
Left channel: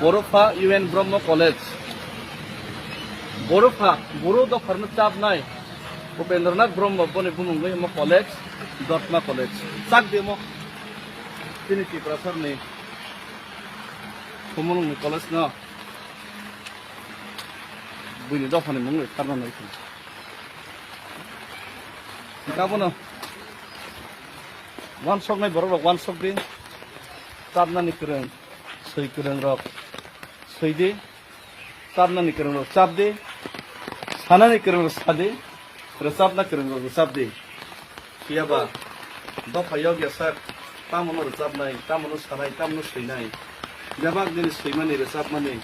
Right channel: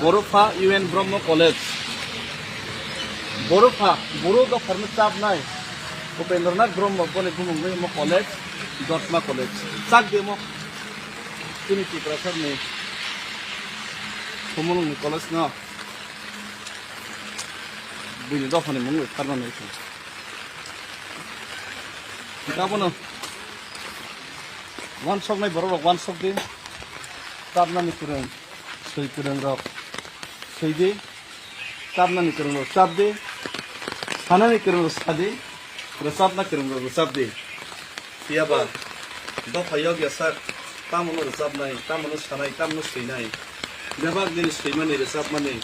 बोरोफा UN ब्रह्म कॉलेज बोरोफा बोरो द फर्म चाप नाय उपेंद्रनाथ ब्रह्म बने बुंगे म कॉलेज दतमा कॉलेज चाक देमो तिनी की प्रसर ने हमन कॉलेज न बुनि दफानि मंग खारना नै गाबोनो वन शॉप नहीं बरोबर वन शॉप दे ताबना निकरन सही करन रक सही दे ताबना निकरन रक साब दे खाना निकरन रक सादे रसाब ना करन रक रसाब दे किया बा दो फयोग या सर तामनो रसाब नहीं तामनो सनाई तामनो सही नहीं जबाब दिन सही माने रसाब माने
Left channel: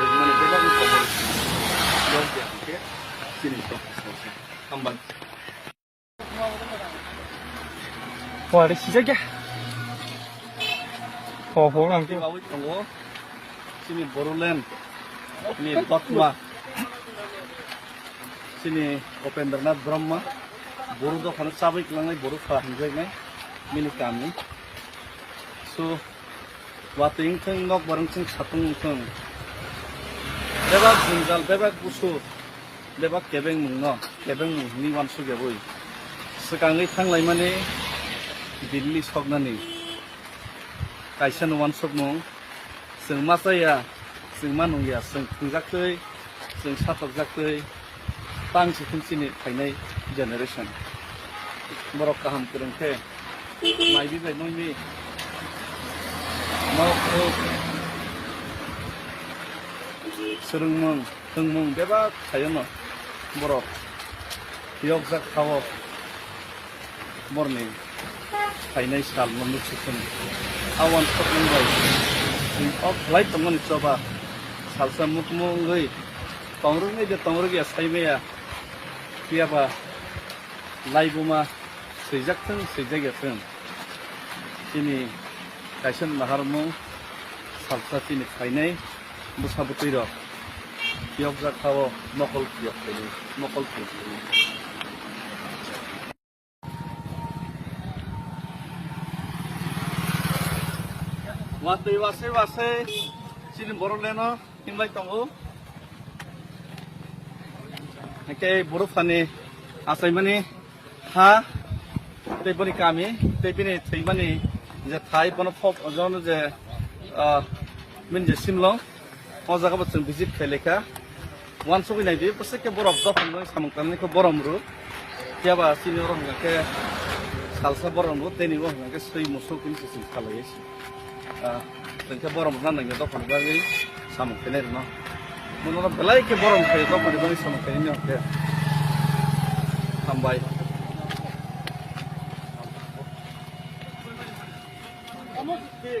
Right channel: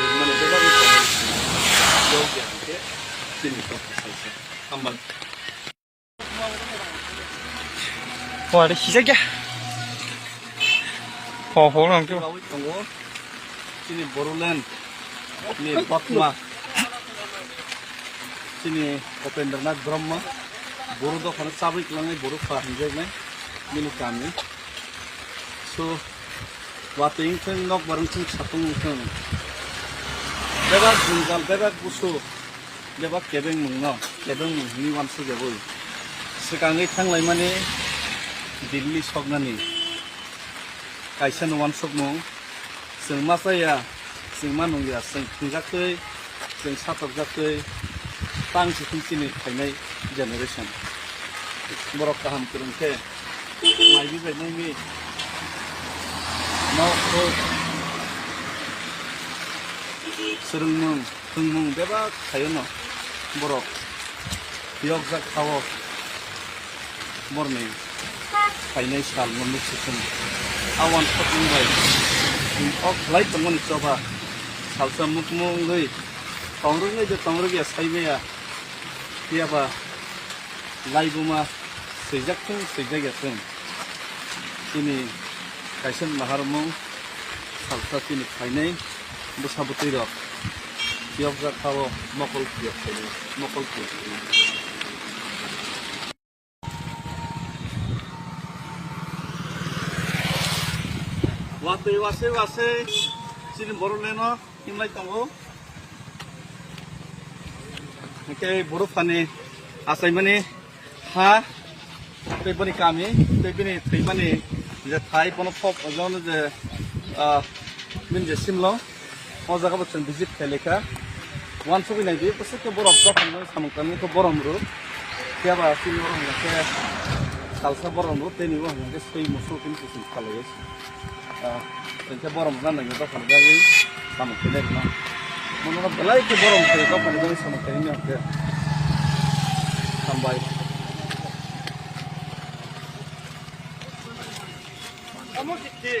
रजमाने जबाब को योग या के सिनी तो हम बन 와, 내 시작이야. 보람 좀. 가고 있던 거. sini Boruland, ini Bakma, sini Upendranath Brahma, Boru do khana sabai klangai Boru fahinjai mai mini kami. So wating thang nok barang thang satung thang. Bebak jungal, bebak busu, bebak kebeng mungno, kebeng ni wansu jaboi. Sekangai thang lai mane Delhi sognani. Kaisa nuan sogno. Sing masaya, sing manung ya, sing tinjaktei, sing satok jaktei, tang si sini kainai generation. Borok kaham kurang ke, mai bi bai mai ni. Mau ko serung mung beba kayono borok. Yok jak kawo morning. Final साल मोननै सिखोन आवान फटमबाय of light दंमोन चबा salsa मुखमुंगै तंरुङै दे तंरुगिया साइमेया कियाबा लाइबुमा सैजाकथों सैजागेथों तिनि Kaisen माहारमु salsa तिनि final मुसाबुतैर कियाव जाखाव मकल कियाव मकल कियाव वासै वासै वासै चिन बरलेनो हिमलाय तंगो के बरफानि आसायमानि हा तैबनि कामि तैबनि थैमानि जे Thai पन फप अजन जे मिनजे सिमलो अजागा बचन भिजिट खेलेखा वान सबै नायदि पसे के बरफ दफन सामकानि को बरमरु त्याबा सिनि बरम के सालसा बरमरु तेनि बरम के सै मुसु किन किसिम खालायस tenke borom nana ngi dokon gagi samu kene no mono belai ke borom ke dokon gagi samu kene no ke sambai kamu di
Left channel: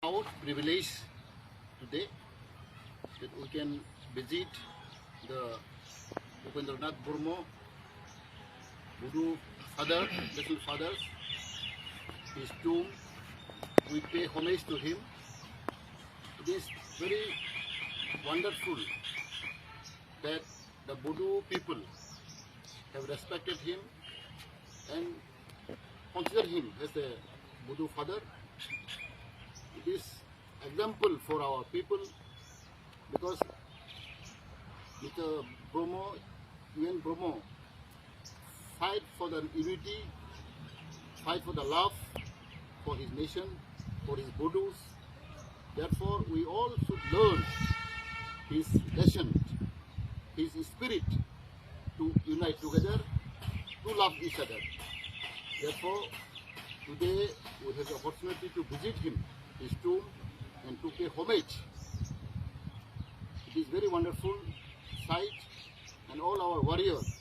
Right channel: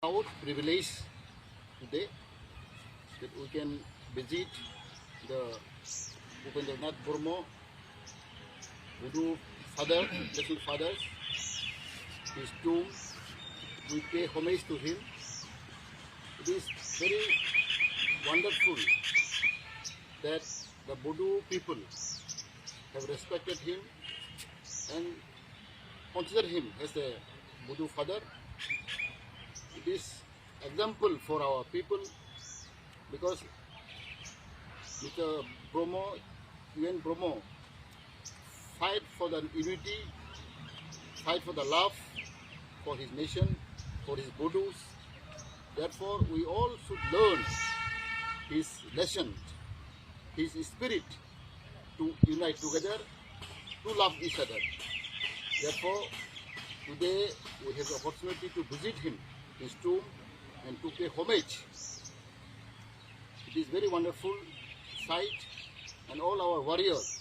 Proud privilege today that we can visit the Upendranath Burma Budu father, national fathers, his tomb. We pay homage to him. It is very wonderful that the Budu people have respected him and consider him as a Budu father. It is example for our people because Mr. Bromo, UN Bromo, fight for the unity, fight for the love for his nation, for his Budus. Therefore, we all should learn his lesson, his spirit to unite together, to love each other. Therefore, today we have the opportunity to visit him, his tomb, and to pay homage. It is very wonderful sight, and all our warriors,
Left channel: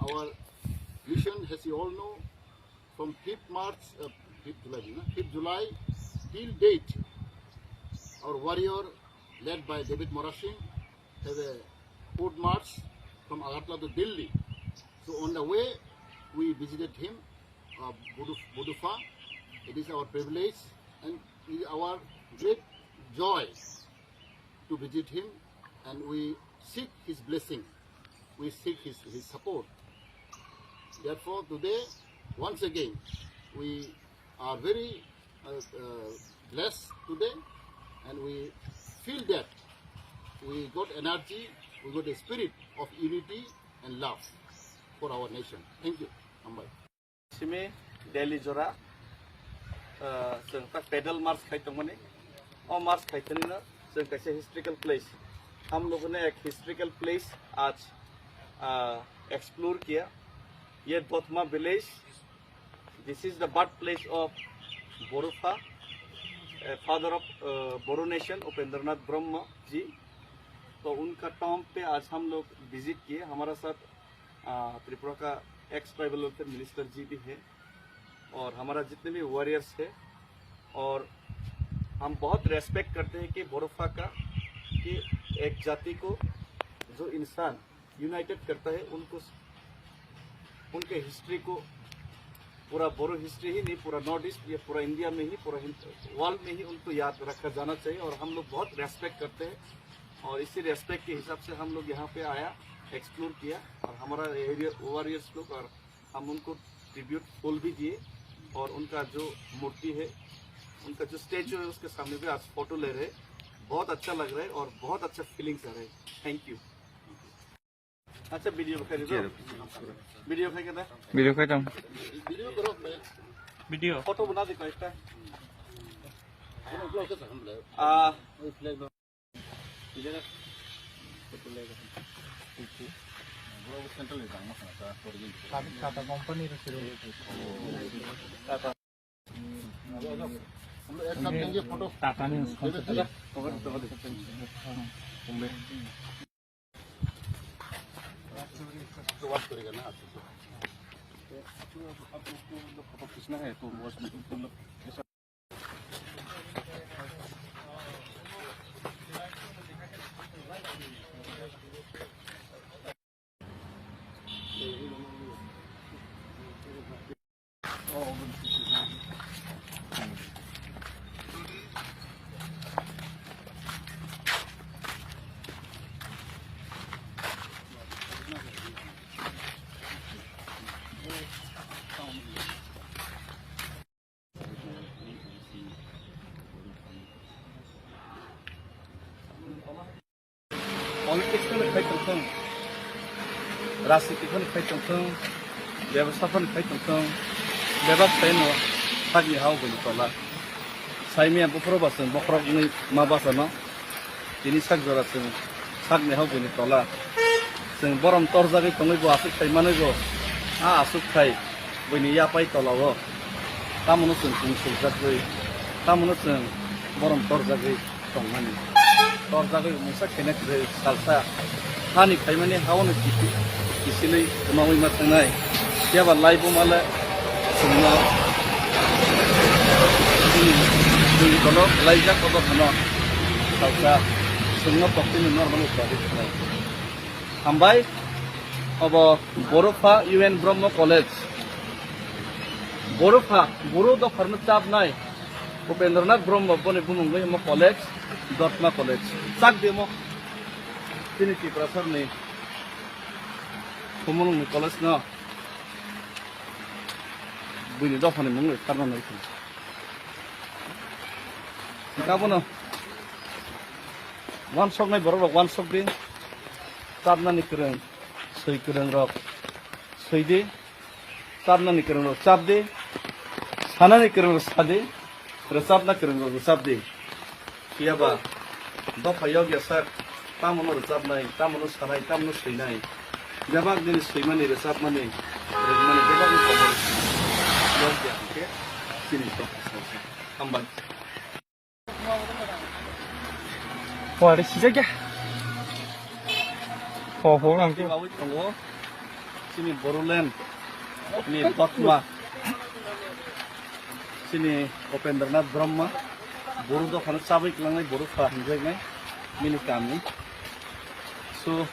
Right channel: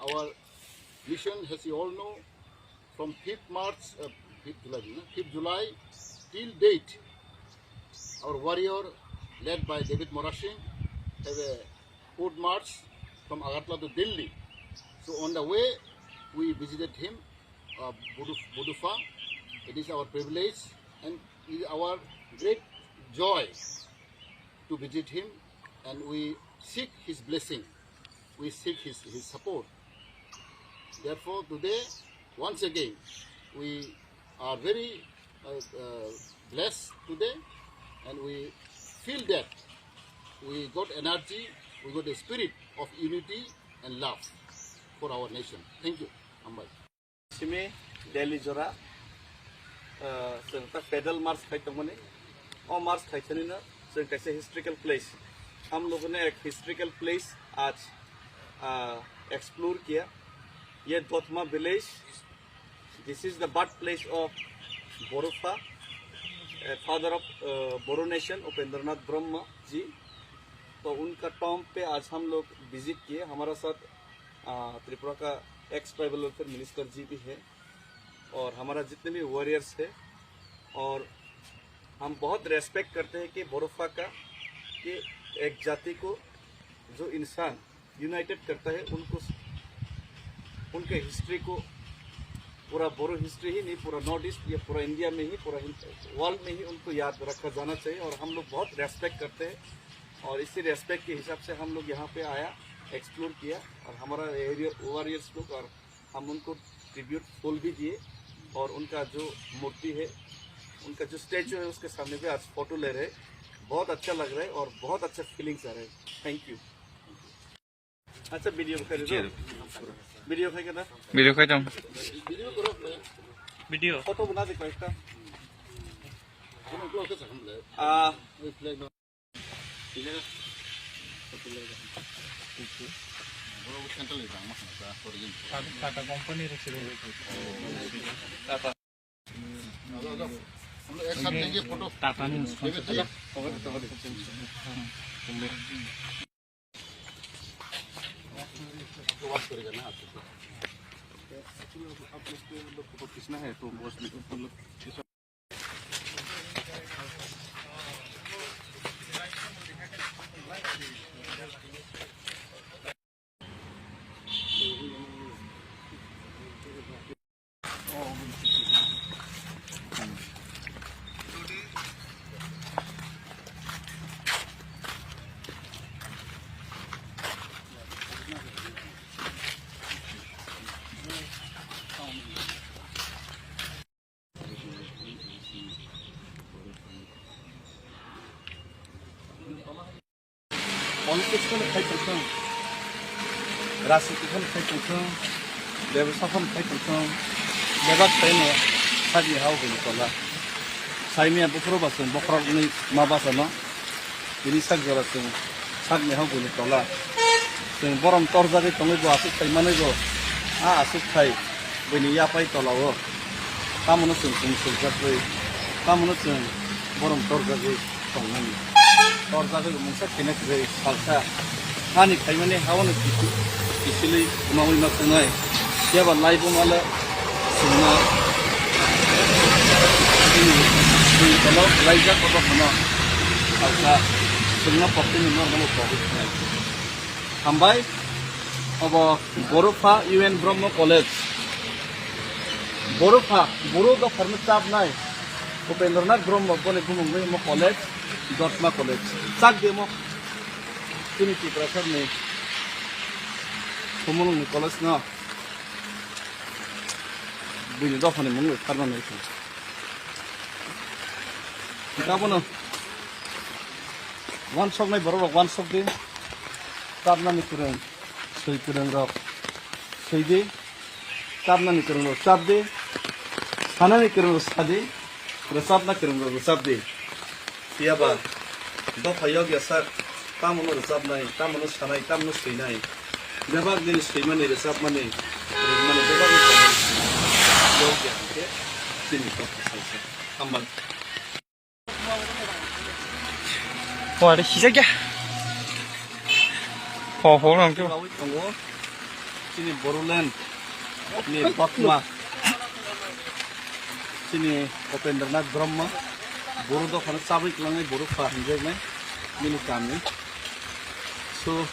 our mission, as you all know, from 5th March, 5th July till date, our warrior, led by David Morashing, have a foot march from Agartala to Delhi. So on the way, we visited him, Budufa. It is our privilege and it is our great joy to visit him, and we seek his blessing, we seek his support. Therefore, today, once again, we are very blessed today, and we feel that we got energy, we got a spirit of unity and love for our nation. Thank you. Ambai. Simi Delhi Jora, pedal march खाइतों मने, और march खाइतों ना, सं कैसे historical place, हम लोगों ने एक historical place आज explore किया, ये Dotma village, this is the birthplace of Borufa, father of Boru nation, Upendranath Brahma जी, तो उनका टॉम पे आज हम लोग विजिट किए, हमारा साथ त्रिपुरा का एक्स ट्राइबल वेलफेयर मिनिस्टर जी भी है और हमारा जितने भी वॉरियर्स है, और हम बहुत रेस्पेक्ट करते हैं कि बोरोफा का कि एक जाति को जो इंसान यूनाइटेड करता है, उनको उनके हिस्ट्री को पूरा बोरो हिस्ट्री ही नहीं, पूरा नॉर्थ ईस्ट या पूरा इंडिया में ही, पूरा वर्ल्ड में ही उनको याद रखा जाना चाहिए, और हम लोग बहुत रेस्पेक्ट करते हैं, और इसी रेस्पेक्ट के हिसाब से हम लोग यहाँ पे आया, एक्सप्लोर किया, और हमारा एरिया वॉरियर्स लोग, और हम उनको ट्रिब्यूट फूल भी दिए, और उनका जो मूर्ति है, उनका जो स्टैचू है, उसके सामने भी आज फोटो ले रहे, बहुत अच्छा लग रहा है और बहुत अच्छा फीलिंग्स आ रहे हैं। Thank you. अच्छा वीडियो खाई दो, वीडियो खाई क्या वीडियो खाई जाऊँ, वीडियो करो, वीडियो फोटो बना दे कोई सा टाटा कंपनी टाटा हम लोग एक साथ लेंगे फोटो टाटा में तो बात करेगा ना आप लोग फोटो खींचना है तो पॉलिटिक्स में खाई तंखं राजनीति में खाई तंखं व्यवसाय में खाई तंखं बेबाक खायनो साजी हाव गनि तला साइमिया बुफरो बासन बखरक नि मा बासना बिनि साग जरासन साग नि हाव गनि तला जों बरम तरजागै तंगै बो आसु खायमानै बो आ आसु खाय बनि यापाय तलावो तामनो जों सुलजागै तामनो जों बरम तरजागै तंनानि तरजागै मुसा खेनाखै सालसा हानि खायमाने हावनो किसिलै उनावै मा थांनाय याबा लाइबो माला जोंना दै तलाव लाइजा कबा खाना सालसा जोंना पक्कनि नर्माल प्रॉब्लेम हामबाय अब बर'फा UN ब्रह्म कलेज बर'फा बर' दफारनो चाबनाय उपेन्द्रनाथ ब्रह्म बने बुंङै म कलेज दर्मा कलेज चाक देमो तिनि टिप्रासारनि कमलनि कलेज न बुनि दफानि मुङै खारनानै गाबोनो वान सक नाय बर' वान सक दे चाबनानि फोरों सै फोरों रक सैदे चाबनानि फोरों रक चाबदे सानानि फोरों रक सादे रोजाबना फोरों रक रोजाबदे याबा दफायाव गेसार तामनो रोजाबनाय तामनो सानाय तामनो सैनाय बेबाक दिन सैमानि रोजाबमानि रोजमानि बेबाक खबर याव गेसके सिनि दफा हामबाय 와, 내 시작이야. 호랑 좀. 가고 있던 거, 신이 보롤랜드, 니 박마, 신이 오펜드르나थ ब्रह्म, 보로도 하는 사브이 클랑의 보로 파한적네, 미니 까미. 소,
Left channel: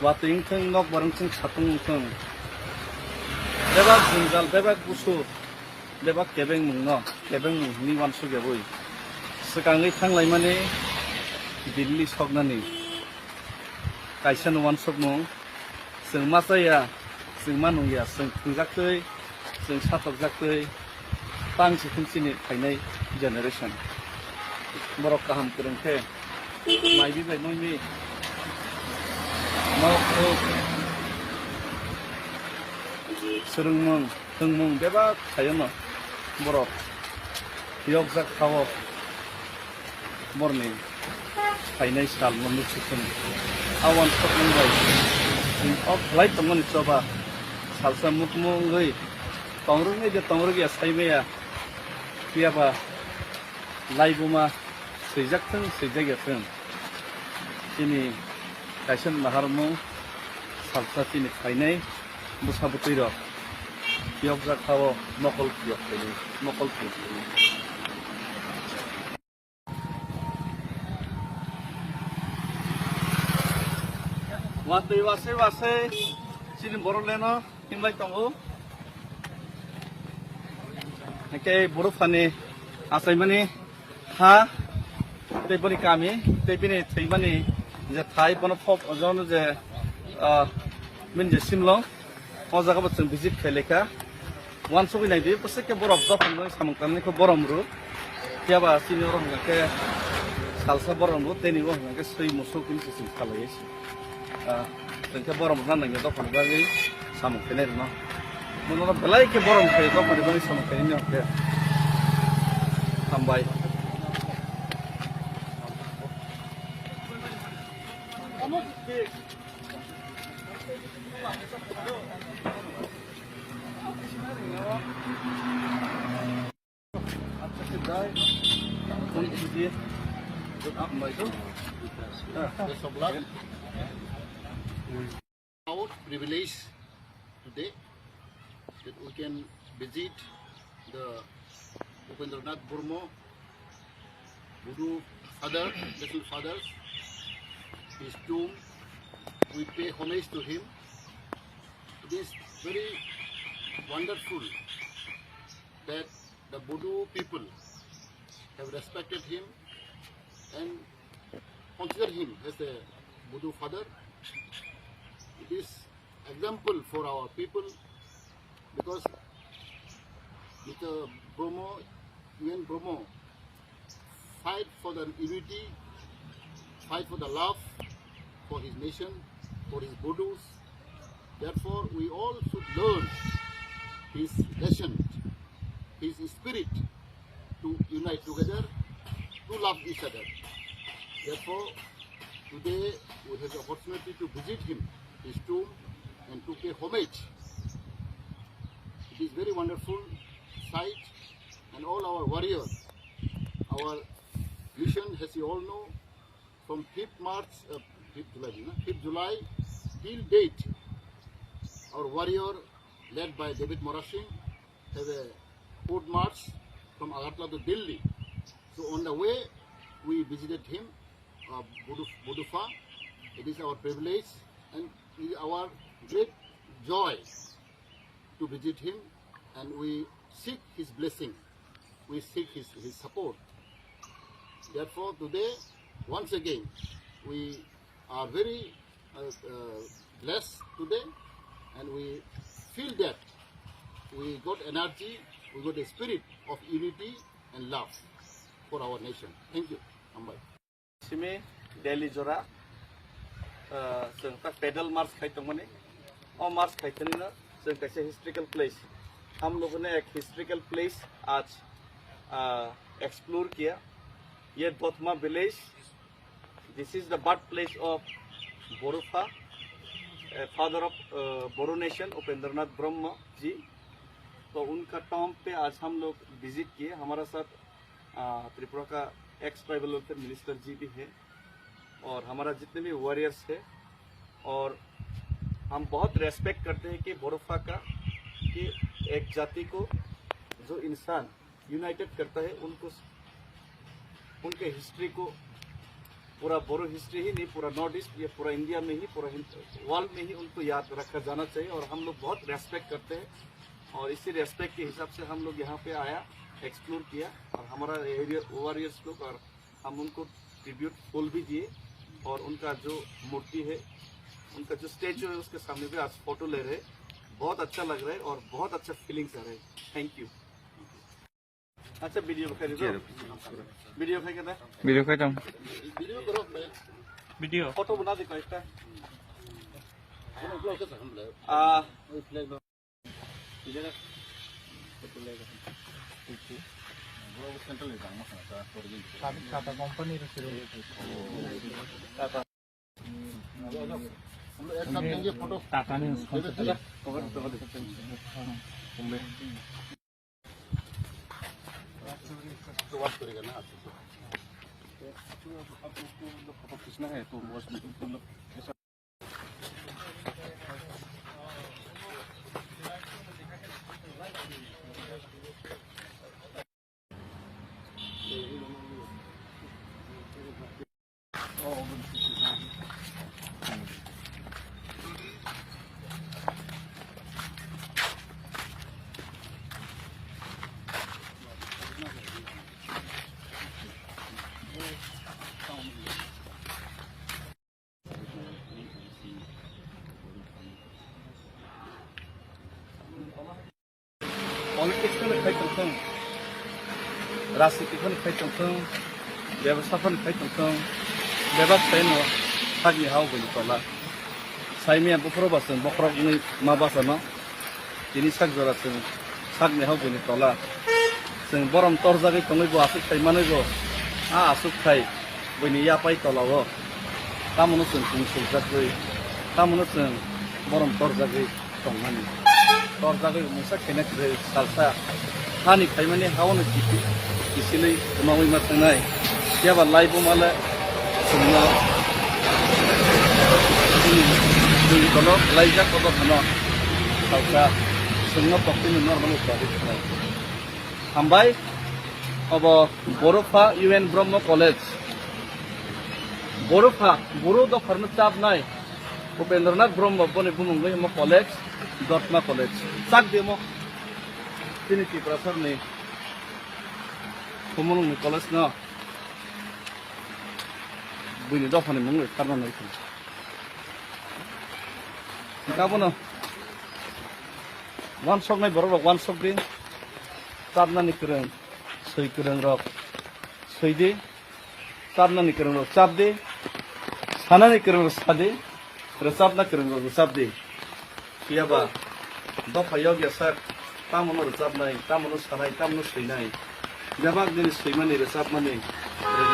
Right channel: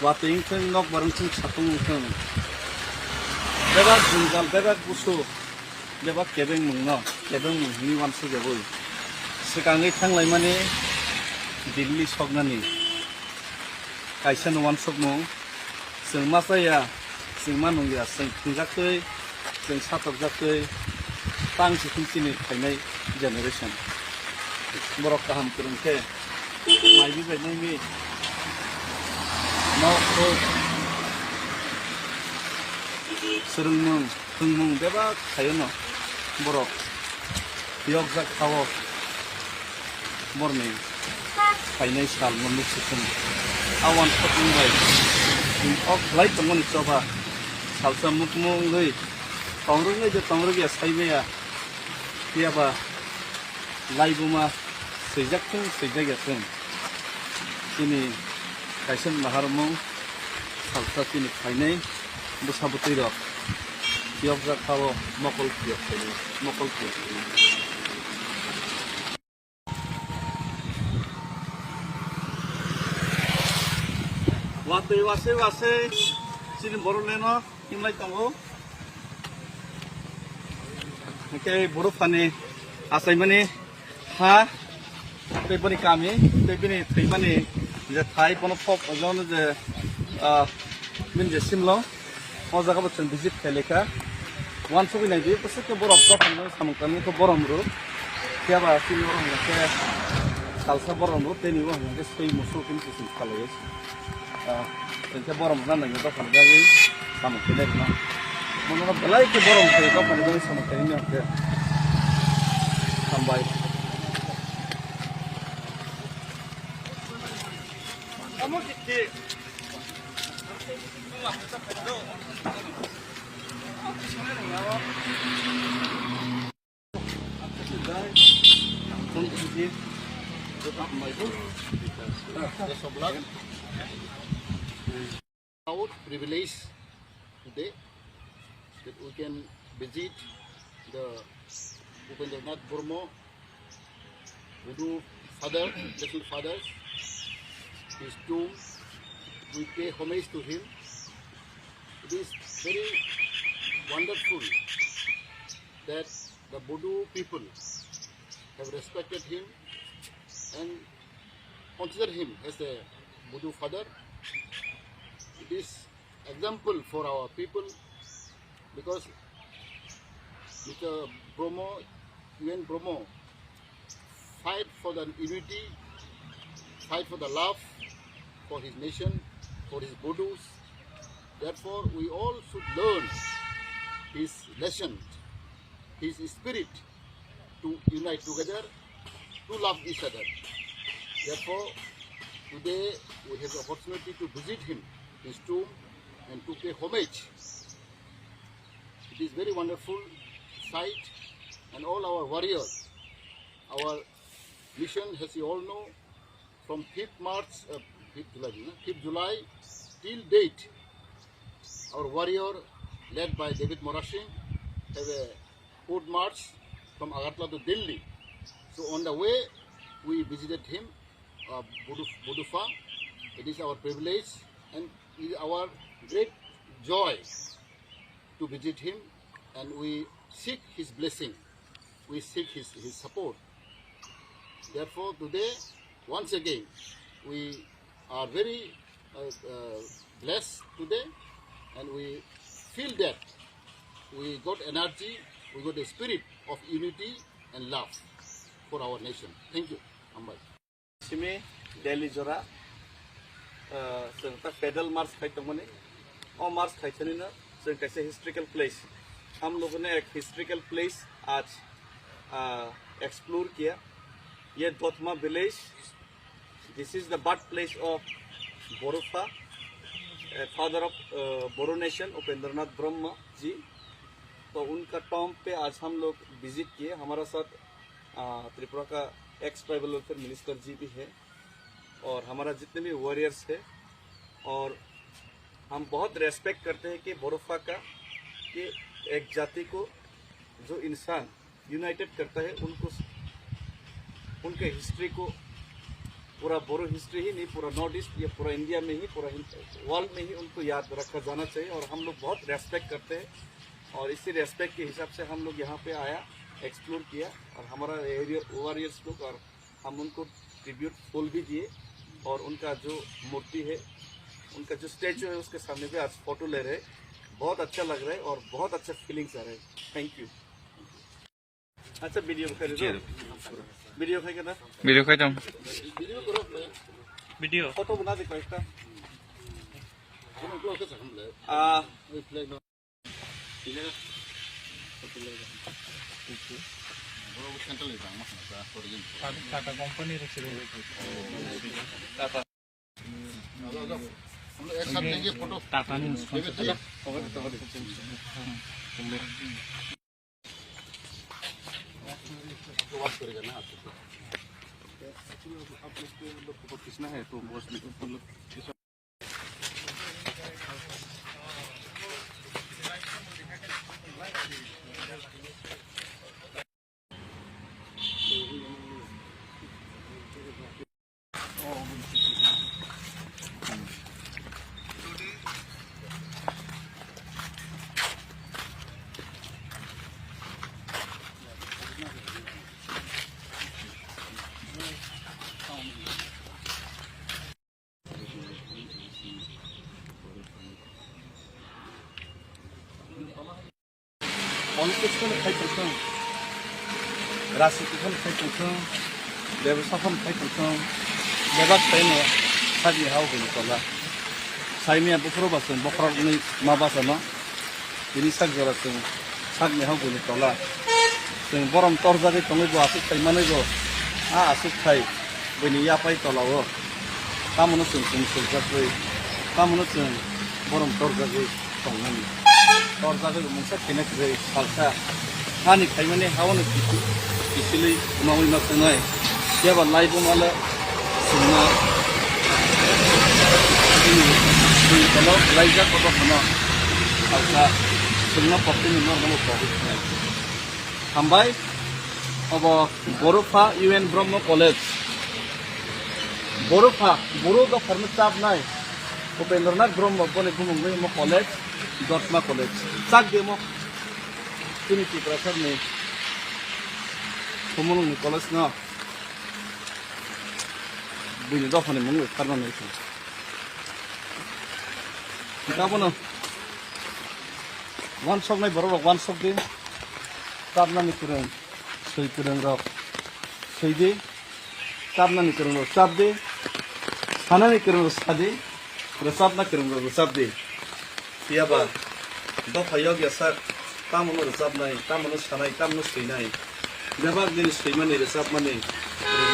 와트잉튼 nok 바릉튼 차통튼. 대박 중갈, 대박 부수, 대박 개백 묵너, 개백 묵니 완수 개보이. 스강의 탕라이마니. दिल्ली सकनानि कायसा नवान सकमो जों मा जाया जों मा नंलिया जों थुंजाखै जों साथरजाखै तांसि खुमसिनि फायनाय जेनेरेसन बर' गाहाम फोरोंथे माइबि बायनायनि न'खौ सोलोंमुं फोरोंमुं बेबा थायोनो बर' यगजाक थावो बरनि फाइनाल साल मोननै सिखोन आवान सपमुंबाय अफ लाइट तंगन चबा सालसा मुकमुंगै तंरुङै जे तंरुगया साइमेया पियाबा लाइबुमा सैजाकथों सैजागयाथों तिनि कायसन नाहारमु सालसा तिनि फाइनाय बुसाबुतैर पियबजा खावो मकल पियब थायो मकल पियब वातै वासे वासे सिलिं बर'लेनो हिमलाय दङो एके बर'फानि आसायमानि हा दैबनि गामि दैबनि थैमानि जे थाइ बन फप अजन जे मिनजे सिमलो अ जागाबो जों भिजिट खायलेखा वान सबिनाय दि पसेके बरफ दफान सामकामनिखौ बरमरु याबा सिनि बरमनाके सालसा बरमरु तेनिबो हनाके सै मुसु किनसि सिम खालायो जोंखे बरम राननायनि दखान बागै सामखैनाय न मनोना बेलायके बरम खायो दखान बागै सामखैनाय नखरे हामबाय Amo Proud privilege today that we can visit the Upendranath Burma Buddha father, little fathers, his tomb. We pay homage to him. It is very wonderful that the Buddha people have respected him and consider him as the Buddha father. It is example for our people because Mr. Bromo, UN Bromo, fight for the unity, fight for the love for his nation, for his Buddhas. Therefore, we all should learn his lesson, his spirit to unite together, to love each other. Therefore, today we have the opportunity to visit him, his tomb, and to pay homage. It is very wonderful sight, and all our warriors, our mission, as you all know, from 5th July till date, our warrior, led by David Morashing, have a foot march from Agartala to Delhi. So on the way, we visited him, Budufa. It is our privilege and it is our great joy to visit him, and we seek his blessing. We seek his support. Therefore, today, once again, we are very blessed today, and we feel that we got energy, we got a spirit of unity and love for our nation. Thank you, Ambai. Simi Delhi Jora, pedal march खाइतों मने, और march खाइतों ने ना, कैसे historical place. हम लोगों ने एक historical place आज explore किया. ये Dotma village. This is the birthplace of Borufa, father of Boru nation, Upendranath Brahma जी. तो उनका टॉम पे आज हम लोग विजिट किए. हमारा साथ त्रिपुरा का एक्स ट्राइबल वेलफेयर मिनिस्टर जी भी है और हमारा जितने भी वॉरियर्स है, और हम बहुत रेस्पेक्ट करते हैं कि बोरोफा का, कि एक जाति को जो इंसान यूनाइटेड करता है, उनको उनके हिस्ट्री को, पूरा बोरो हिस्ट्री ही नहीं, पूरा नॉर्थ ईस्ट या पूरा इंडिया में ही, पूरा वर्ल्ड में ही उनको याद रखा जाना चाहिए. और हम लोग बहुत रेस्पेक्ट करते हैं, और इसी रेस्पेक्ट के हिसाब से हम लोग यहाँ पे आया, एक्सप्लोर किया, और हमारा एरिया वॉरियर्स लोग, और हम उनको ट्रिब्यूट फूल भी दिए, और उनका जो मूर्ति है, उनका जो स्टैचू है, उसके सामने पे आज फोटो ले रहे. बहुत अच्छा लग रहा है और बहुत अच्छा फीलिंग्स आ रहे हैं. Thank you. अच्छा वीडियो कर दो. वीडियो कर रहा है. वीडियो खाई तुम. वीडियो करो मैं. वीडियो. फोटो बना दे कोई सा. हम लोग कैसे हम ले. वही फ्लैग लो. इधर. फोटो ले. वो सेंटर ले जाना है क्या? टाटा कंपनी रखी रहो. टाटा. हम एक साथ लेंगे फोटो. टाटा ने तो बात करेगा ना आपको. आप लोग फोटो खींचना है तो मोस्टली लोग पॉलिटिक्स को खाई चलते, राजनीति को खाई चलते, व्यवसाय को खाई चलते, व्यवसाय में सागी हाउ बोली तो ला, साइमिया बुकरो बासन बुकरो नहीं माँ बासना, इन्हीं साग जराते हैं, साग में हाउ बोली तो ला, सें बरम तोड़ जाके तुम्हें वो आसुक खाई माने वो, आसुक खाई, बनी या पाई तो लाओ, कामों सें जाते, कामों सें borom torjago tongmani torjago mungsa kena kre salsa hani khaimani hawono kisili umawi masangai yaba laibo mala sumna ini kalau laija kodo sama salsa sumna pokti ni normal product hambai obo Borofa UN Brahmo College Borofa Boro do farma chap nai Upendranath Brahmo bone bumungoi mo college Dotma College chak demo tini ki professor ni bumung college na buni do phane mungoi farma nai kabono one shot nai borok one shot din tabna ni kirang sei kirang rok sei de tabna ni kirang rok tab de sana ni kirang rok sade resap na kirang rok resap de kiaba do phayog ya sar tamono resap nai tamono sanai tamono sei nai jabak din sei mane resap mane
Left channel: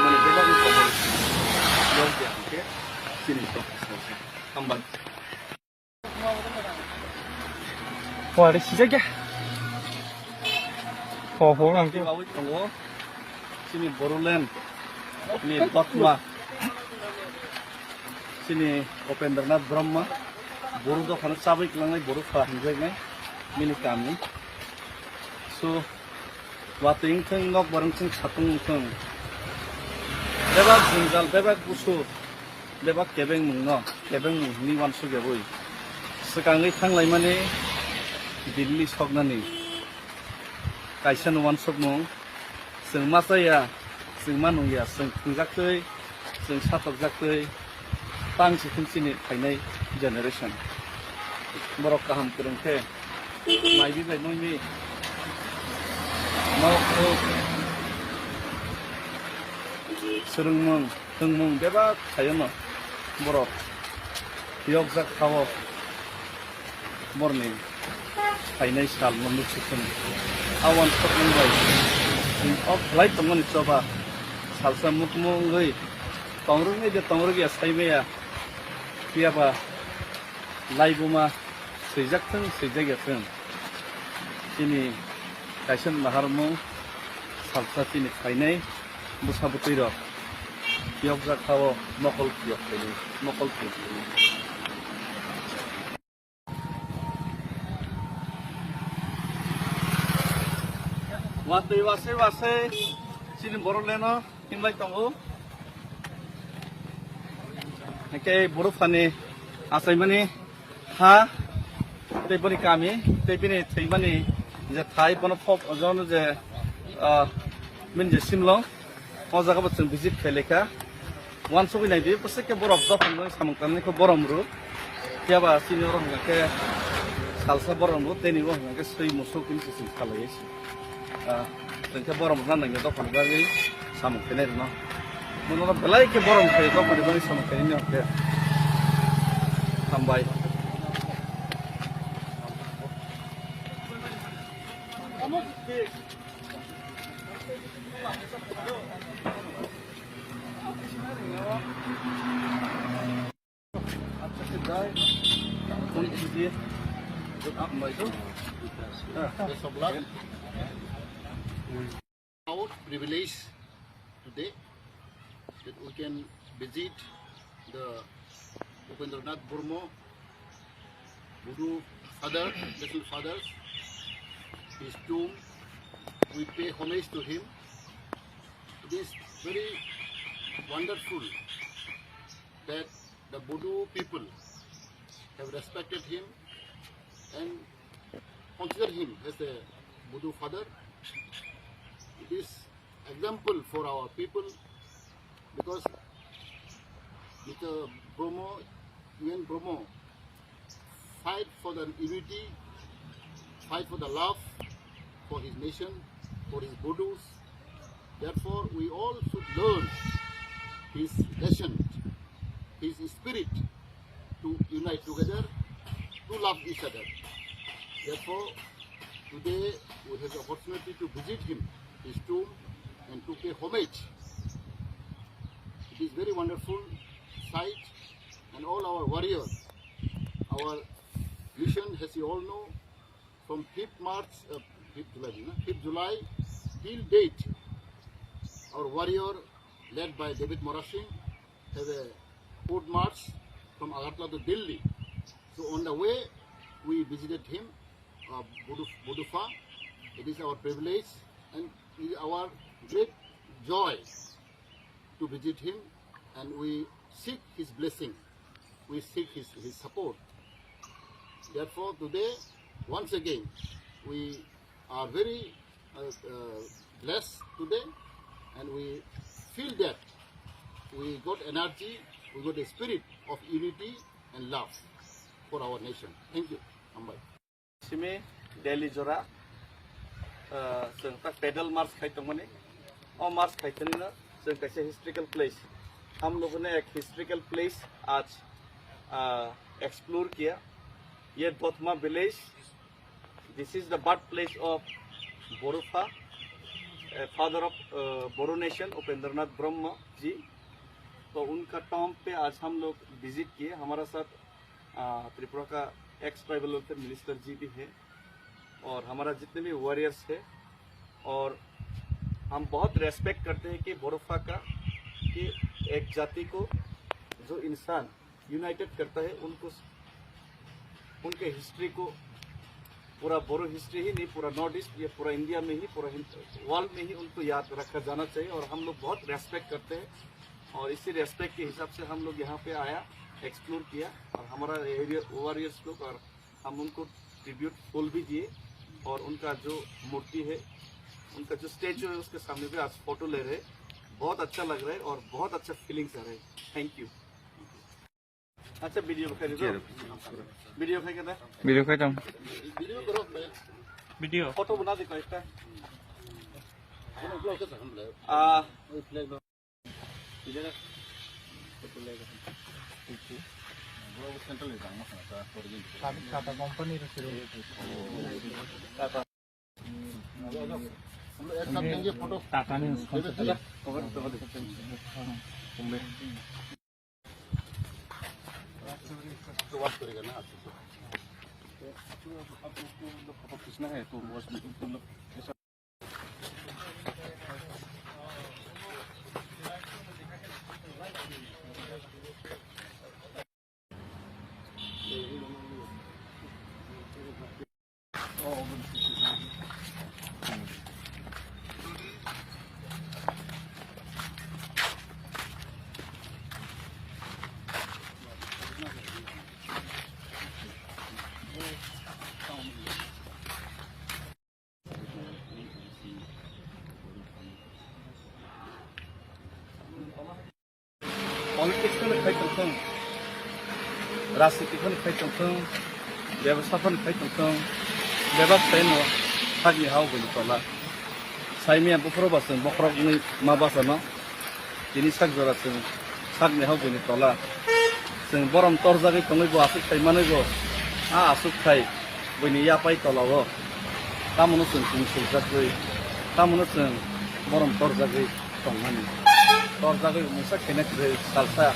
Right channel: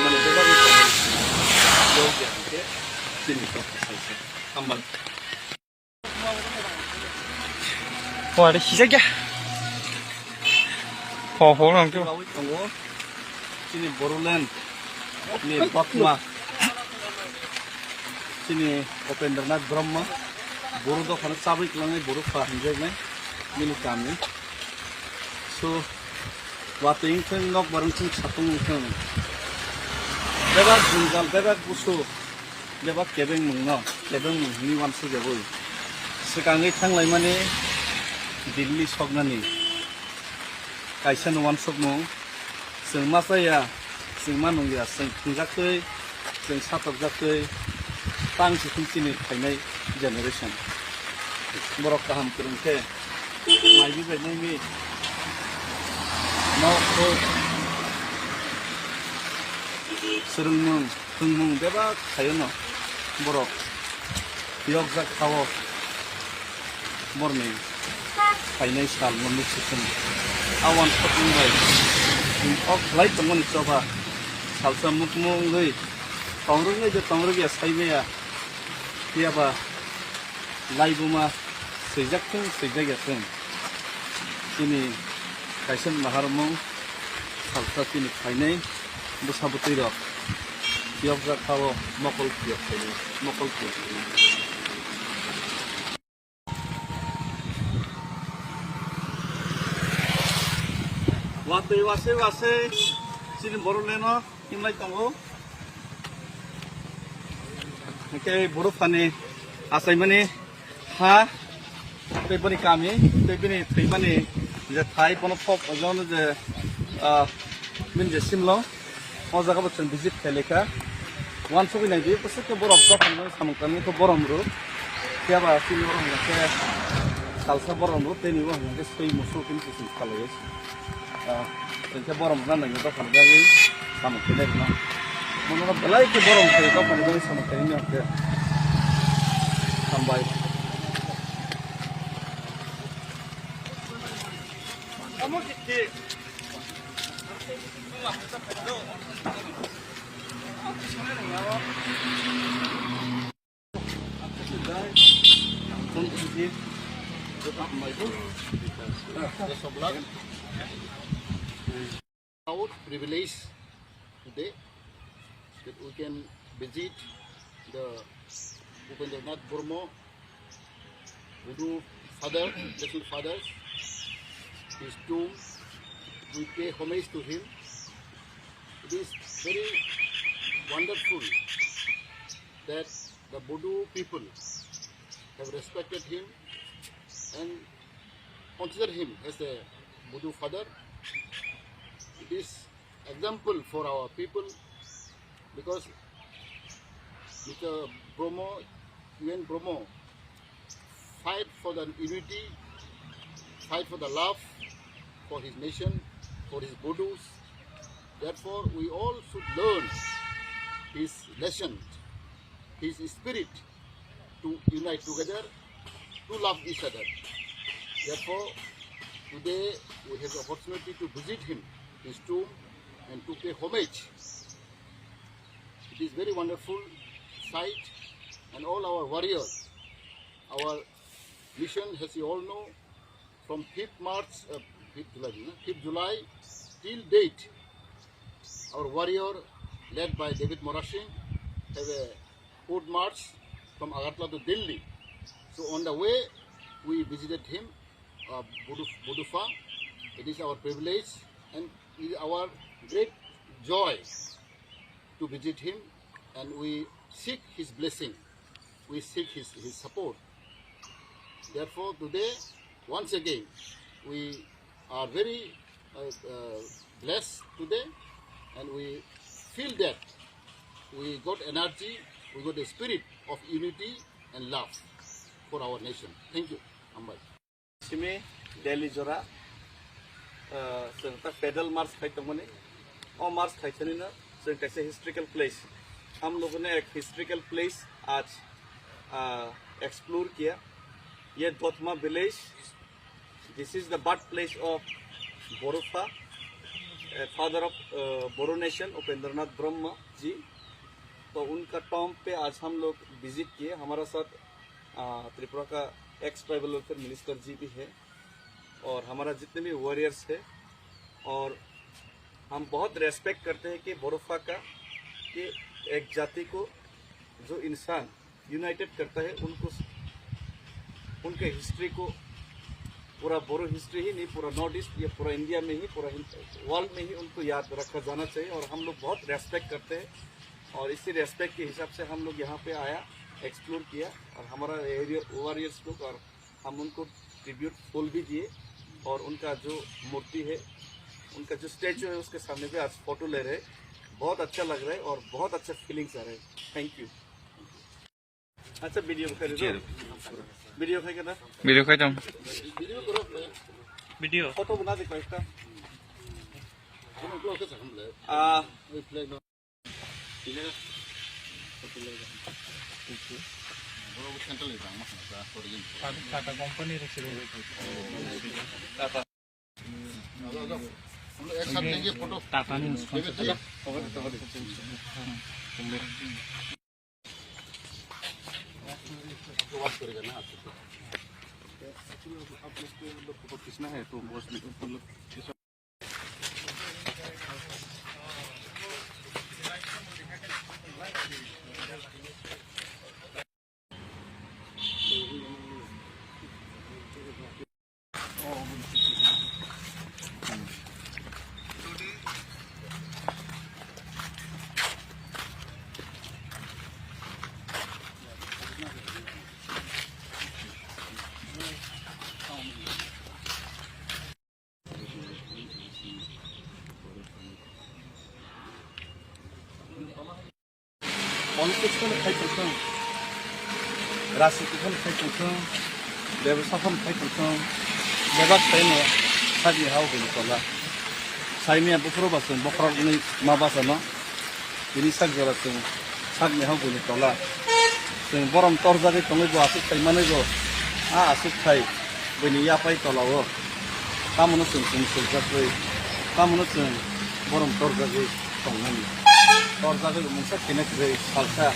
mane jabak ni komo yog ya ke sini to ambak 와, 내 시작이야. 호랑 좀. Kawit tungo sini Boruland ni Bakma sini Upendranath Brahmo Boru do khana sabik langai Boru fa hinjai nai minu kami so wating theng nok barang theng satung theng bebak jungal bebak busu bebak kebeng mungno kebeng ni wan su geboi sekangai thanglai mane Delhi sognani kaisa wan sokmo sing masaya sing manung ya sing thingjaktei sing satokjaktei tang si thungchini khainai generation borok kaham kurungte maibi bai nai mau ko surungmung thungmung beba khayono borok yogjak khawo morning khainai sal mamuk sikun awan sokmung bai of light bangun coba salsa mukmung gai tongrung gai tongrung ya saibe ya tiaba laibuma sejak teng sejak ya teng ini kaisen maharmu salsa ini khainai busabutiro tiap ga khawo mokol tiap kali mokol tiap wase silin boroleno himlai tongo ke boro phane asai mani ha tebani kami tebani theimani je thai pono phok ojon je min je simlo o jaga botun visit kheleka wan sobi nai di pose ke borok do phane samang kami ko borom ru tiaba sini borom ke salsa borom ru teni bo ke sei musul kin sin khaloi tengke borom nang nang do kan gagi sama kene no mono belai ke borom ke do kan gagi sama kene no ke sambai kamu ki Our privilege today that we can visit the Upendranath Brahmo Budu father, little fathers, his tomb. We pay homage to him. It is very wonderful that the Budu people have respected him and consider him as a Budu father. It is example for our people because Mr. Brahmo, UN Brahmo, fight for the unity, fight for the love for his nation, for his Budus. Therefore, we all should learn his lesson, his spirit to unite together, to love each other. Therefore, today we have the opportunity to visit him, his tomb, and to pay homage. It is very wonderful sight, and all our warriors, our mission, as you all know, from 5th March, 5th July till date, our warrior, led by David Morashing, have a foot march from Agartala to Delhi. So on the way, we visited him, Budufa. It is our privilege and it is our great joy to visit him, and we seek his blessing. We seek his support. Therefore, today, once again, we are very blessed today, and we feel that we got energy, we got a spirit of unity and love for our nation. Thank you. Ambai. Simi Delhi Jora, pedal march खाइतोंमने, और march खाइतोनी ना, जों कैसे historical place, हम लोगों ने एक historical place आज explore किया, ये दोतमा village, this is the birthplace of Borufa, father of Boru nation, Upendranath Brahma ji, तो उनका टॉम पे आज हम लोग विजिट किए। हमारा साथ त्रिपुरा का एक्स ट्राइबल वेलफेयर मिनिस्टर जी भी है और हमारा जितने भी वॉरियर्स है, और हम बहुत रेस्पेक्ट करते हैं कि बोरोफा का, कि एक जाति को जो इंसान यूनाइटेड करता है, उनको उनके हिस्ट्री को, पूरा बोरो हिस्ट्री ही नहीं, पूरा नॉर्थ ईस्ट या पूरा इंडिया में ही, पूरा वर्ल्ड में ही उनको याद रखा जाना चाहिए, और हम लोग बहुत रेस्पेक्ट करते हैं। और इसी रेस्पेक्ट के हिसाब से हम लोग यहाँ पे आया, एक्सप्लोर किया, और हमारा एरिया वॉरियर्स लोग, और हम उनको ट्रिब्यूट फूल भी दिए, और उनका जो मूर्ति है, उनका जो स्टैचू है, उसके सामने पे आज फोटो ले रहे हैं। बहुत अच्छा लग रहा है और बहुत अच्छा फीलिंग्स आ रहे हैं। Thank you. अच्छा वीडियो खाई दो, वीडियो खाई करना, वीडियो खाई जाऊँ, Video करो, वीडियो फोटो बना दे कोई हम लोग कैसे हम ले? वही फ्लैग लो। इधर वो सेंटर ले जाना है क्या? और ये टाटा कंपनी रखी हुई टाटा, हम लोग एक साथ लेंगे फोटो। टाटा ने उसको तो वाच करेगा ना आप लोग फोटो खींचना है तो वो पॉलिटिक्स में खाई चलते हैं, राजनीति में खाई चलते हैं, व्यवसाय में खाई चलते हैं, व्यवसाय में सागी हाउ बोली तला, साइमिया बुफरो बासन बखरा नहीं माँ बासना, ini sak jora sing sak ne habu ni tola sing borom tor jagi tongai bo asuk khai manai bo asuk khai bini ya pai tola wo tamono sing sul jagoi tamono sing borom tor jagi tongani tor jagi musa kenek re salsa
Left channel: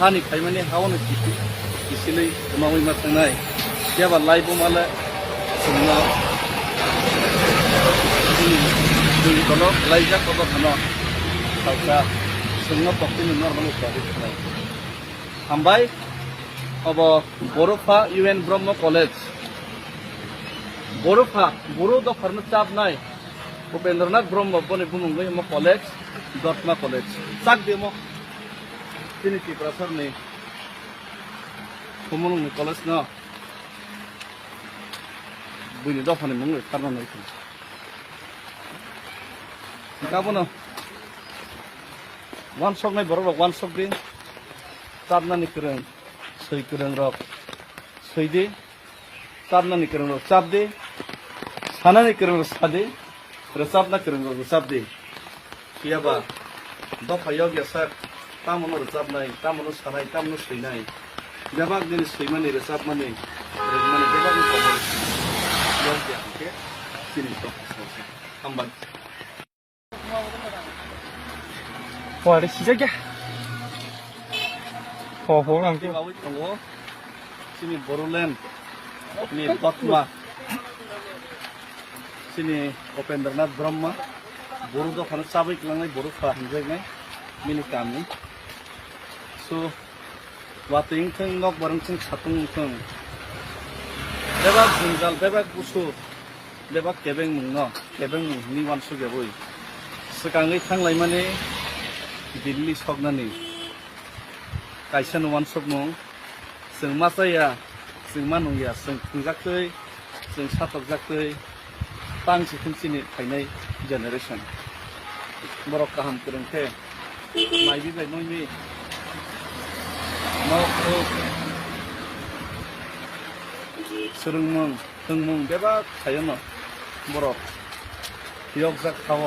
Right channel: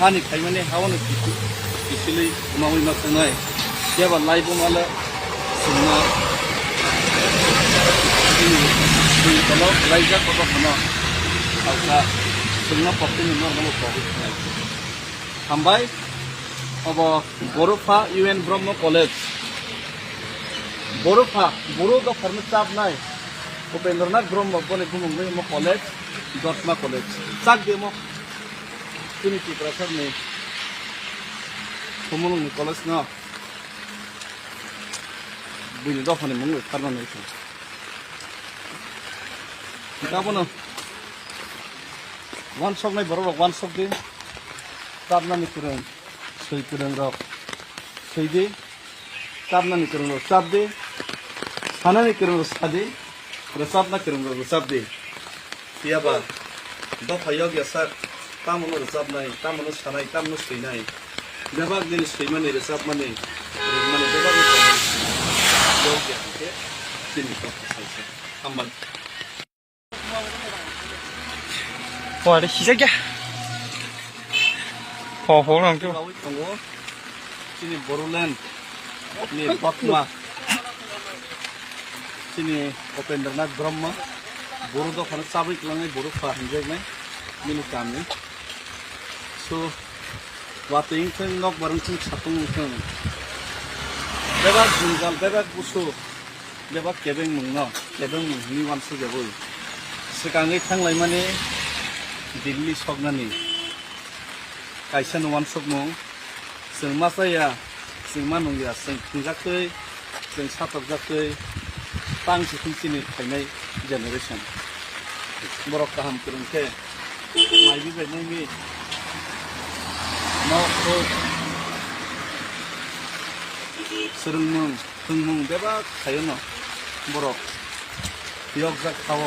hani khai mane hawono kisilei umawi ma tangai ya ba lai bo mala singno ini tolo lai ja ko khama salsa singno pokti ni nor namo pokti hambai अब बोरोफा UN ब्रह्म college Bodofa Boro द firm चाप नाय उपेंद्रनाथ ब्रह्म बने बुमुंगे म college दर्शना college साक देमो तिनी की prefer ने बुमुंग कॉलेज न बुनि द फने मंग फर्मा नै छ किताबनो वन सक नै बरो वन सक दे ताबना निकरन सही करंग रख सही दे ताबना नहीं करंग रख साब दे खाना नहीं करंग रख सादे रसाब ना करंग रख रसाब दे किया बा दो फायोग या सर तामनो रसाब नहीं तामनो सानाई तामनो सही नहीं जब आप दिन सही मने रसाब मने रजमने जब आप योग या के चिनी तो हम बन 와, 시작이야. 보랑 좀. sini Boruland ni Bakma sini Upendranath Brahma buru dokhan sabai klangai buru fahamjai mini kami so wating theng nok barang theng satung theng bebak jungjal bebak busu bebak kebeng mungno kebeng ni wan su jaboi sekangai thanglai mani Delhi sognani kaisa wan sokmung जों मा जाया जों मा नंलिया जों खुंजाखै जों साथबजाखै बांसि खुमसिनि फायनाय generation बर' गाहाम फोरोंथे माइबि बायनायनि न'खौ सोलोंमुं फोरोंमुं बेबा थायोनो बर' बियाव जाखाव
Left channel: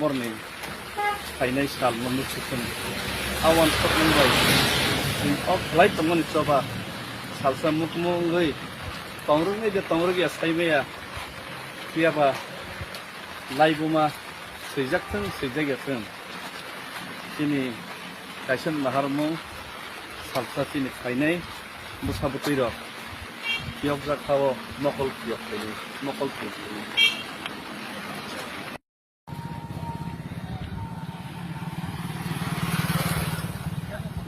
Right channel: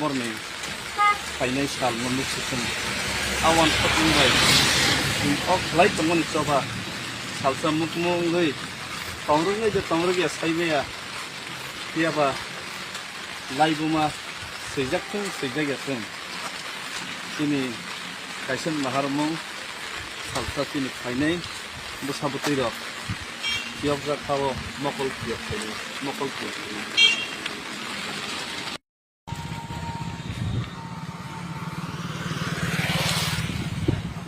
बरनि फायनाय साल मोननै सिखुन आवान सपमुंबाय लाइट तंगन चोबा सालसा मुकमुंगै तंरुङै जे तंरुगिया साइमेया कियाबा लाइबुमा सैजाकथों सैजागियाथों तिनि काइसन माहारमु सालसा तिनि फायनाय बुसाबुतैर बियाव जाखाव नकल किया फायनाय नकल किया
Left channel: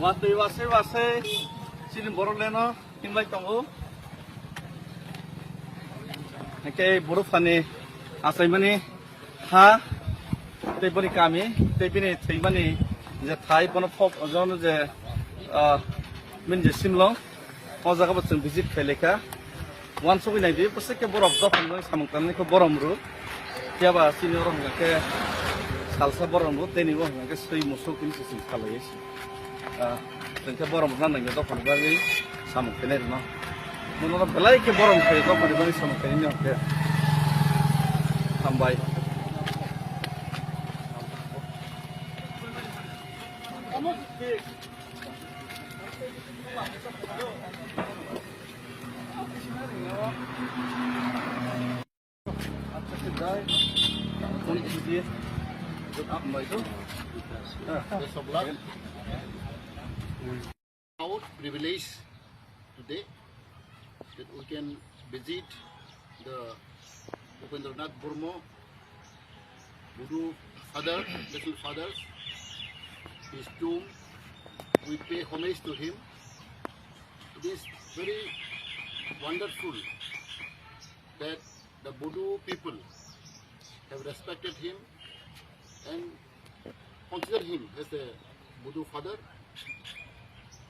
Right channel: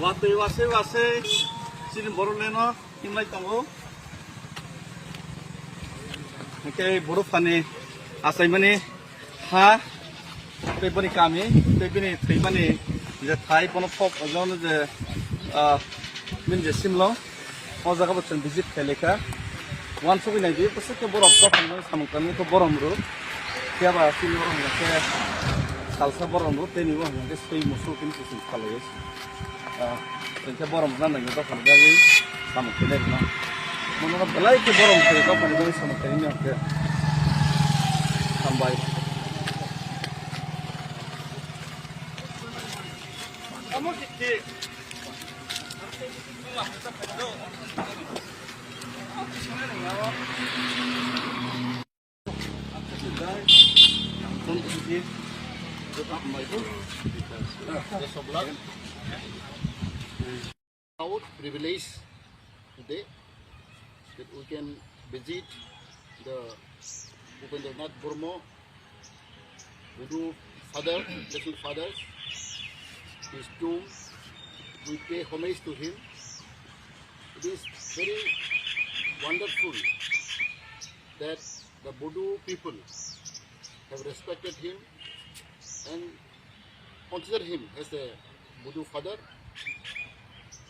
Watei wase silin borok leno himlai tongo ke borok fani asai mani ha teibani kami teibani theimani je thai kono phop ojon je min je simlo o jaga botun visit kheleka wan sobi nai bi pose ke borok dofan noi samangkani ko borom ru tiaba silin ro ke salsa borom ru teni bo ke sei musul kin sisin khalai Tengke borom sana nggak tahu kan lagi sama kene no. Menurut belai ke borom ke tahu kan lagi sama kene ni oke. Sampai. Kamu kiki. Apa sih guys? Tadi kiki. Tetap mai tu. Sebelah. Our privilege today that we can visit the Upendranath Brahma Buddha father, little fathers, his tomb. We pay homage to him. It is very wonderful that the Buddha people have respected him and consider him as a Buddha father.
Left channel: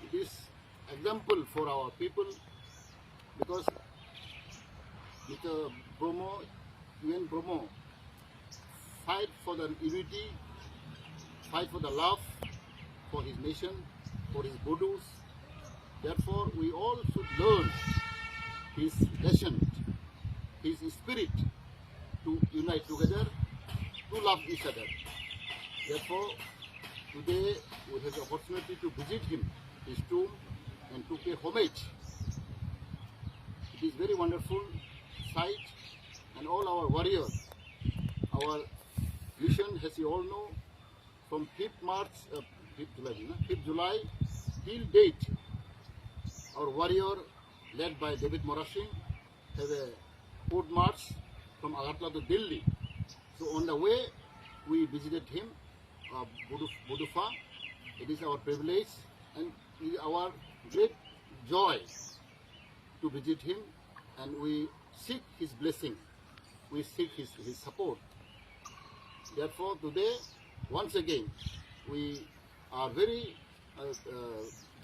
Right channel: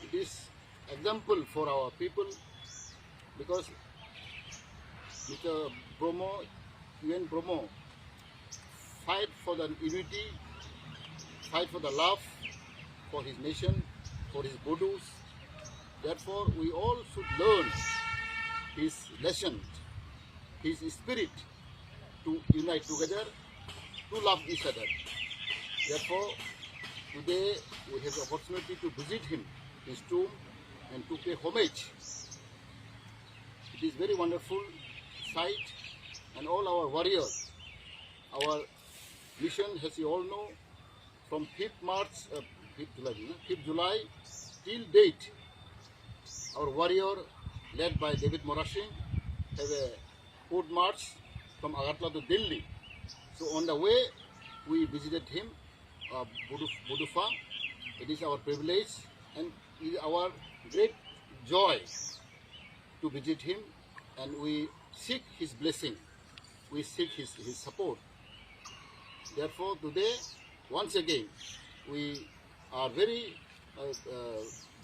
It is example for our people because Mr. Bromo, UN Bromo, fight for the unity, fight for the love for his nation, for his Buddhas. Therefore, we all should learn his lesson, his spirit to unite together, to love each other. Therefore, today we have the opportunity to visit him, his tomb, and to pay homage. It is very wonderful sight, and all our warriors, our mission, as you all know, from 5th July till date, our warrior, led by David Morashing, have a foot march from Agartala to Delhi. So on the way, we visited him, Budufa. It is our privilege and it is our great joy to visit him, and we seek his blessing, we seek his support. Therefore, today, once again, we are very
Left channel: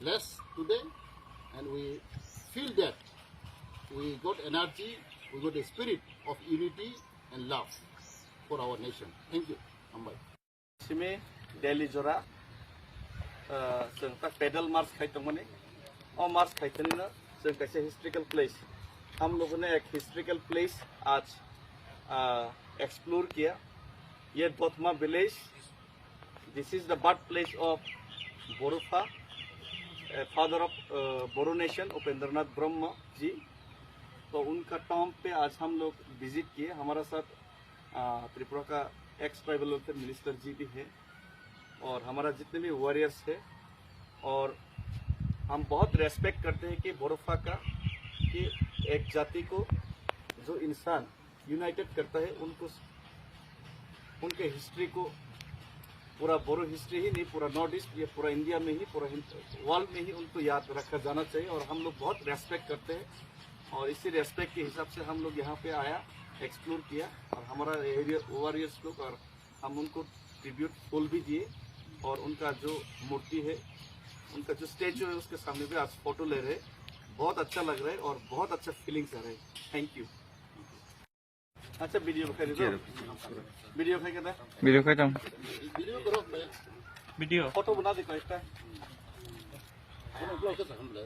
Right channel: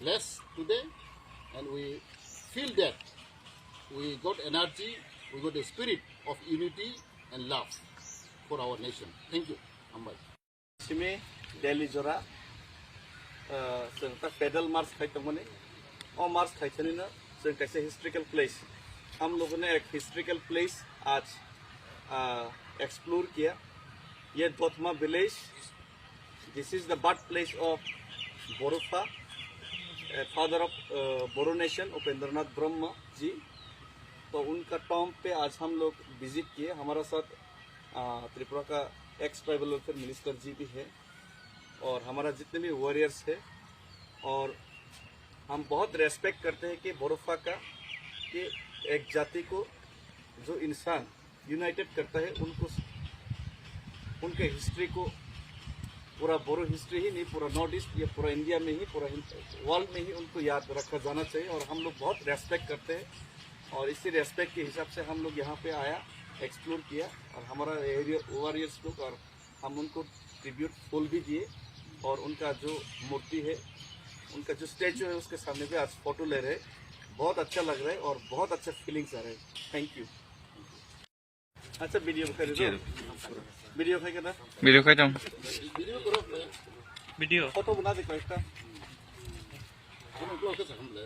blessed today, and we feel that we got energy, we got a spirit of unity and love for our nation. Thank you, Ambai. Simi Delhi Jora, जों पैदल मार्च खाइतों मने, और मार्च खाइतों ने ना जों कैसे historical place, हम लोगों ने एक हिस्ट्रिकल प्लेस आज एक्सप्लोर किया, ये Dotma village, this is the birth place of Borupha, father of Boru nation, Upendranath Brahma ji, तो उनका टॉम पे आज हम लोग विजिट किए, हमारा साथ त्रिपुरा का एक्स ट्राइबल वेलफेयर मिनिस्टर जी भी है और हमारा जितने भी वॉरियर्स है और हम बहुत रेस्पेक्ट करते हैं कि बोरोफा का कि एक जाति को जो इंसान यूनाइटेड करता है उनको उनके हिस्ट्री को पूरा बोरो हिस्ट्री ही नहीं, पूरा नॉर्थ ईस्ट या पूरा इंडिया में ही, पूरा वर्ल्ड में ही उनको याद रखा जाना चाहिए। और हम लोग बहुत रेस्पेक्ट करते हैं और इसी रेस्पेक्ट के हिसाब से हम लोग यहाँ पे आया, एक्सप्लोर किया और हमारा एरिया वॉरियर्स लोग, और हम उनको ट्रिब्यूट फूल भी दिए और उनका जो मूर्ति है, उनका जो स्टैचू है उसके सामने भी आज फोटो ले रहे हैं। बहुत अच्छा लग रहा है और बहुत अच्छा फीलिंग्स आ रहे हैं। Thank you. अच्छा वीडियो दिखाई दो, वीडियो दिखाई कर वीडियो खाई दम वीडियो करो मैं वीडियो फोटो बना दे कोई हम लोग कैसे हम ले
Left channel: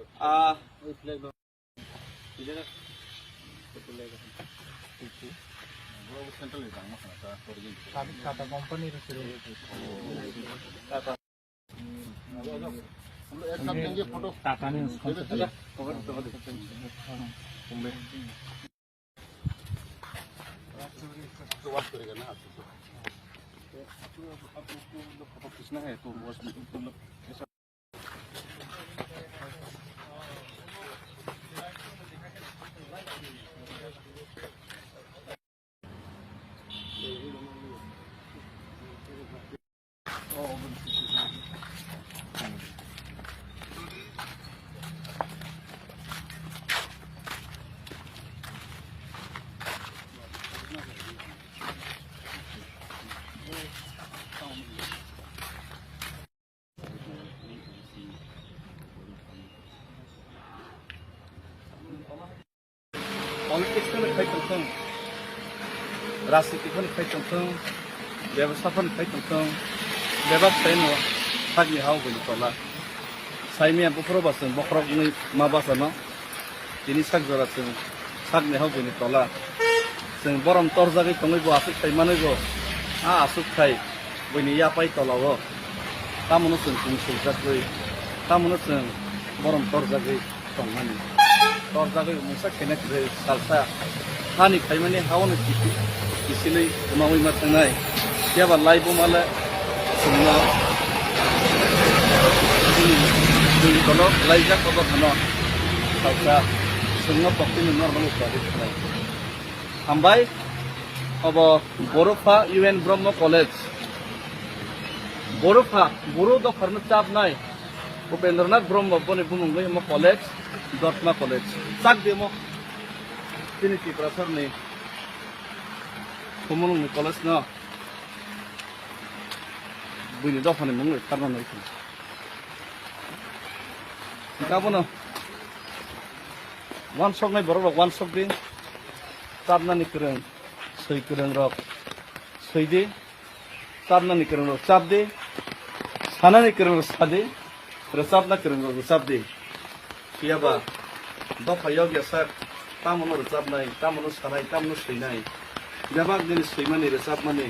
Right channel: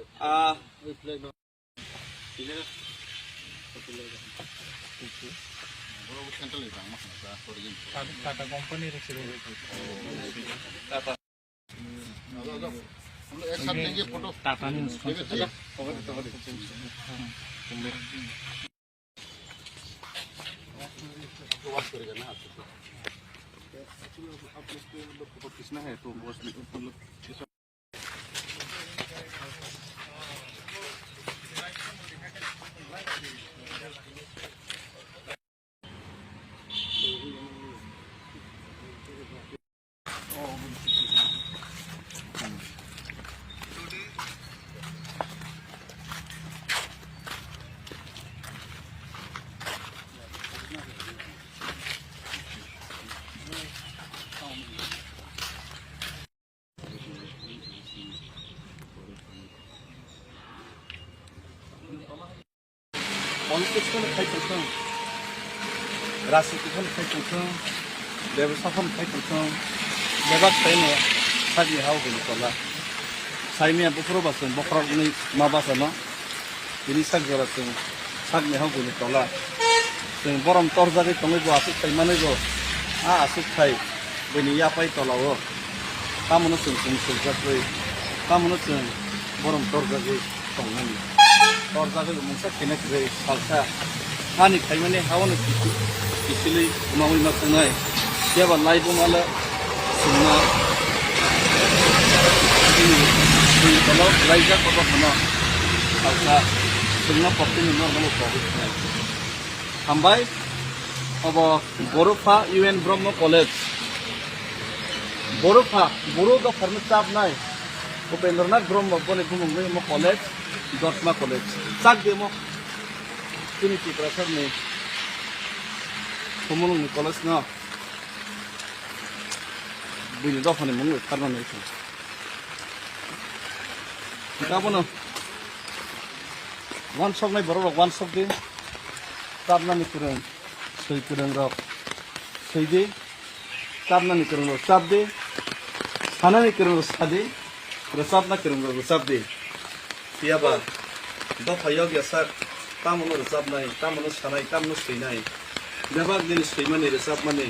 वही फ्लैग ना इलेगा बड़ा सेंट्रल नहीं था मत ना फॉर ये टाटा कंपनी रखी रहे हम एक साथ लेंगे फोटो टाटा में वाच करेगा ना आप लोग को फोटो खींचना है तो बस मतलब पॉलिटिक्सखौनो खायथोंथों, राजनीतिखौनो खायथोंथों, व्यवसायखौनो खायथोंथों, बेबाग थायनो सागनि हावगोन तला साइमिया बुखरबासों बखरगनि माबासमा बिनि सागजरासों सागनि हावगोन तला जों बरम तरजागै तंगैबो आसुक थायमानैबो आसुक थाय बनि यापाय तलावो तामनो जों सुंसुजागै तामनो जों बरम तरजागै तंनानै तरजागै मोनसे खेनाखै सालसा हानि थायमाने हावनो किसिलै उनावै मा थांनाय याबा लाइबो माला जोंना जोंनि तलाव लाइजा कबा खना सालसा जोंना पक्तिनि नर्माल प्रॉब्लेम हामबाय अब बर'फा UN ब्रह्म कलेज बर'फा बर' दफारनो चाबनाय उपेन्द्रनाथ ब्रह्म बने बुंबाय म कलेज दतमा कलेज चाक देमो दिनै टिप्राफोरनि कमलनि कलेज न बुनि दफानि मुं थारनानै गाबोनो वान शप नाय बर' वान शप दे चाबनानि फोरों सै फोरों रक सैदे चाबनानि फोरों रक चाबदे सानानि फोरों रक सादे रोजाबना फोरों रक रोजाबदे याबा दफायाव गेसार तामनो रोजाबनाय तामनो सानाय तामनो सैनाय बेबाग दिनै सैमानि रोजाबमानि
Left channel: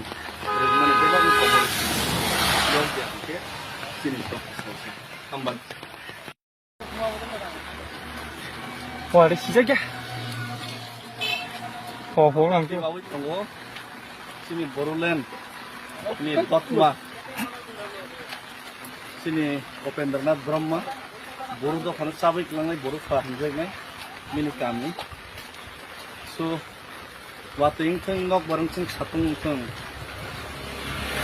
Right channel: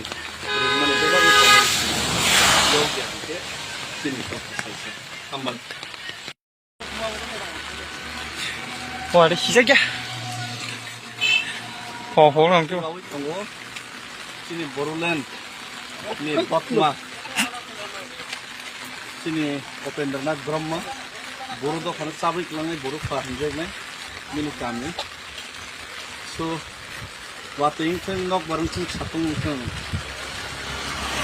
रोजमानि बेबाग खबर याव गेके दिनै दफा हामबाय वारे 시작이야 호랑이 बावै दङ जोंनि बर'लेण्ड नि दतमा जोंनि उपेन्द्रनाथ ब्रह्म बर' दखानाव साबैख्लांनाय बर' फाहामजोबनाय मिनि गामि स' वातैंथों नक बारंथों सातंथों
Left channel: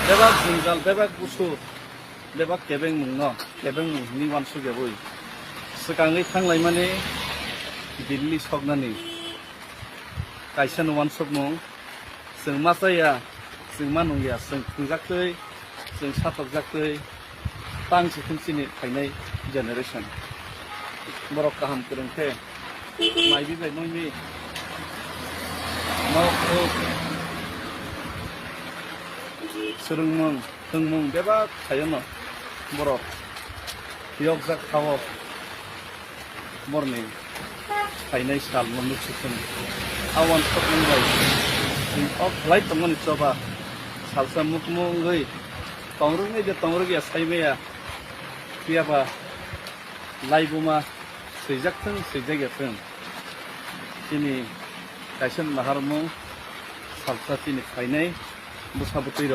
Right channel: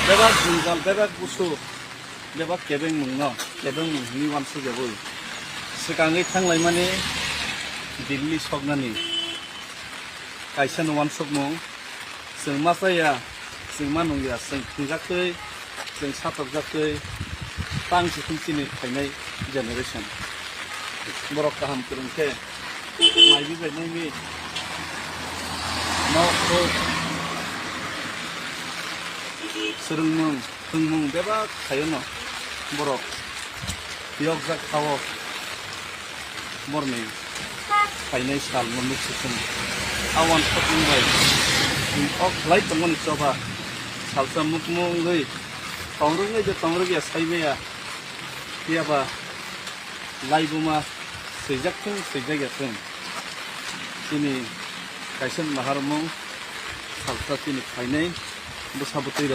बेबाग जुंजाल बेबाग गुसु बेबाग केबें मुंनो केबें मुंनि वानसु जाबोय सिगाङै थांलाय माने दिल्ली सकनानि कायसान वान शप मुं जों मा जाया जों मा नंलिया जों खुंजाखै जों साथरजाखै तांसि खुमसिनि फायनाय जेनेरेशन बर' गाहाम फोरोंथे माइबि बायनायनि मावखौ सोलोंमुं फोरोंमुं बेबा थायोनो बर' बेयाव जा खाव बरनि फायनाय साल मोननै सिखोन आवान सपनबाय अफ लाइट दंमोन चबा सालसा मुखमुंगै तंरुङै दे तंरुगिया साइमाया कियाबा लाइबुमा सैजागथों सैजागथों दिनै कायसान माहारमुं सालसा दिनै फायनाय बुसाबुतै र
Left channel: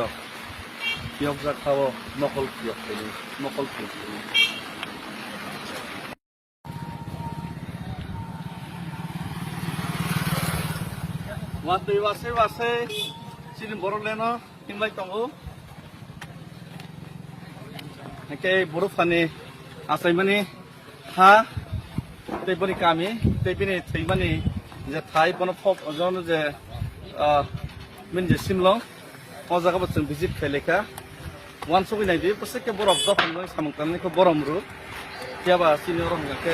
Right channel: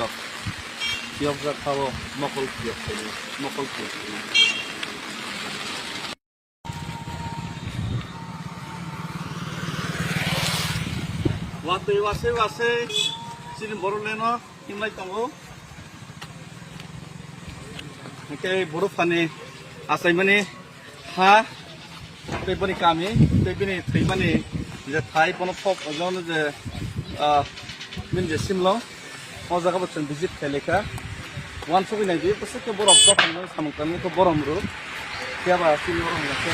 बेयाव जा खाव मकल किया फायनाय मकल किया Wate wase silin boroleno himlai tongo. Oke buru fani asai mani ha tebani kami tebani tebani je thai pono pop ojon je min je simlo o jaga botun visit kheleka wan sobi nai di pose ke borok do fani samung kamni ko borom ru tiaba sini ro ke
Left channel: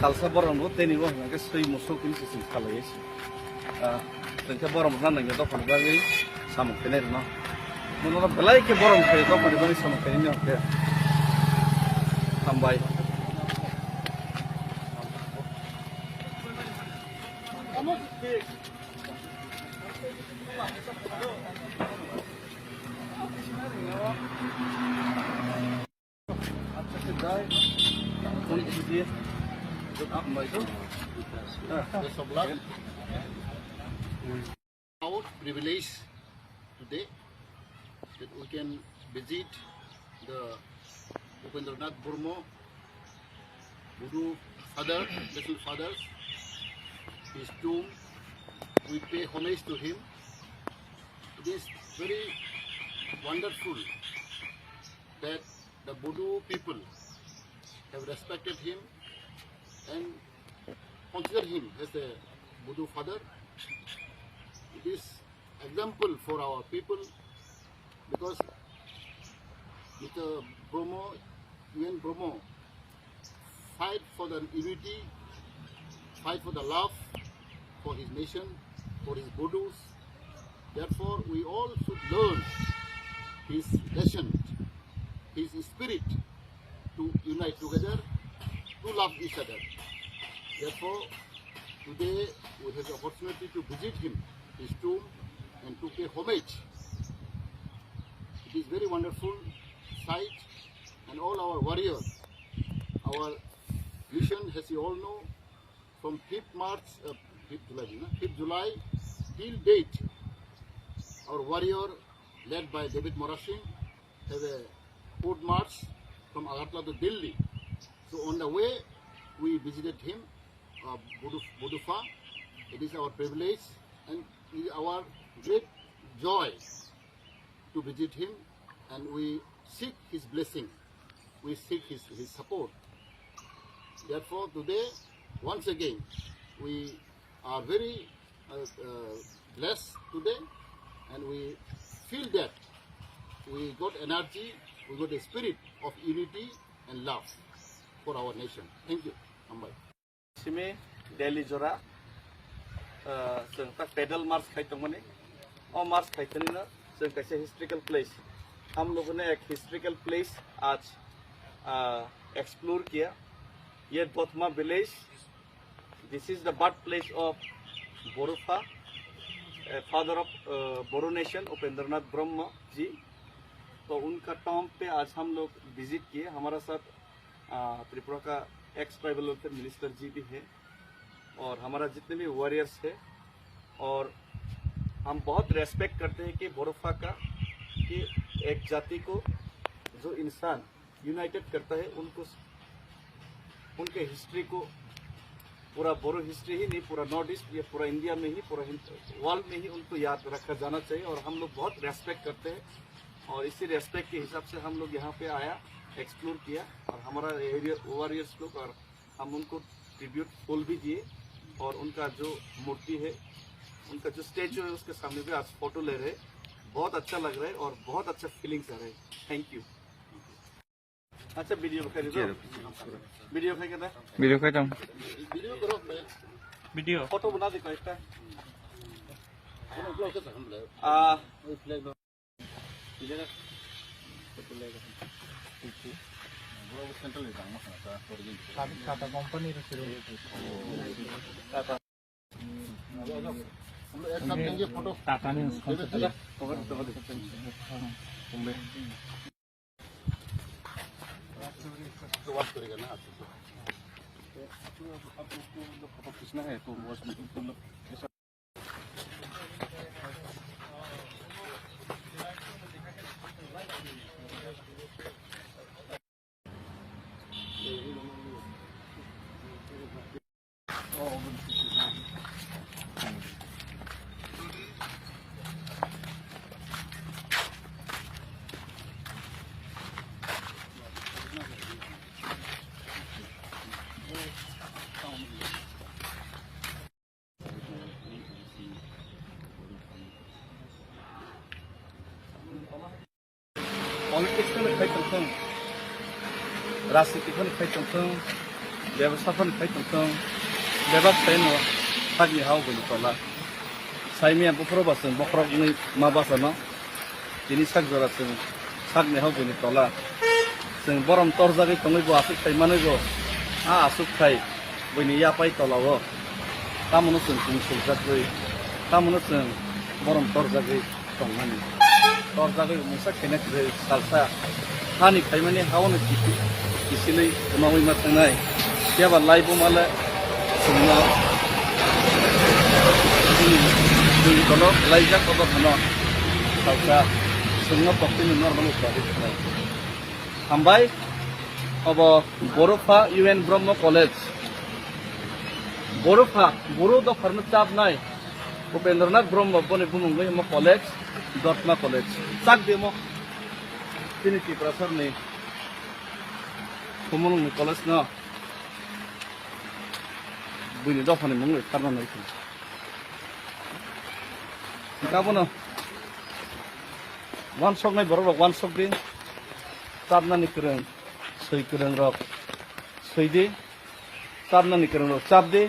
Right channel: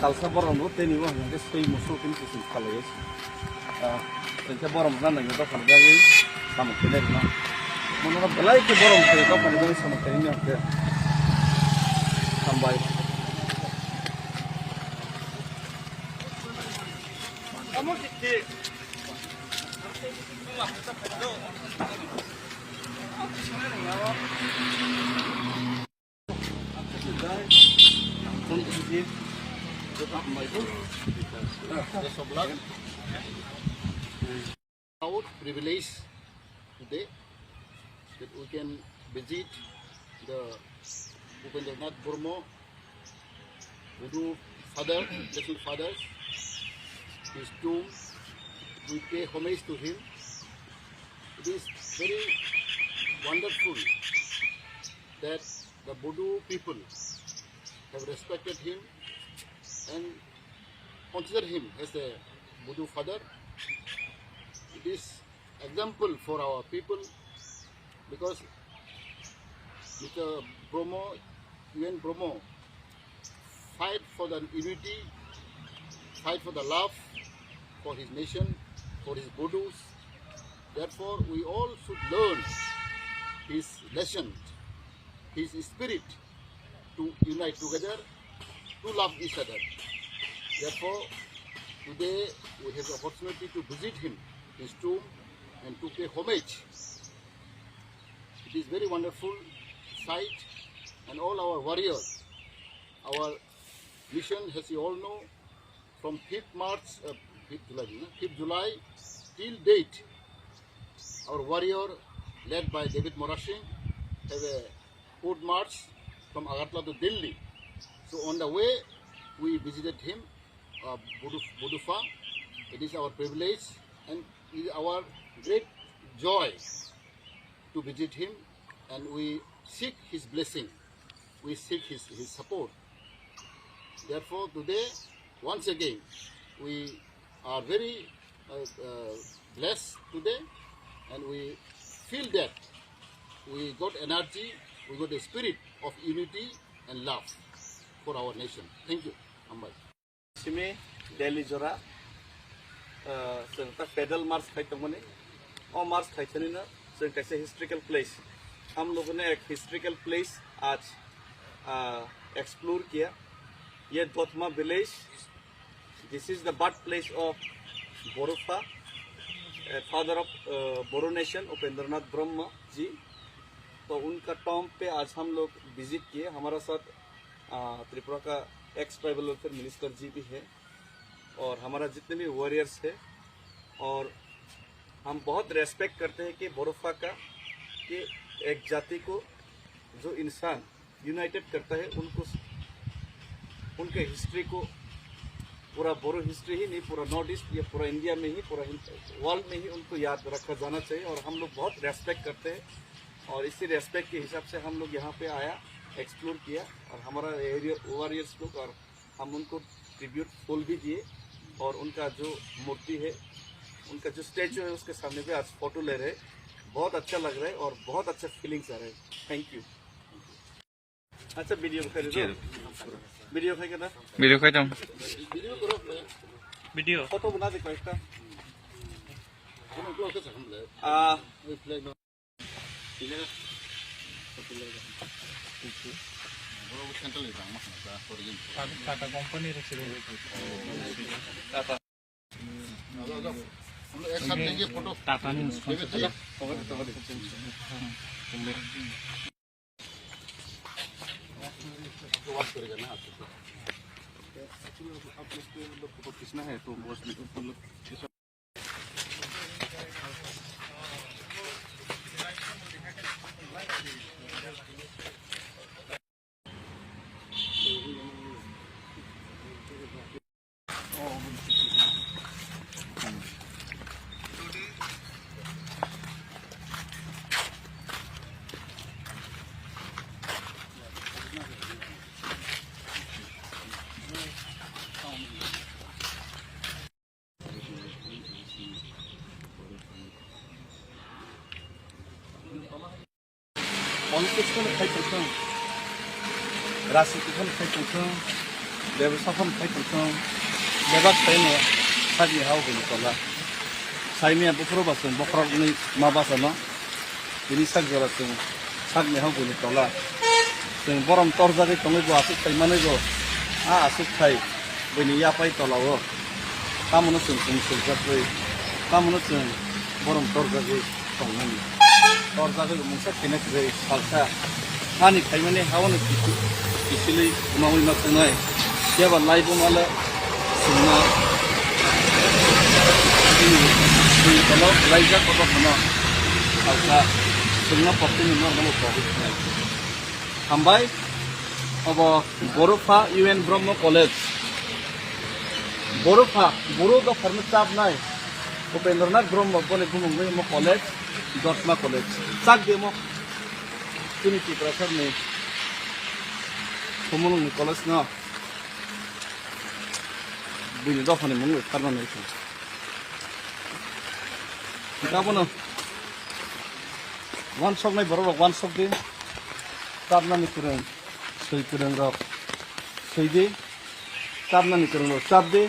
salsa borom ru teni bo ke sei musul kun sim khalai tengke borom nan nang do fani gari samung kene no mono belai ke borom ke do fani gari samung kene no ke sampai kamu di Proud privilege today that we can visit the Upendranath Burma Budu father, little fathers, his tomb. We pay homage to him. It is very wonderful that the Budu people have respected him and consider him as a Budu father. It is example for our people because Mr. Bromo, UN Bromo, fight for the unity, fight for the love for his nation, for his Budus. Therefore, we all should learn his lesson, his spirit to unite together, to love each other. Therefore, today we have the opportunity to visit him, his tomb, and to pay homage. It is very wonderful sight, and all our warriors, our mission, as you all know, from 5th July till date, our warrior led by David Morashing have a foot march from Agartala to Delhi. So on the way, we visited him, Budufa. It is our privilege and it is our great joy to visit him, and we seek his blessing. We seek his support. Therefore, today, once again, we are very blessed today, and we feel that we got energy, we got a spirit of unity and love for our nation. Thank you. Ambai. Simi Delhi Jora जों पैदल मार्च खाइतों मने और मार्च खाइतों ना जों कैसे historical place हम लोगों ने एक हिस्ट्रिकल प्लेस आज एक्सप्लोर किया ये Dotma village this is the birth place of Bodofa father of Boro nation Upendranath Brahma ji तो उनका टॉम पे आज हम लोग विजिट किए हमारा साथ त्रिपुरा का एक्स ट्राइबल वेलफेयर मिनिस्टर जी भी है और हमारा जितने भी वॉरियर्स है और हम बहुत रेस्पेक्ट करते हैं कि बोरोफा का कि एक जाति को जो इंसान यूनाइटेड करता है उनको उनके हिस्ट्री को पूरा बोरो हिस्ट्री ही नहीं पूरा नॉर्थ ईस्ट या पूरा इंडिया में ही पूरा वर्ल्ड में ही उनको याद रखा जाना चाहिए और हम लोग बहुत रेस्पेक्ट करते हैं और इसी रेस्पेक्ट के हिसाब से हम लोग यहाँ पे आया एक्सप्लोर किया और हमारा एरिया वॉरियर्स लोग और हम उनको ट्रिब्यूट फूल भी दिए और उनका जो मूर्ति है उनका जो स्टैचू है उसके सामने पे आज फोटो ले रहे बहुत अच्छा लग रहा है और बहुत अच्छा फीलिंग्स आ रहे हैं थैंक यू अच्छा वीडियो खाई दो वीडियो खाई क्या वीडियो खाई जाऊँ Video karo, वीडियो फोटो बना दे कोई सा Ano vlog ka sa hamla? May flag no. Ile ka? Photo le ka. Bro, kanta le jang na sa origin. Tata company रखी रहे टाटा हम एक साथ लेंगे फोटो. टाटा ने कवर तो बात करेगा ना आपसे. आप लोग को फोटो खींचना है तो मतलब पलिटिक्सखौनो खायथोंथों राजनितिखौनो खायथोंथों बेबसाखौनो खायथोंथों बेबा खायनो सागनि हावगोनि तला साइमिया बखरबासों बखरनि माबासोना बिनि सागजरासों सागनि हावगोनि तला जों बरम तरजागै तंगैबो आसुक खायमानैबो आसुक खाय बैनि यापाय तलावो तामोनो जों सुंसुजागै तामोनो जों बरम तरजागै तंनानै तरजागै मुंसा खेनाखै सालसा हानि खायमाने हावनो किसिलै उनावै मा थांनाय याबा लाइबो माले जोंना जों तलाव लाइजा कबा खाना सालसा जोंना पक्तिनि नर्माल प्राइभेट खानाय हामबाय अब बर'फा UN ब्रह्म कलेज बर'फा बर' दफारनो चाबनाय उपेन्द्रनाथ ब्रह्म बने बुंगै म कलेज दतमा कलेज चाक देमो ट्रिनिटी प्रसारनि कमलनि कलेज न बुनि दफानि मुङै खारनानै गाबोनो वान सक नाय बर' वान सक दे चाबनानि फोरों सै फोरों रक सैदे चाबनानि फोरों रक चाबदे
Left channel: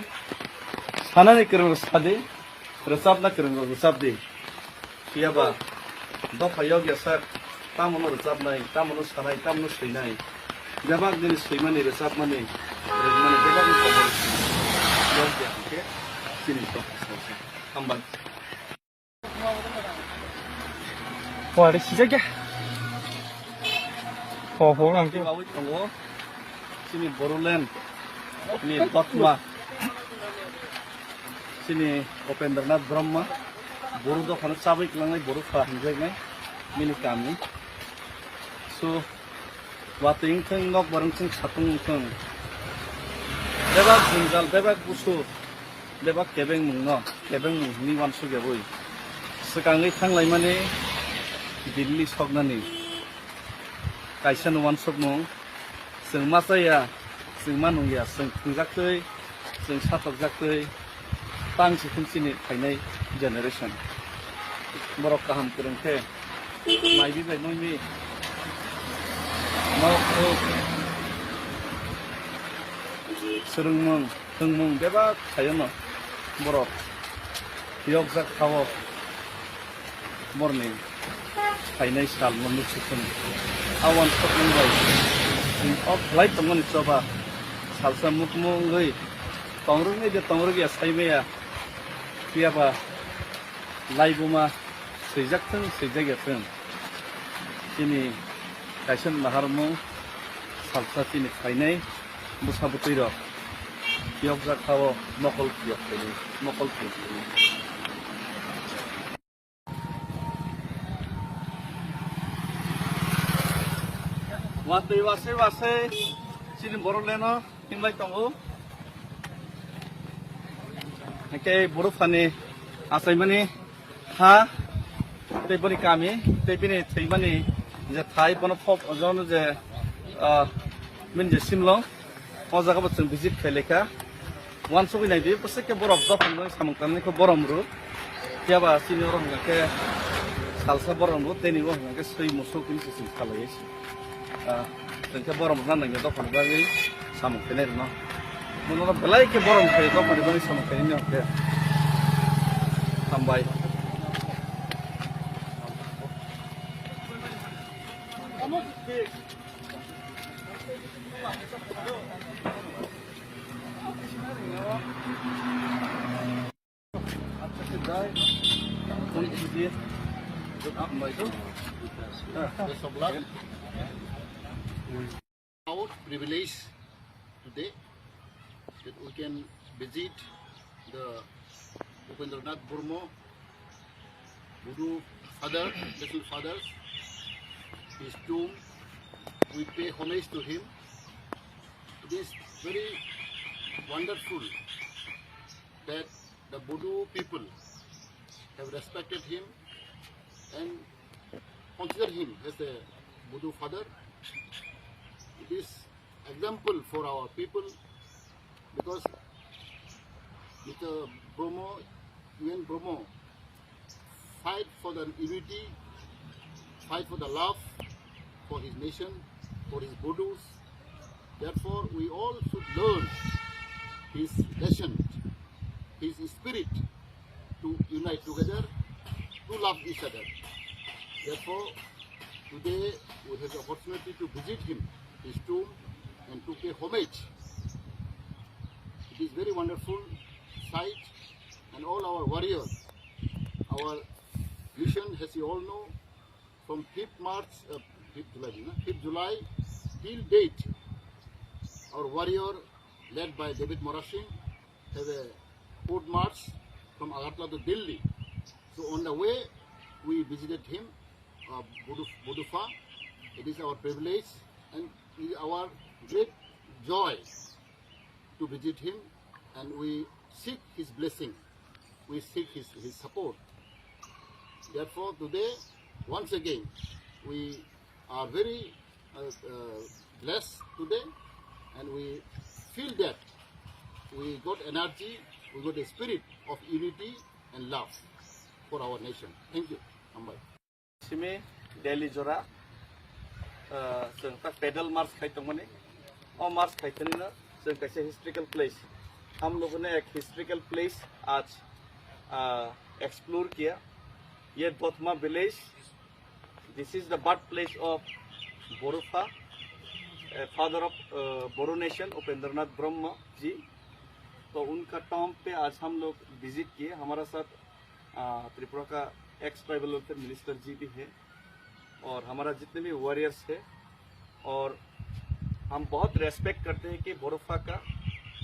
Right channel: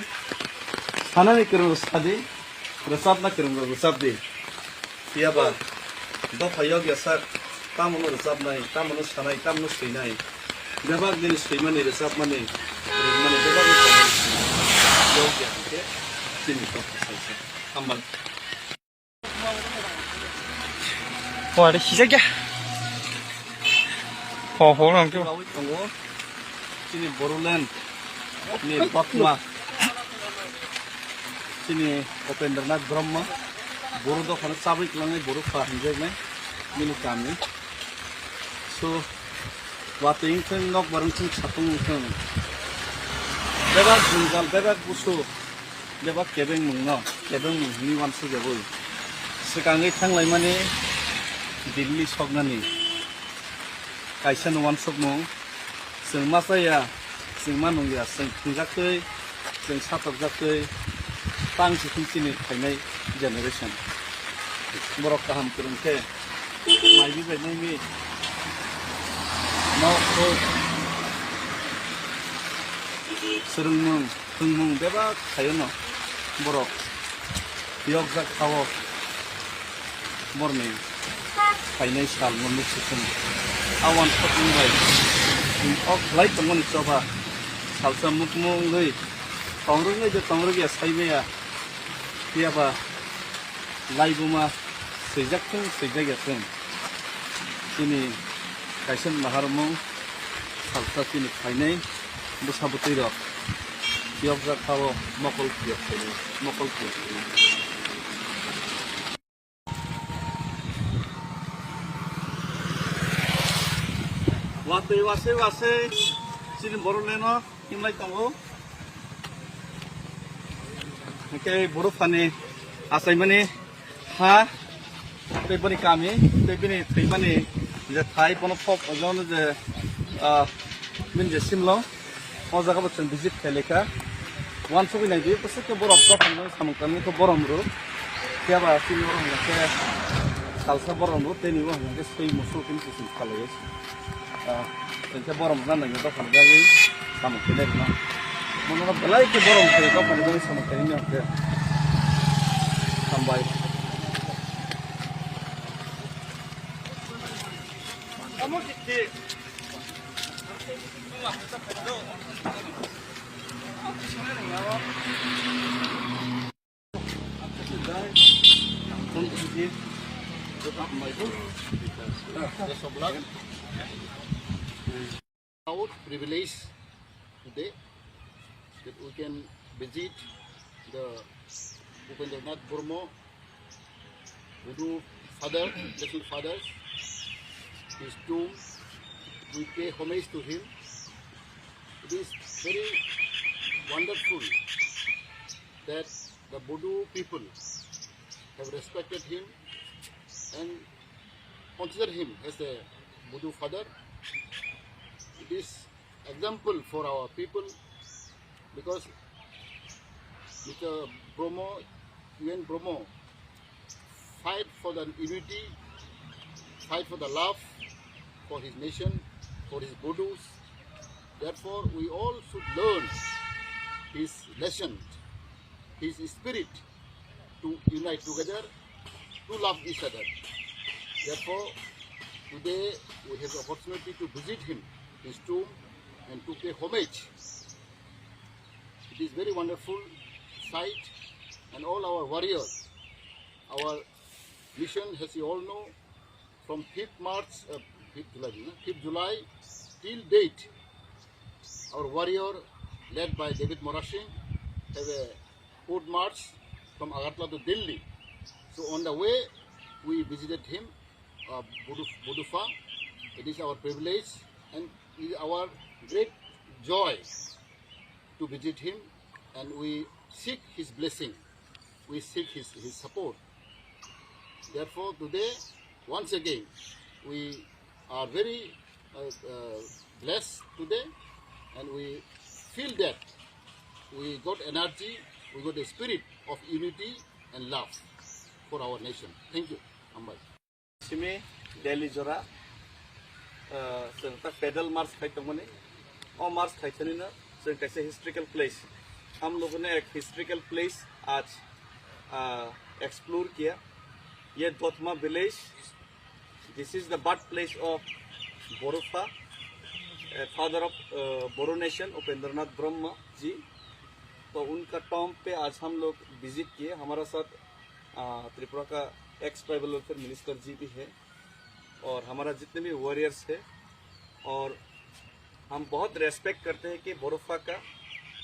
सानानि फोरों रक सादे रोजाबना फोरों रक रोजाबदे याबा दफायाव गेसार तामोनो रोजाबनाय तामोनो सानाय तामोनो सैनाय बेबाग दिनै सैमानि रोजाबमानि रोजमानि बेबागनि खबर याव गेसके दिनै दफा हामबाय 와, 내 시작이야. 호랑 좀. 가고 있던 거 지니 보롤랜드 니 박마 지니 उपेन्द्रनाथ ब्रह्म बर' दखान चाबै लांनाय बर' फाहामजोबनाय मिनि गामि सो वातैंथों नक बारंथों सातंथों बेबा गुंजाल बेबा गुसु बेबा केबें मुंनो केबें मुंनि वानसु गेबो सिगाङै थांलाय माने दिल्ली सकनानि कायसान वान सक मुं जों मा जाया जों मा नंलिया जों खुंजाखै जों साथकजाखै पांसि खुमसिनि खायनाय जेनेरेसन बर' गाहाम फोरोंथे माइबि बायनायनि मावखौ सोलोंमुं फोरोंमुं बेबा खायो न बर' बेयाव जाखाव मरनि खायनाय साल मोननै सुखुन आवान सक मुंबाय अफ लाइट दंमोन चबा सालसा मुख मुङै तंरुङै जे तंरुगिया साइबाया कियाबा लाइबुमा सैजागथों सैजागथों दिनै कायसान माहारमु सालसा दिनै खायनाय बुसाबुतै र बेयाव जाखाव मकल किया खायनाय मकल किया वातै वासे वासे चिन बर'लेनो हिमलाय दङो के बर'फानि आसायमानि हा दैबनि गामि दैबनि थैमानि जे थाइ पन फप अजन जे मिनजे सिमलो अजागा बचन बिजित खेलेखा वान सबिनाय बे पसेके बरफ दफान सामंकानिखौ बरमरु जाबा सिनि बरमके सालसा बरमरु तेनि बरमके सै मुसुलकुनि सिम खालायसि जोंखे बरम राननायनि दखान गायै साम'खैनाय न मनोना बेलायके बरम खायो दखान गायै साम'खैनाय न हामबाय Proud privilege today that we can visit the Upendranath Burma Budu father, national father, his tomb. We pay homage to him. It is very wonderful that the Budu people have respected him and consider him as a Budu father. It is example for our people because Mr. Bromo, UN Bromo, fight for the unity, fight for the love, for his nation, for his Budus. Therefore, we all should learn his lesson, his spirit to unite together, to love each other. Therefore, today we have the opportunity to visit him, his tomb, and to pay homage. It is very wonderful sight, and all our warriors, our mission, as you all know, from 5th July till date, our warrior, led by David Morashing, have a foot march from Agartala to Delhi. So on the way, we visited him, Budufa. It is our privilege and it is our great joy to visit him, and we seek his blessing. We seek his support. Therefore, today, once again, we are very blessed today, and we feel that we got energy, we got a spirit of unity and love for our nation. Thank you. Ambai. Simi Delhi Jora पैदल मार्च खाई मने और मार्च खाई ना कैसे historical place हम लोगों ने एक हिस्ट्रिकल प्लेस आज एक्सप्लोर किया. ये Dotma village, this is the birth place of Bodofa, father of Boro nation Upendranath Brahma ji. तो उनका टॉम पे आज हम लोग विजिट किए. हमारा साथ त्रिपुरा का एक्स ट्राइबल वेलफेयर मिनिस्टर जी भी है और हमारा जितने भी वॉरियर्स है. और हम बहुत रेस्पेक्ट करते हैं कि बोरोफा का,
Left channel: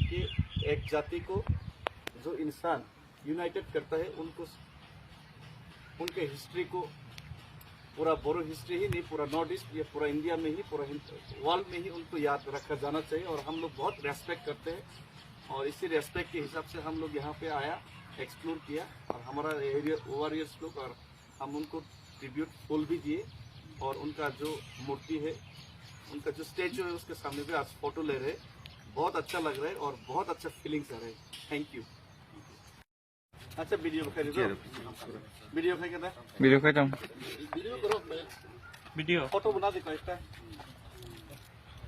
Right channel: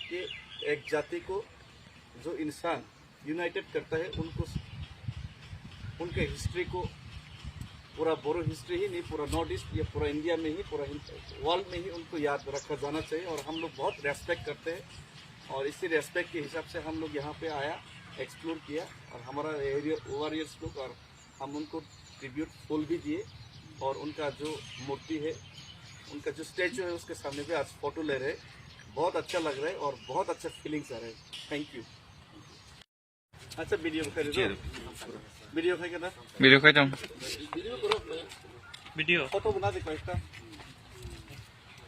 कि एक जाति को जो इंसान यूनाइटेड करता है, उनको उनके हिस्ट्री को, पूरा बोरो हिस्ट्री ही नहीं, पूरा नॉर्थ ईस्ट या पूरा इंडिया में ही, पूरा वर्ल्ड में ही उनको याद रखा जाना चाहिए. और हम लोग बहुत रेस्पेक्ट करते हैं और इसी रेस्पेक्ट के हिसाब से हम लोग यहाँ पे आया, एक्सप्लोर किया और हमारा एरिया वॉरियर्स लोग, और हम उनको ट्रिब्यूट फूल भी दिए. और उनका जो मूर्ति है, उनका जो स्टैचू है, उसके सामने भी आज फोटो ले रहे हैं. बहुत अच्छा लग रहा है और बहुत अच्छा फीलिंग्स आ रहे हैं. Thank you. अच्छा वीडियो खाई दो, वीडियो खाई करना, वीडियो खाई जाऊँ, Video karo, वीडियो फोटो बना दे कोई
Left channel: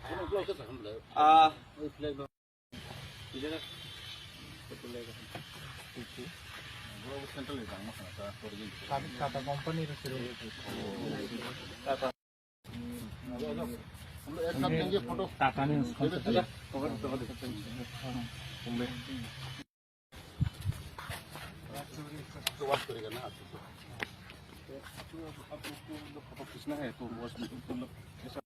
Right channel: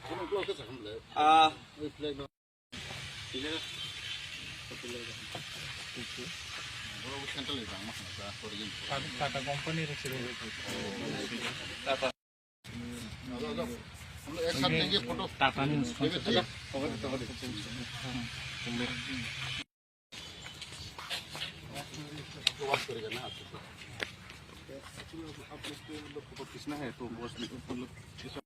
Ano blog ka sa hamla? May flag no. Hindi na. Bro, kanta yung tama sa kaya for yin. Tata company रखी हम एक साथ लेंगे फोटो. टाटा ने तो बात करेगा ना आप लोग को फोटो खींचना है तो बस लोग